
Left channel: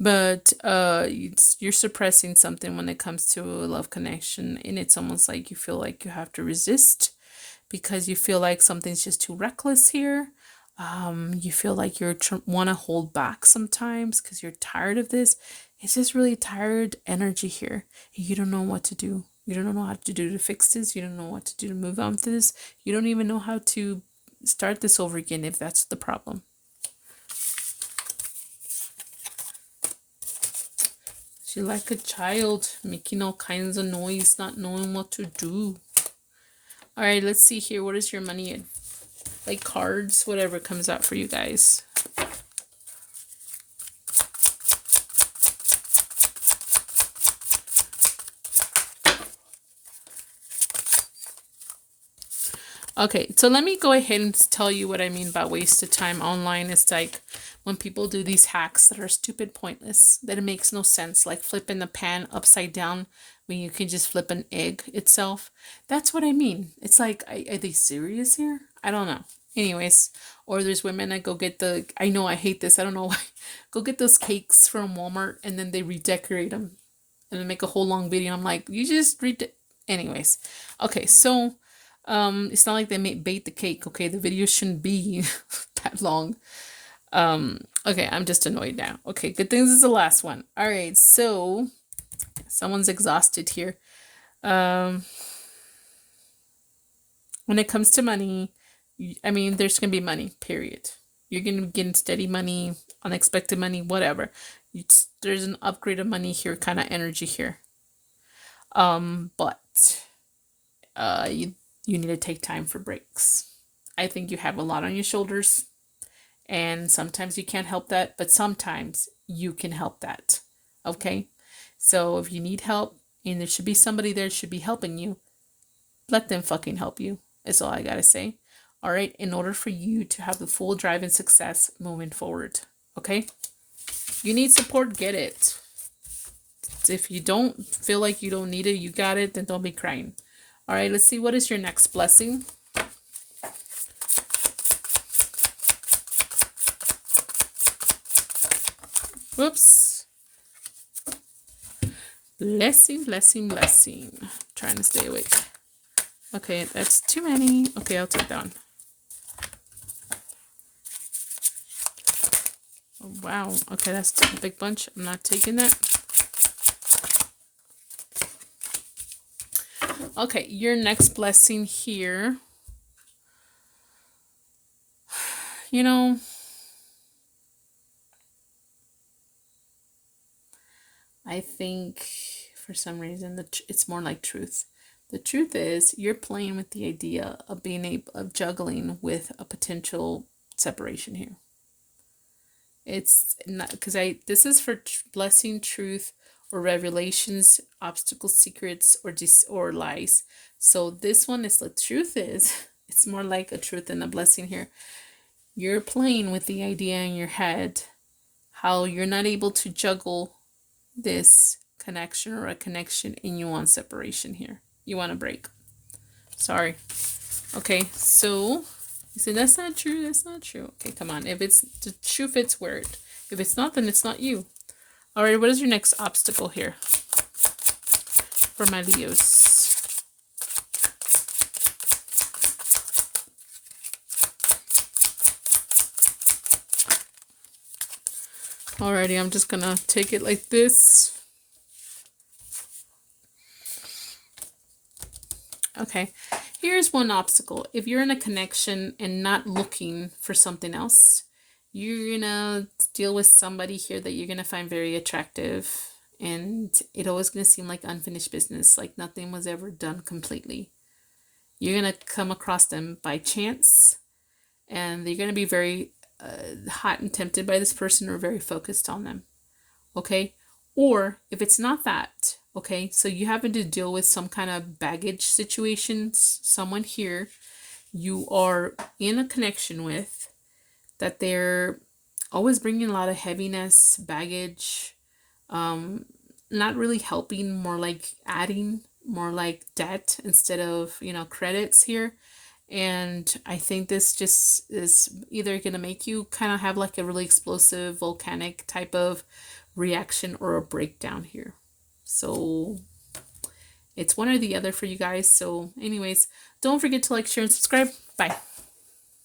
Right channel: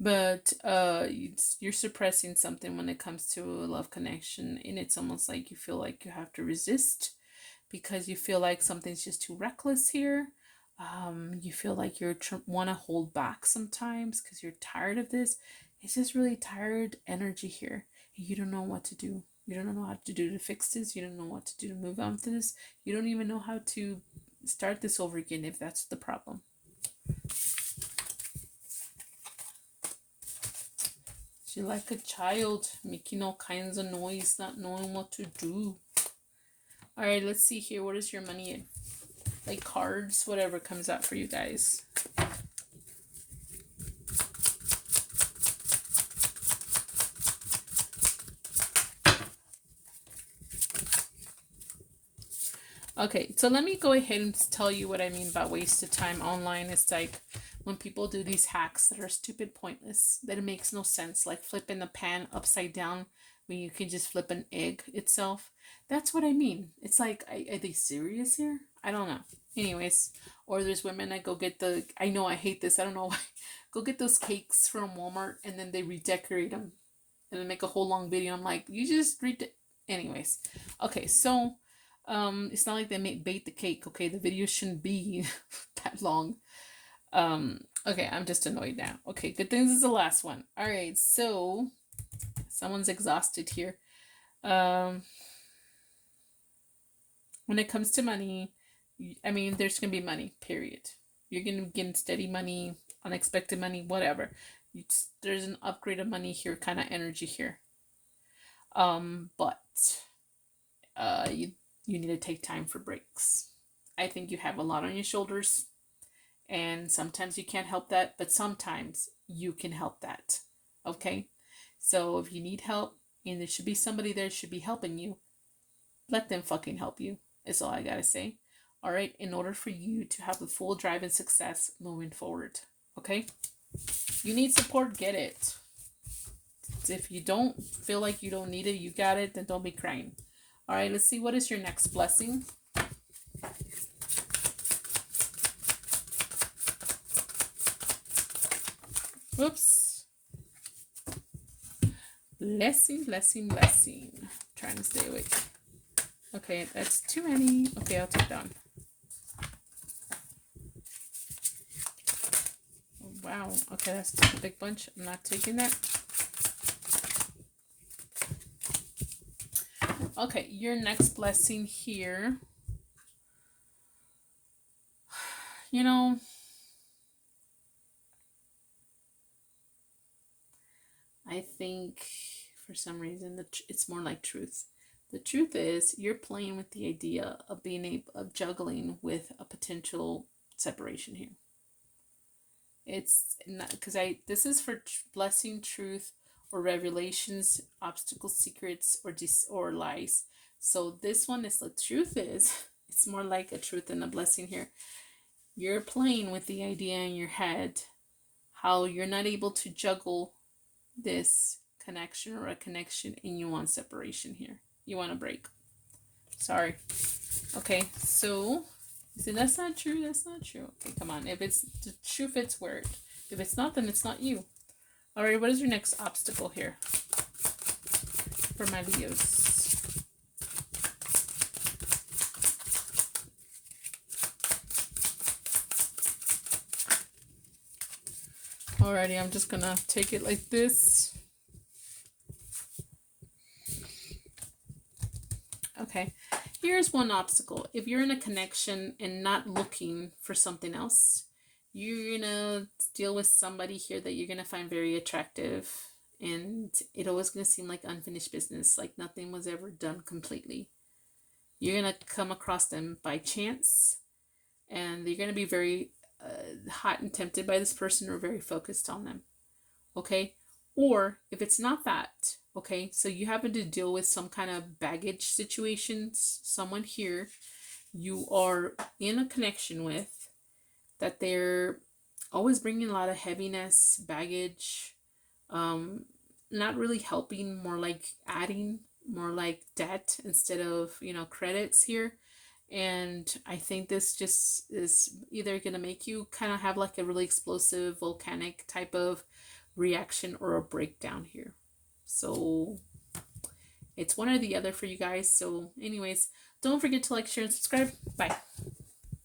But you're suppressing something when it comes to a love connection. And it's almost like you feel like you have to resist because you feel like something's just too reckless here. You feel like you want to hold back sometimes because you're tired of this. It's just really tired energy here. You don't know what to do. You don't know how to do to fix this. You don't know what to do to move on to this. You don't even know how to start this over again if that's the problem. You're like a child, making all kinds of noise, not knowing what to do. All right, let's see here. What is your money? Like cards, whatever comes out for you guys. Okay, so let me go ahead and tell you what I mean by wasted time online. It's like when people do these hacks that are stupid, pointless, that it makes no sense, like flipping the pan upside down when you can just flip an egg itself. That's what I mean. It's like, are they serious here? I don't know. Anyways, or there's women that go get the, I know I hate this, I don't know why, go get those cakes from Walmart and then they redecorate them and then make a whole long video. I'm like, you just anyways. Okay, so it's not like they bake the cake. Okay, the video shouldn't be that long. Okay, I'm just annoyed now. Okay, good thing this is the last one. All right, so someone's exhausted here. When it comes to money, I mean, there's gonna be money, period. You're gonna be getting steady money, unexpected money, whatever. There's an upgrade of money here, kind of energy here. But you need to take time for breaks. I think you have a lot on your shoulders, and sometimes you can't help that, but sometimes you can help that. Okay, so if you need help and there should be somebody there should be helping you, let them fucking help you. Is all I gotta say. All right, in order for you to have the full drive and success moving forward. Okay, you need support, get it. If you don't feel like you don't need it, you got it, then don't be crying. All right, let's see. What is your next blessing? Whoops. Blessing, blessing, blessing. Trying to stay awake. Okay, that's too many. Okay, I'll take that one. Oh, wow. Okay, that's a big bunch. I'm not taking that. Okay, your next blessing here. You know, I think for some reason it's more like truth. The truth is you're playing with the idea of being able of juggling with a potential separation here. It's not because this is for blessing, truth, or revelations, obstacles, secrets, or lies. So this one is the truth is it's more like a truth and a blessing here. You're playing with the idea in your head how you're not able to juggle this connection or a connection and you want separation here. You want a break. Sorry. Okay, so you say that's not true, that's not true. Okay, come on. If it's the shoe fits word. If it's not, then it's not you. All right, what is your next obstacle here for my Leos? Alrighty, I'm just gonna take it like this. Okay, here's one obstacle. If you're in a connection and not looking for something else, you're gonna deal with somebody here that you're gonna find very attractive, and it always gonna seem like unfinished business, like nothing was ever done completely. You're gonna come across them by chance, and you're gonna be very hot and tempted by this person or very focused on them. Okay, or if it's not that, okay, so you happen to deal with some kind of baggage situations, someone here you are in a connection with that they're always bringing a lot of heaviness, baggage, not really helping, more like adding, more like debt instead of, credits here. And I think this just is either going to make you kind of have like a really explosive volcanic type of reaction or a breakdown here. So it's one or the other for you guys. So anyways, don't forget to like, share, and subscribe. Bye.